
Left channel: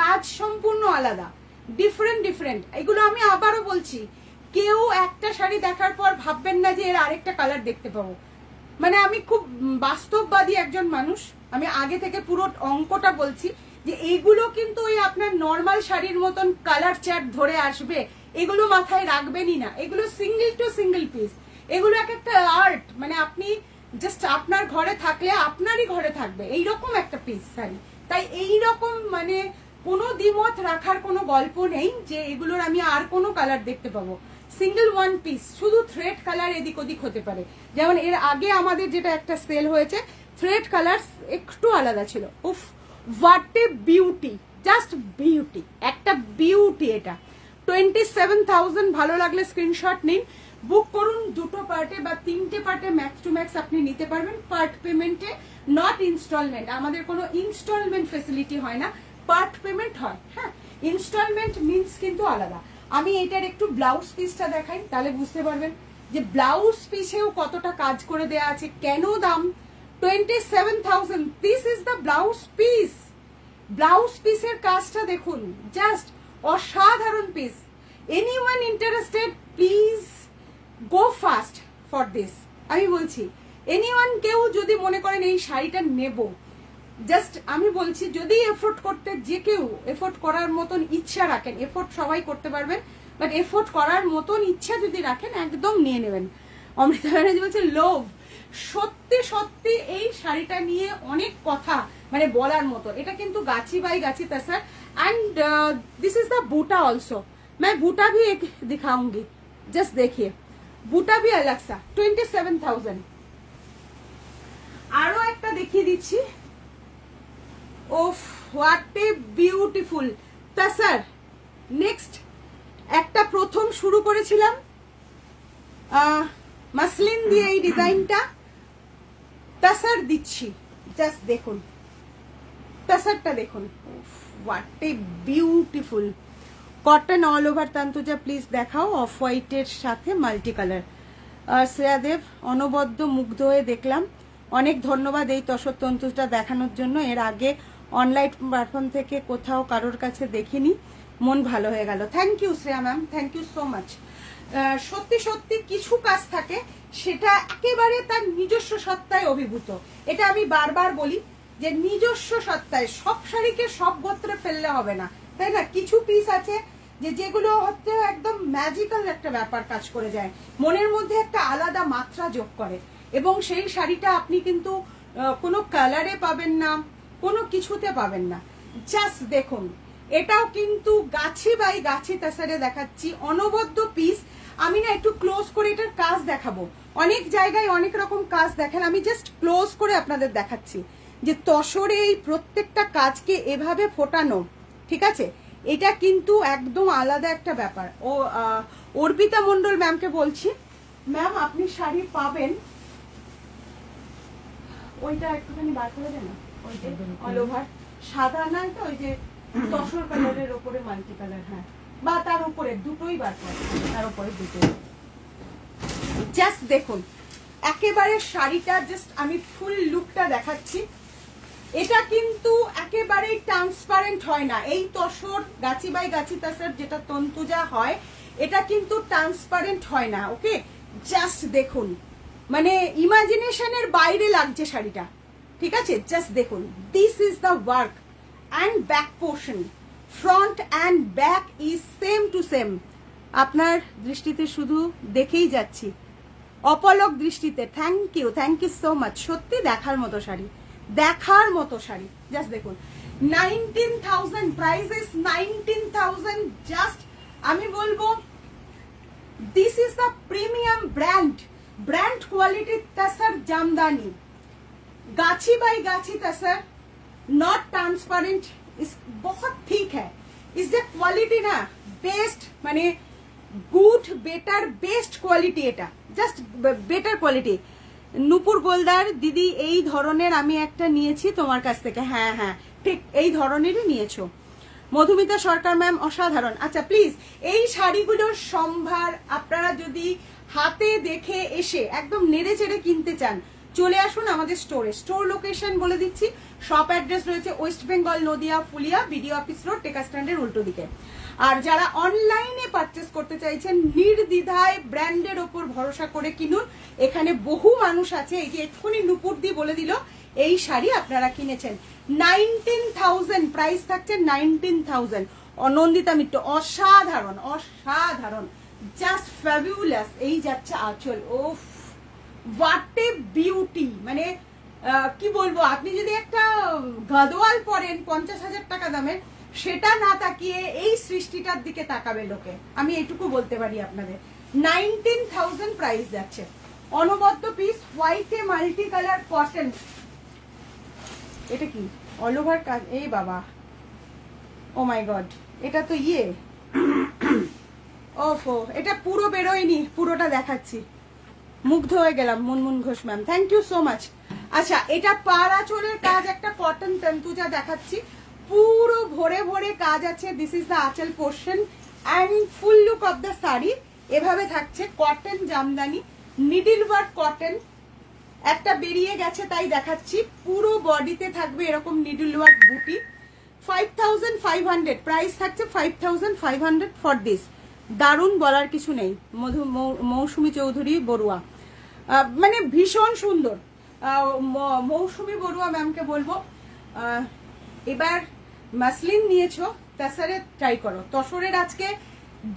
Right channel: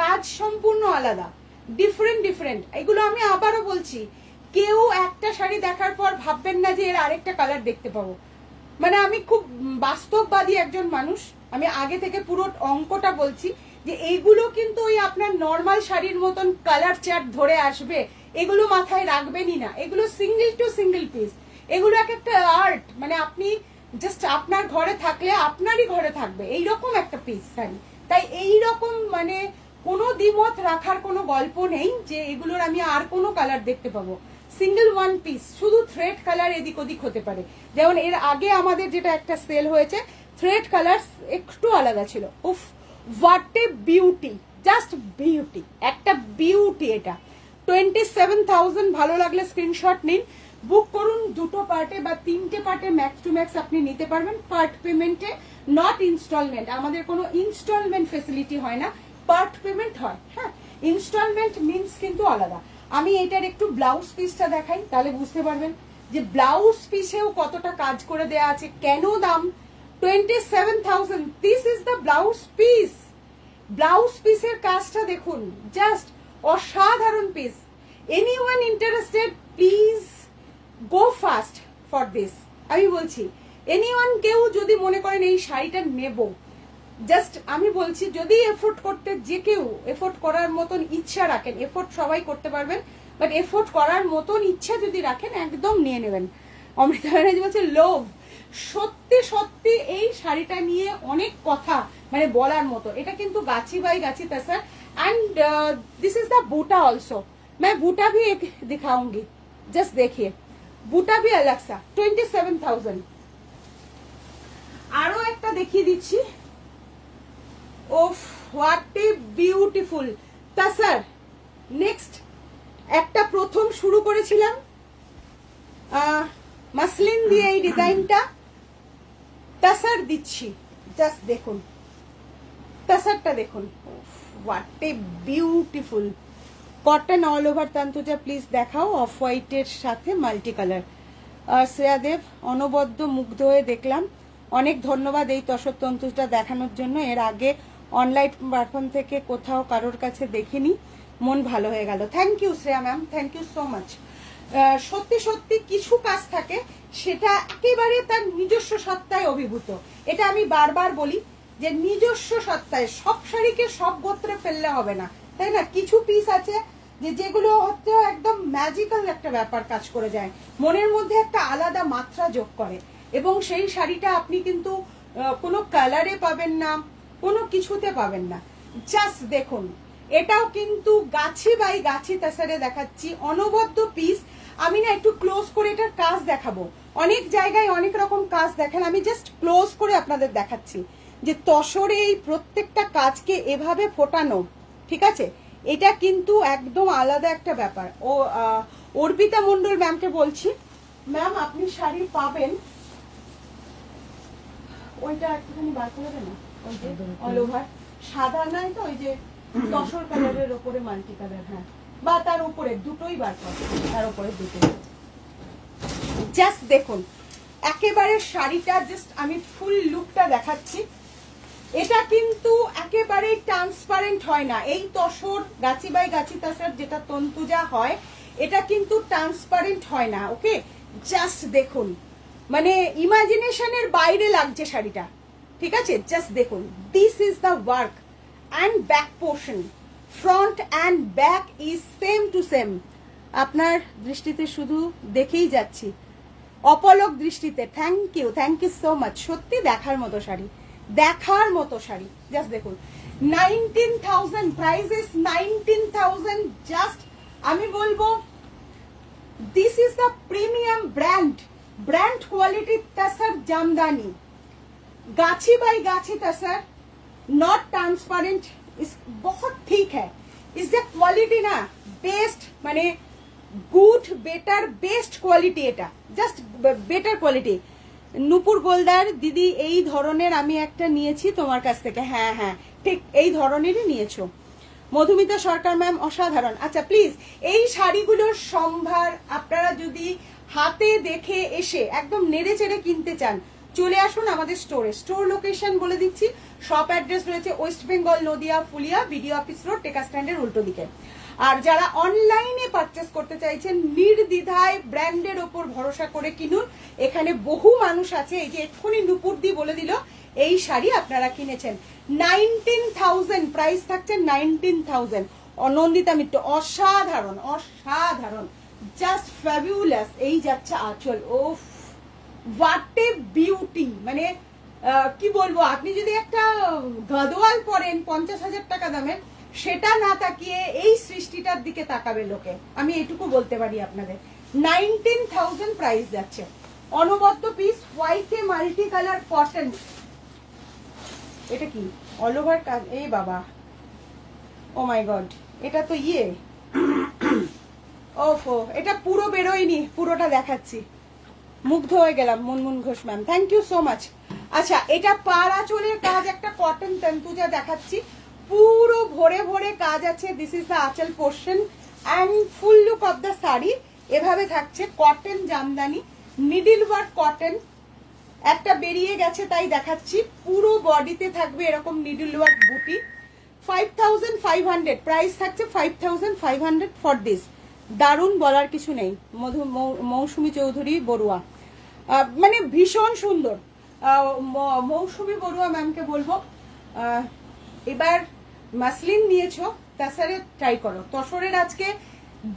কাজ সম্পূর্ণ আলাদা, ডিফারেন্ট ডিফারেন্ট। এগুলো আমি আবারও বলছি, কেউ একটা শাড়ি দেখার পর ভাববেন না যে এর আরেকটা কালার দেখতে পাবো, মানে আমি খুব বাস্তববাদী একজন মানুষ, আমি আগে থেকে পুরো অঙ্কটা বলছি যে এইগুলো কিন্তু ওই আপনার নর্মাল শাড়ির মতন কালার চার্ট ধরে আসবে, এগুলো মাথায় রাখবেনই না, এগুলো সিঙ্গেল টু সিঙ্গেল পিস, এগুলো এক একটা আর্ট, মানে আপনি জাস্ট আপনার ঘরে থাকলে আপনারই ঘরে থাকবে এইরকম একটা পিস শাড়ি। তাই এইরকম মানে কোনো দ্বিমত রাখার কোনো গল্প নেই যে এগুলোর আমি আর কোনো কালার দেখতে পাবো, সিঙ্গেল ওয়ান পিস, শুধু থ্রেড কালার এদিক ওদিক হতে পারে, যেমন এর আগে আমাদের যেটা একটা সেল হয়েছে থ্রেড কালার একটু আলাদা ছিল। উফ what a beauty, just beauty, একটা বিউটি। এটা 27,000, ভালো লাগলে স্ক্রিনশট নিন, বুক করুন, দুটো পার্টে বা তিনটে পার্টে ম্যাক্স টু ম্যাক্স আপনি নিতে পারবেন, পার্ট পেমেন্টে, নট ইনস্টলমেন্ট। আমাদের কোনো ইনস্টলমেন্ট ফেসিলিটি হয় না, পার্ট পেমেন্ট হয়। হ্যাঁ, ইনস্টলমেন্ট মিনস কিন্তু আলাদা। আমি এটার একটু ব্লাউজ পিসটা দেখাই, তাহলে বুঝতে পারবেন যে ব্লাউজ পিসেও কতটা কাজ করে দেয়া আছে, কেন দাম 27,000। This is the blouse piece, blouse পিসের কাজটা দেখুন, জাস্ট অসাধারণ piece. Anyone interested please go fast, for this. আমি বলছি এনিওয়ান কেউ যদি মনে করেন এই শাড়িটা নেব, জাস্ট আমি বলছি যদি এফোর্ট করতে, যে কেউ এফোর্ট করার মতন ইচ্ছা রাখেন, এফোর্ট সবাই করতে পারবেন, বাট এফোর্ট করার মতন ইচ্ছা যদি রাখেন একদম নিয়ে নেবেন। অমৃতা ব্যানার্জি বলছে লোভ। সত্যি সত্যি এই শাড়িটা নিয়ে অনেক কথা মানে বলার মতো। এটা কিন্তু gachhi by gachhi tasar, and this is the buta also. मैं बूटा भी एक दिखाऊंगी, जस्ट देखिए बूटा भी अलग सा 27,000। আরো একটা দেখিয়ে দিচ্ছি। ওফ what a beautiful tasar. Next একটা প্রথম শুরু করেছিলাম মাসলিন দিয়ে এই ডিজাইনটা, তাসার দিচ্ছি, জাস্ট দেখুন তাসারটা দেখুন। What a beautiful cotton all over. Tantuja please দেখাও অফ হোয়াইটের সাথে মাল্টি কালার। শ্রেয়াদেব অনবদ্য মুগ্ধ হয়ে দেখলাম, অনেক ধন্যবাদ এই তসর তন্তুটা দেখানোর জন্য। এর আগে অনলাইন প্ল্যাটফর্ম থেকে কোথাও কারোর কাছে দেখিনি, মন ভালো হয়ে গেল। Thank you Shreya ma'am, thank you so much. সত্যি সত্যি কিছু কাজ থাকে সেটা একেবারে তার নিজস্ব সত্তায় অভিভূত। এটা আমি বারবার বলি যে নিজস্ব সত্তায়, সব শাড়িকে সব গোত্রে ফেললে হবে না, তাই না? কিছু পিস আছে যে যেগুলো হচ্ছে একদম ম্যাজিক্যাল একটা ব্যাপার কাজ করে যায়, মনের মধ্যে একটা আলাদা মাত্রা যোগ করে, এবং সেই শাড়িটা আপনি কিন্তু কোনো কালারে পাবেন না, কোনো কিছুতে পাবেন না। জাস্ট দেখুন, এটাও কিন্তু গাছি বাই গাছি তাসারে দেখাচ্ছি, অনবদ্য পিস। আমি না একটু ক্লোজ করে এটার কাজ দেখাবো, অনেক জায়গায় অনেক রকম কাজ দেখেন, আমি জাস্ট ক্লোজ করে আপনাদের দেখাচ্ছি যে তসরে এই প্রত্যেকটা কাজকে এভাবে ফোটানো, ঠিক আছে? এটা কিন্তু একদম আলাদা একটা ব্যাপার। ও অর্পিতা মন্ডল ম্যামকে বলছি, ম্যাম আপনি শাড়ি পাবেন, ওইটা একটুখানি বার করে দেন না, ওই যে অল ওভার সাদা নাই তো, ওই যে তসর কালারের ওপরে মাল্টি কালার, হ্যাঁ, বা তার উপরে দুটোই বার করে, তার উপরে দুটোই। জাস্ট দেখুন একেবারে শাড়িটা, জাস্ট আমি ফুল লুকটা দেখাচ্ছি। এটা কিন্তু একেবারে ট্রান্সপারেন্ট হয় না, এই তসর গাছি বাই গাছি তাসার যেটা তন্তুজা হয়, এটা কিন্তু ট্রান্সপারেন্ট হয় না। ওকে, জাস্ট দেখুন, মানে ইমাজিনেশনের বাইরে লাগছে শাড়িটা, ঠিক আছে? জাস্ট দেখুন, this is the work and back portion, front and back is same to same. আপনার দৃষ্টিতে শুধু দেখেই যাচ্ছি, অপলক দৃষ্টিতে। Thank you so much. সত্যি দেখার মতো শাড়ি, দেখার মতো শাড়ি। জাস্ট দেখুন 19,000, প্রাইস ইজ 19,000। জাস্ট আমি বলবো this is the premium brand quality tasar jamdani, gachhi by गाछी तसर, नॉट ट्रांसपेरेंट, बहुत ठीक है। इस क्वालिटी ना बेस्ट, माने गुड बेटर बेस्ट क्वालिटी, এটা জাস্ট বেটার কোয়ালিটি। নুপুর গোলদার দিদি এই ধরনের আমি একটা নিয়েছি তোমার কাছ থেকে, হ্যাঁ হ্যাঁ ঠিক এই ধরনেরই নিয়েছো। মধুমিতা সরকার ম্যাম অসাধারণ। আচ্ছা প্লিজ এই শাড়িগুলোর সম্ভার আপনারা যদি হাতে দেখে এসে একদম নেড়ে চেড়ে কিনতে চান, চলে আসুন আমাদের স্টোরে। স্টোর লোকেশন বলে দিচ্ছি, শপ অ্যাড্রেস রয়েছে ওয়েস্ট বেঙ্গল Nadia Phulia BDO office road, টেকা স্ট্যান্ডের উল্টো দিকে। আর যারা অনলাইনে পারচেস করতে চাইছেন নির্দ্বিধায় ব্র্যান্ডের ওপর ভরসা করে কিনুন, এখানে বহু মানুষ আছে, এই যে এক্ষুনি নুপুর দি বলে দিল এই শাড়ি আপনারা কিনেছেন। 19,000 প্রাইস থাকছে, 19,000। অনন্দিতা মিত্র অসাধারণ অসাধারণ, জাস্ট ফ্যাবুলাস। এই যাচ্ছে আঁচল, ও হোয়াট এ বিউটি, মানে কি বলবো, আপনি যদি একটা গাদোয়াল পরেন 50,000 টাকা দামের, সেটা না তাকিয়ে এই সৃষ্টিটার দিকে তাকাবে লোকে, আমি এটুকু বলতে পারি আপনাদের। 19,000 প্রাইস যাচ্ছে, অনবদ্য পিস, হোয়াইটে মাল্টি কালার কটন। এটা কি অল ওভার কাজ, এই বাবা, ও মাই গড, এটা তো ইয়ে, ওফো, এটা পুরো বেরোয়নি, পুরোটা দেখাচ্ছি, মুগ্ধ হয়ে গেলাম। Munmun Ghosh ma'am thank you so much. আচ্ছা এটা পাড়া চোলের কাজ, একটা কটন তন্তুজা দেখাচ্ছি, পুরো ভরে ভরে কাজ আছে। This is the anchal portion and full look of the sari এভাবে থাকছে, cotton Jamdani, needle work cotton, একটা বেরিয়ে গেছে তাই দেখাচ্ছি, পুরো বডিতে থাকবে এরকম নিডল ওয়ার্ক বুটি। 5,500 প্রাইস থাকছে, 5,500 ফর দিস। দারুণ, বলার কিছু নেই। মৌসুমী চৌধুরী বড়ুয়া, মানে ভীষণ সুন্দর। মৌসুমী বড়ুয়া ম্যামকে বলবো এবার মাসলিন নিয়েছো তাছাড়া ট্রাই করো। তসরের আজকে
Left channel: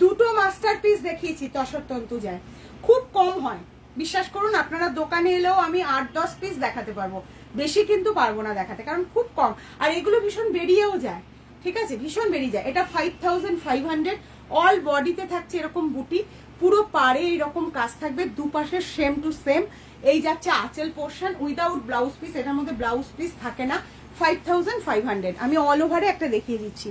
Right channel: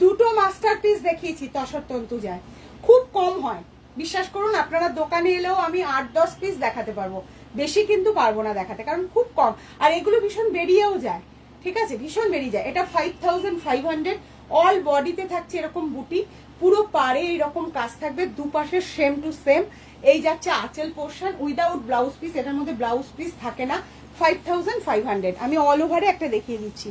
দুটো মাস্টারপিস দেখিয়েছি তসর তন্তুজায়, খুব কম হয় বিশ্বাস করুন। আপনারা দোকানে এলেও আমি 8-10 পিস দেখাতে পারবো, বেশি কিন্তু পারবো না দেখাতে, কারণ খুব কম। আর এগুলো ভীষণ বেরিয়েও যায়, ঠিক আছে, ভীষণ বেরিয়ে যায়। এটা 5500, অল বডিতে থাকছে এরকম বুটি, পুরো পাড়ে এরকম কাজ থাকবে, দুপাশে সেম টু সেম। এই যাচ্ছে আঁচল পোর্শন উইদাউট ব্লাউজ পিস, এটার মধ্যে ব্লাউজ পিস থাকে না। 5500। আমি অল ওভারে একটা দেখিয়ে দিচ্ছি।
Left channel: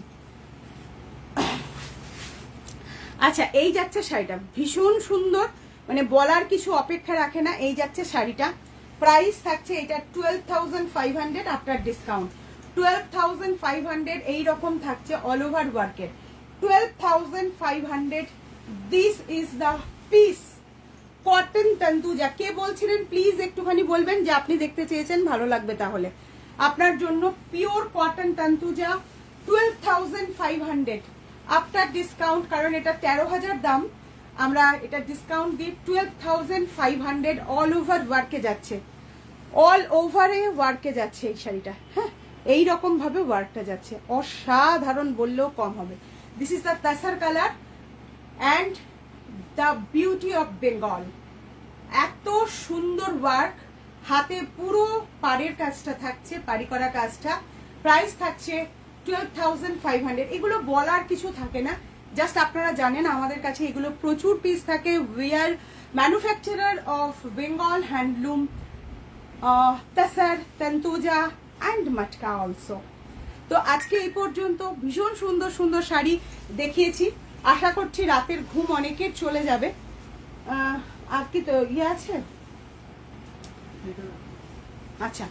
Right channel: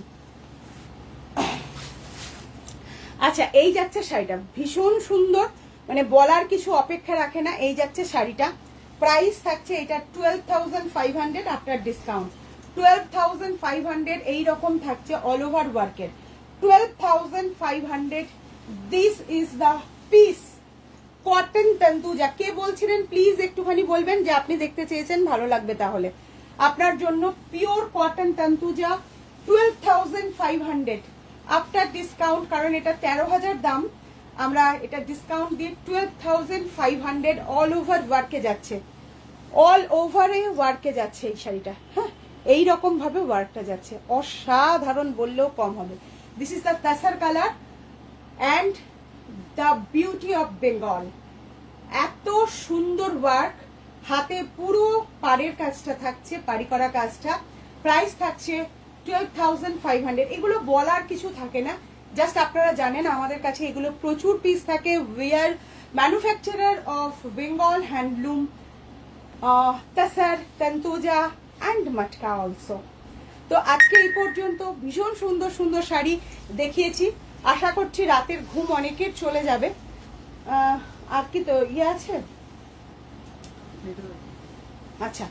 আচ্ছা, এই যাচ্ছে শাড়িটা ভীষণ সুন্দর, মানে বলার কিছু অপেক্ষা রাখে না। এই যাচ্ছে শাড়িটা, প্রাইস থাকছে এটা 12,500 আফটার ডিসকাউন্ট। 12,500 এইরকম থাকছে অল ওভার ওয়ার্কের। 12,500 this is the piece. Cotton Tantuja, কে বলছিলেন প্লিজ একটুখানি বলবেন যে আপনি দেখতে চেয়েছেন, ভালো লাগবে তাহলে আপনার জন্য। পিওর কটন তন্তুজা 12,500 আফটার ডিসকাউন্ট, কারণ এটা 13,000 দাম, আমরা এটা ডিসকাউন্ট দিয়ে 12,500 অল ওভার ওয়ার্কে যাচ্ছে, অল ওভারে ওয়ার্কে যাচ্ছে এই শাড়িটা। হ্যাঁ, এইরকম ভাবে ওয়ার্কটা যাচ্ছে, অসাধারণ বললেও কম হবে। This is the তাসার colour and the beauty of Bengal. এত সুন্দর ওয়ার্ক, হাতে পুরো পাড়ের কাজটা থাকছে, পাড়ি করা কাজটা। প্রাইস থাকছে 12,500। এগুলো বলার কিছু থাকে না, জাস্ট আপনারা জানেন আমাদের কাছে এগুলো প্রচুর পিস থাকে। We are manufacturer of Bengal handloom, tasar, Tantuja and matka also. তো আজকে এই পর্যন্ত ভীষণ সুন্দর সুন্দর শাড়ি দেখিয়েছি, আশা করছি রাতের ঘুম অনেকের চলে যাবে। আর কি তো ইয়ে আছে? আচ্ছা,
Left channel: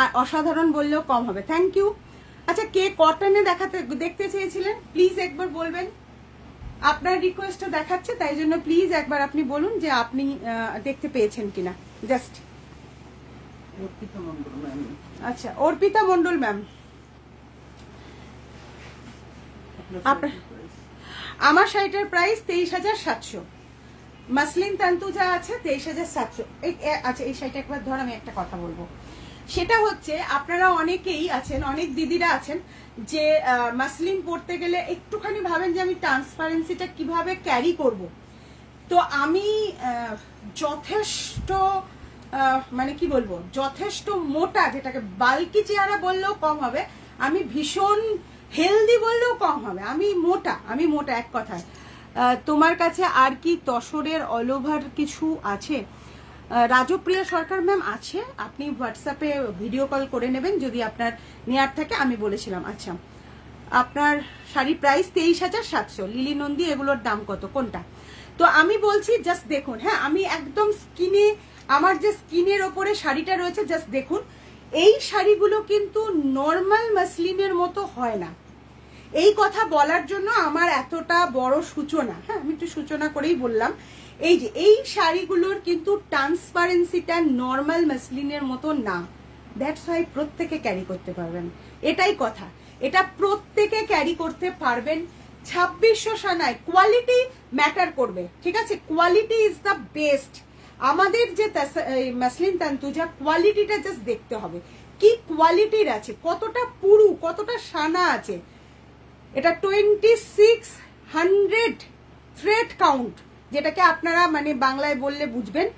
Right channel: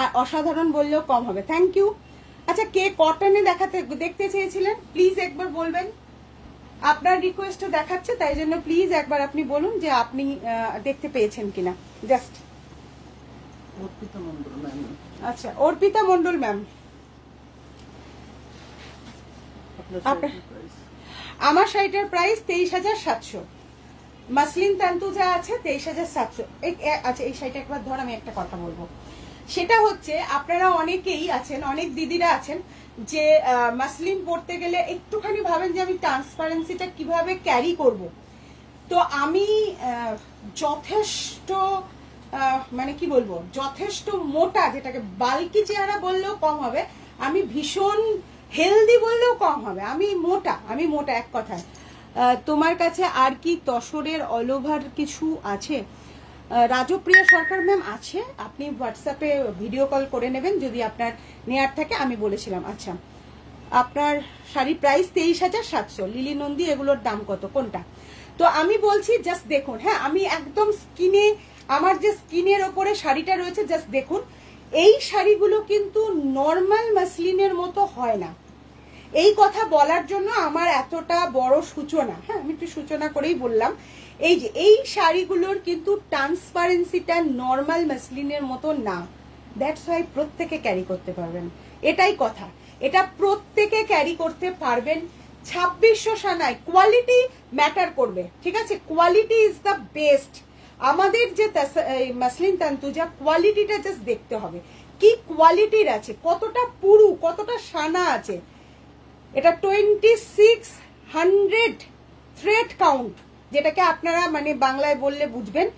আর অসাধারণ বললেও কম হবে। Thank you. আচ্ছা, কে কটনে দেখতে চেয়েছিলেন প্লিজ একবার বলবেন। আপনার রিকোয়েস্টটা দেখাচ্ছে, তাই জন্য প্লিজ একবার আপনি বলুন যে আপনি দেখতে পেয়েছেন কিনা। Just Arpita Mondal ma'am. আচ্ছা, অর্পিতা মন্ডল ম্যাম, আমার শাড়িটার প্রাইস 23,700। মাসলিন তান্তুজা আছে 23,700। আচ্ছা, এই শাড়িটা একবার ধর, আমি একটা কথা বলবো, সেটা হচ্ছে আপনারা অনেকেই আছেন, অনেক দিদিরা আছেন যে মাসলিন পরতে গেলে একটুখানি ভাবেন যে আমি ট্রান্সপারেন্সিটা কিভাবে ক্যারি করব। তো আমি যথেষ্ট মানে কি বলবো, যথেষ্ট মোটা, যেটাকে বাল্কি চেহারা বললেও কম হবে, আমি ভীষণ হেলদি বললেও কম হবে, আমি মোটা এক কথায়। তোমার কাছে আর কি তসরের অল ওভার কিছু আছে? রাজপ্রিয়া সরকার ম্যাম আছে, আপনি হোয়াটসঅ্যাপে ভিডিও কল করে নেবেন যদি আপনার নেয়ার থাকে, আমি বলেছিলাম। আচ্ছা, আপনার শাড়ি প্রাইস 23,700। লিলি নন্দী, এগুলোর দাম কত, কোনটা? তো আমি বলছি জাস্ট দেখুন। হ্যাঁ, আমি একদম স্কিনে, আমার যে স্কিনের ওপরে শাড়িটা রয়েছে জাস্ট দেখুন। এই শাড়িগুলো কিন্তু নর্মাল মাসলিনের মতো হয় না, এই কথা বলার জন্য আমার এতটা বড় সূচনা। হ্যাঁ, আমি একটু সূচনা করেই বললাম। এই যে এই শাড়িগুলোর কিন্তু ট্রান্সপারেন্সিটা নর্মাল মাসলিনের মতো না, দ্যাটস ওয়াই প্রত্যেকে ক্যারি করতে পারবেন, এটাই কথা। এটা প্রত্যেকে ক্যারি করতে পারবেন। 2600 সানায় কোয়ালিটি ম্যাটার করবে, ঠিক আছে, কোয়ালিটি ইজ দ্য বেস্ট। আমাদের যে মাসলিন তান্তুজা, কোয়ালিটিটা জাস্ট দেখতে হবে, কি কোয়ালিটির আছে, কতটা পুরু, কতটা সানা আছে। এটা 2600 থ্রেড কাউন্ট, যেটাকে আপনারা মানে বাংলায় বললে বুঝবেন,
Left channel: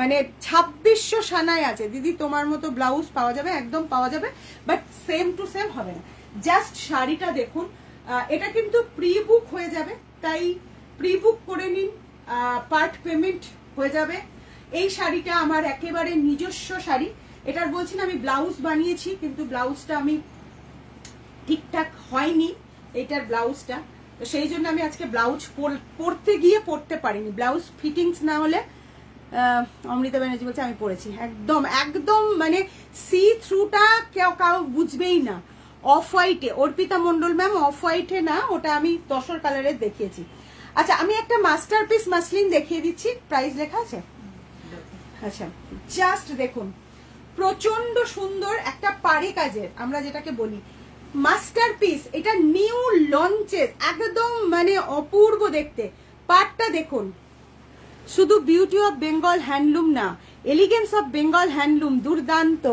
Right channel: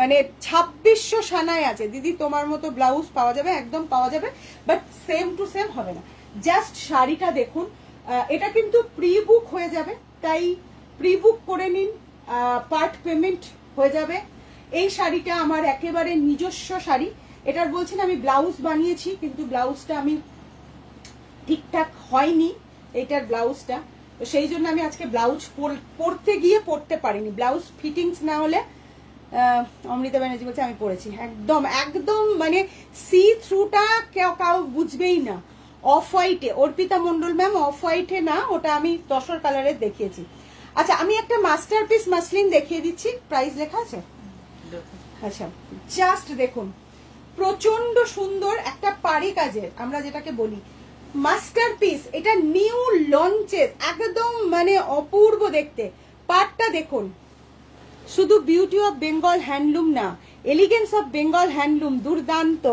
মানে 2600 সানায় আছে। দিদি তোমার মতো ব্লাউজ পাওয়া যাবে, একদম পাওয়া যাবে, বাট সেম টু সেম হবে না। জাস্ট শাড়িটা দেখুন, এটা কিন্তু প্রি বুক হয়ে যাবে, তাই প্রি বুক করে নিন, পার্ট পেমেন্ট হয়ে যাবে। এই শাড়িটা আমার একেবারে নিজস্ব শাড়ি, এটার বলছি না আমি ব্লাউজ বানিয়েছি, কিন্তু ব্লাউজটা আমি ঠিকঠাক হয়নি এটার ব্লাউজটা, তো সেই জন্য আমি আজকে ব্লাউজ পরতে গিয়ে পরতে পারিনি। ব্লাউজ ফিটিংস না হলে, অমৃতা ব্যানার্জি বলছে আমি পরেছি, একদম একদম মানে সি থ্রুটা কেউ বুঝবেই না। অফ হোয়াইটে, অর্পিতা মন্ডল ম্যাম, অফ হোয়াইটে না, ওটা আমি তসর কালারের দেখিয়েছি। আচ্ছা, আমি একটা মাস্টারপিস মাসলিন দেখিয়ে দিচ্ছি, প্রাইস লেখা আছে। আচ্ছা, জাস্ট দেখুন, প্রচন্ড সুন্দর একটা পাড়ি কাজের, আমরা যেটাকে বলি মাস্টারপিস, এটা নিউ লঞ্চেস, একদম মানে অপূর্ব দেখতে। পাটটা দেখুন, শুধু বিউটি অফ বেঙ্গল হ্যান্ডলুম না, এলিগেন্স অফ বেঙ্গল হ্যান্ডলুম দুর্দান্ত।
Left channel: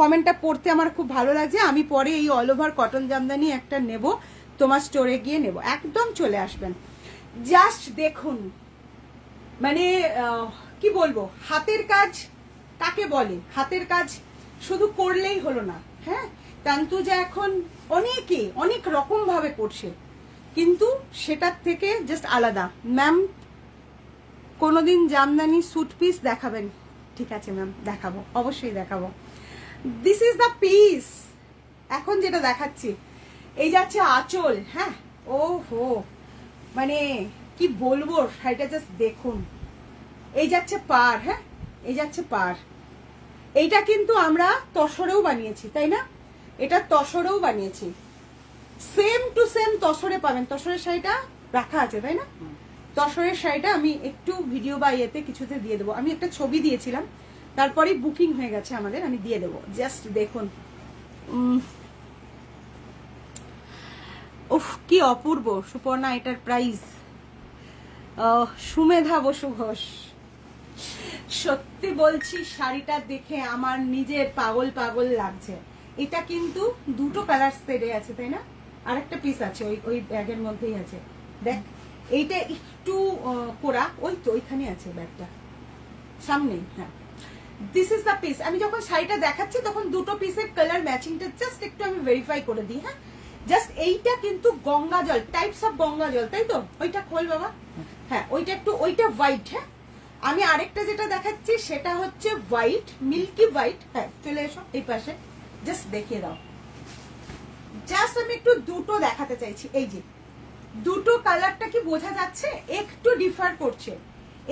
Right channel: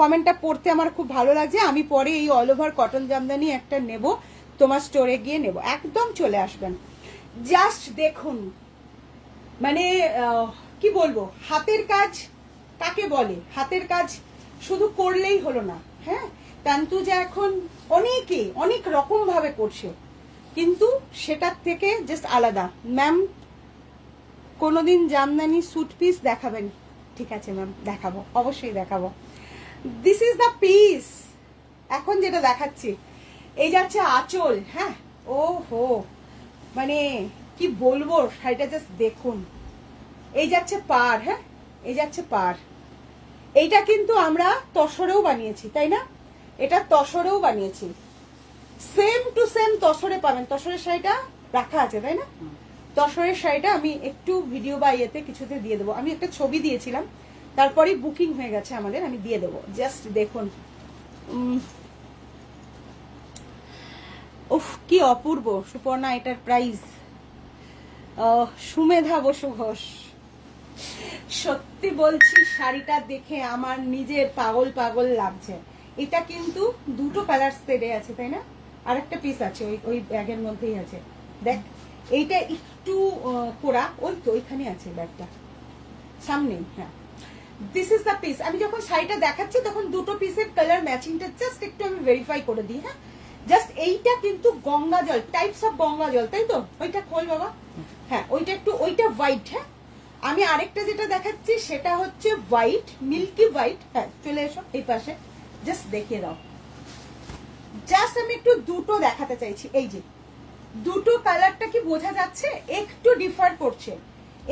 কমেন্টটা পড়তে আমার খুব ভালো লাগছে। আমি পরে এই অল ওভার কটন জামদানি একটা নেব, তোমার স্টোরে গিয়ে নেব, একদম চলে আসবেন। জাস্ট দেখুন, মানে কি বলবো, হাতের কাজ কাকে বলে? হাতের কাজ শুধু করলেই হলো না, হ্যাঁ। তান্তু যে এখন অনেকে অনেক রকম ভাবে করছে, কিন্তু সেটার থেকে জাস্ট আলাদা। ম্যাম কোনোদিন জামদানি স্যুট পিস দেখাবেন? ঠিক আছে ম্যাম, দেখাবো, অবশ্যই দেখাবো। দিস ইজ দ্য পিস এখন যেটা দেখাচ্ছি। এই যাচ্ছে আঁচল, হ্যাঁ। ও হো, মানে কি বলবো, শাড়িটা জাস্ট দেখুন। এই যাচ্ছে পার, হ্যাঁ, এই যাচ্ছে পার। এইটা কিন্তু আমরা তসরেও বানিয়েছি, তাই না? এটা তসরেও বানিয়েছি, সেম টু সেম তসরে পাবেন। তসরের শাড়িটা রাখা আছে, তাই না? তসরের শাড়িটা আমি একটু ভিডিও বা ইয়েতে কিছুতে দিয়ে দেবো। আমি একটা ছবি দিয়েছিলাম, তারপরে বুকিং হয়ে গেছে আমাদের, আমি দিয়ে দেবো। জাস্ট দেখুন, উফ কি অপূর্ব। সুপর্ণা, এটার প্রাইস সুমেধা বসু ঘোষ। সত্যি বলছি, শাড়িটা দেখে আমার নিজের পাগল পাগল লাগছে। এটা কিন্তু দুটো কালার সেটে আছে, তাই না? আর একটা পিস আছে ওই ব্যাগের মধ্যেই আছে, দেখ। এইটা একটু কোরা, ওই তো ওইখানে আছে ব্যাগটা সামনেই, হ্যাঁ। This is the piece. আমি যখন শাড়িটা দেখাচ্ছি তখন দুটো পিসের কালার ম্যাচিংটা জাস্ট একটু আমি ভেরিফাই করে দিই, হ্যাঁ। জাস্ট এইটা কিন্তু গঙ্গা জল, টাইপস অফ গঙ্গা জল, তাই তো? ওইটা খোল বাবা, হ্যাঁ। ওইটা একটু, ওইটা হোয়াইট, হ্যাঁ। আমি আরেকটা যেটা দেখাচ্ছি সেটা হচ্ছে হোয়াইট, মিল্কি হোয়াইট, হ্যাঁ। চলে এসো এই পাশে, জাস্ট দেখিয়ে দাও। জাস্ট আমি একটু দুটো দেখাতে চাইছি। এই যে দুটো কালারটা কি বোঝা যাচ্ছে? একটু ডিফার করছে।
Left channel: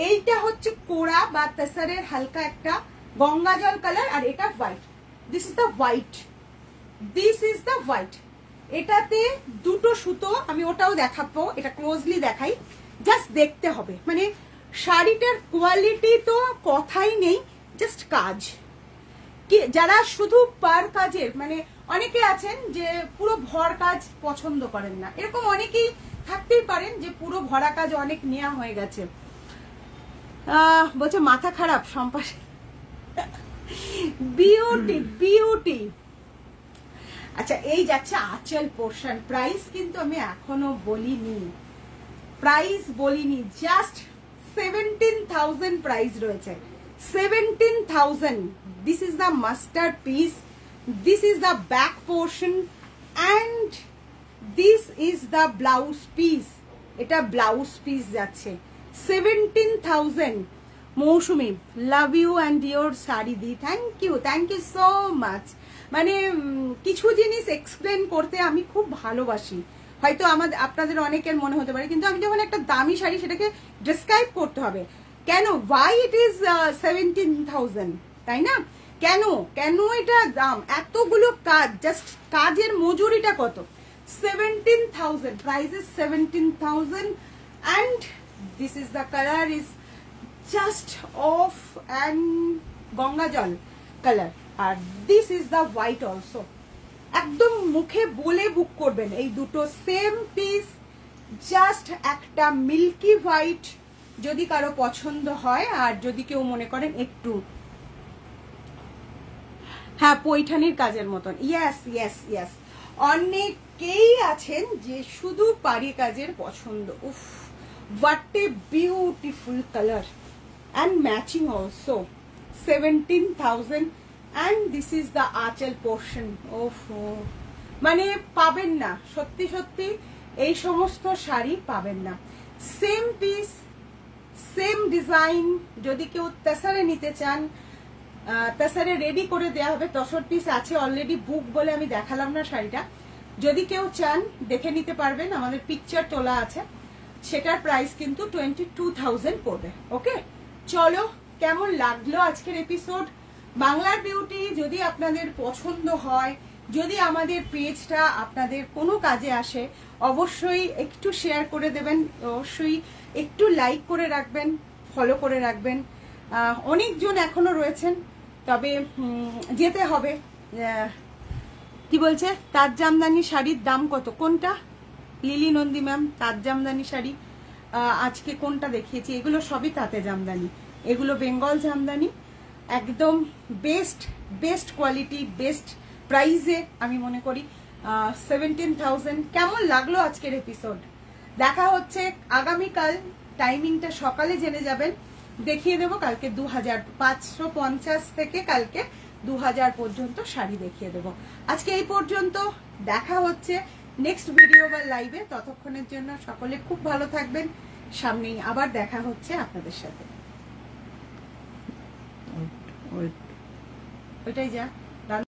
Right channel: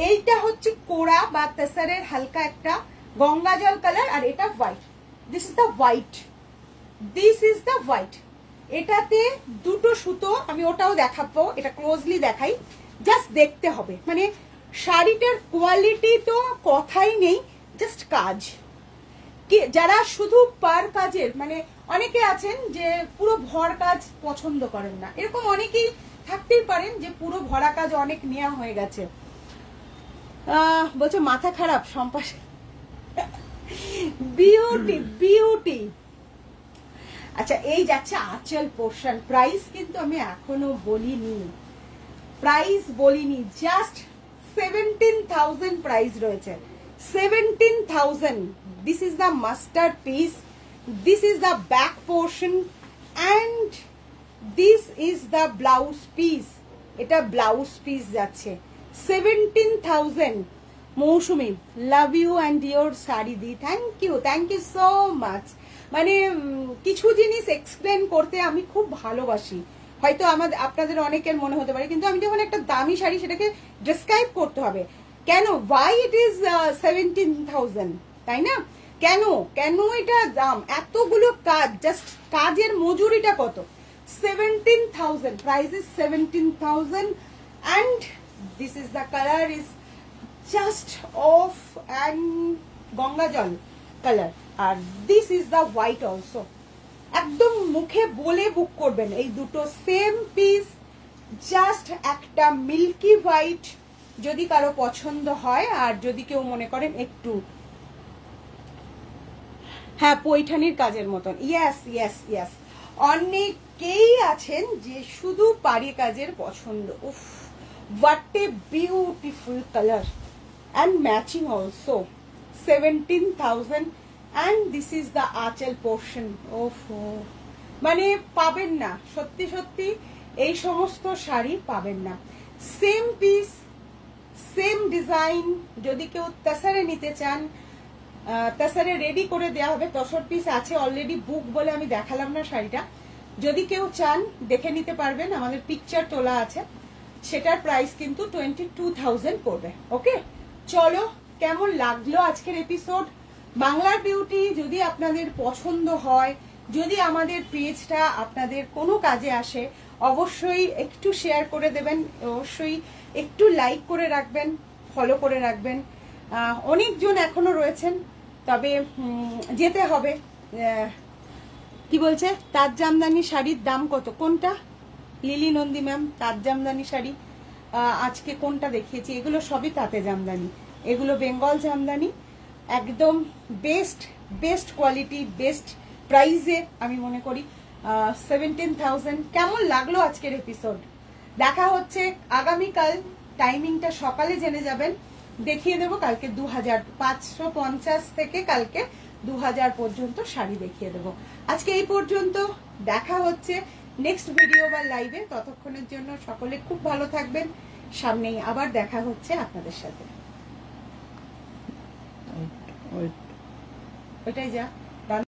এইটা হচ্ছে কোরা বা তেসারের হালকা একটা গঙ্গা জল কালার, আর এটা white. This is the white, this is the white. এটাতে দুটো সুতো, আমি ওটাও দেখাবো, এটা ক্লোজলি দেখাই, জাস্ট দেখতে হবে। মানে শাড়িটার কোয়ালিটি তো কথাই নেই, জাস্ট কাজ কি। যারা শুধু পার কাজের, মানে অনেকে আছেন যে পুরো ভর কাজ পছন্দ করেন না, এরকম অনেকেই থাকতেই পারেন যে পুরো ভরা কাজ অনেক নেওয়া হয়ে গেছে। বলছে মাথা খারাপ সম্পাস। Beauty beauty. আচ্ছা, এই যাচ্ছে আঁচল পোর্শন। প্রাইস কিন্তু আমি এখনো বলিনি, প্রাইস বলিনি। জাস্ট 17,000 প্রাইস রয়েছে, 17,000। This is the masterpiece, this is the back portion, and this is the blouse piece. এটা ব্লাউজ পিস যাচ্ছে 17,000। Mousumi, love you and your sari di. Thank you so much. মানে কিছু জিনিস এক্সপ্লেন করতে আমি খুব ভালোবাসি, হয়তো আপনাদের অনেকের মনে হতে পারে, কিন্তু আমি যখন একটা দামি শাড়ি সেটাকে ডেসক্রাইব করতে হবে। কেন, ওয়াই ইট ইজ 17,000, তাই না? কেন কেন এটা দাম? এতগুলো কাজ, জাস্ট কাজের মজুরিটা কত? 17,000, price is 17,000, and this is the color is just of and Ganga জল কালার, আর this is the white also। একদম মুখে বলে বুক করবেন। এই দুটো সেম পিস, জাস্ট একটা মিল্কি হোয়াইট যদি কারো পছন্দ হয়, আর যদি কেউ মনে করেন একটু, হ্যাঁ, পৈঠানির কাজের মতন। Yes yes yes. অনেকেই আছেন যে শুধু পাড়ি কাজের পছন্দ। উফ, what a beautiful colour and matching also. 17,000, and this is the আঁচল পোর্শন। ওফো, মানে পাবেন না, সত্যি সত্যি এই সমস্ত শাড়ি পাবেন না। Same piece, same design. যদি কেউ তেসারে নিতে চান, তেসারে রেডি করে দেওয়া হবে। 10 পিস আছে অলরেডি বুক বলে আমি দেখালাম না শাড়িটা। যদি কেউ চান দেখে নিতে পারবেন, আমাদের পিকচার তোলা আছে। সেটার প্রাইস কিন্তু 22,000 পড়বে। ওকে, চলো, কেমন লাগলো আজকের এপিসোড? বাংলার বিউটি যদি আপনাদের পছন্দ হয়, যদি আমাদের পেজটা আপনাদের কোনো কাজে আসে, অবশ্যই একটু শেয়ার করে দেবেন, অবশ্যই একটু লাইক করে রাখবেন, ফলো করে রাখবেন। অনেকজন এখনো রয়েছেন, তবে যেতে হবে। কি বলছে, তাঁত জামদানি শাড়ির দাম কত? কোনটা লিলি নন্দী ম্যাম? তাঁত জামদানি শাড়ি আজকে কোনটা দেখিয়েছি, এগুলো সবই তাঁতে জামদানি, এগুলো বেঙ্গল জামদানি, একদম বেস্ট কোয়ালিটি, বেস্ট প্রাইসে আমি মনে করি 17,000। কেমন লাগলো আজকের এপিসোড? দেখা হচ্ছে আগামীকাল, টাইমিংটা সকালে জেনে যাবেন, দেখিয়ে দেবো কালকে 2550 থেকে কালকে 2000 পর্যন্ত শাড়ি দেখিয়ে দেবো। আজকে এই পর্যন্ত, দেখা হচ্ছে নেক্সট ভিডিও বা লাইভে। ততক্ষণের জন্য সকলে খুব ভালো থাকবেন, সামনেই আবার দেখা হচ্ছে আপনাদের সাথে। ওইটাই যা।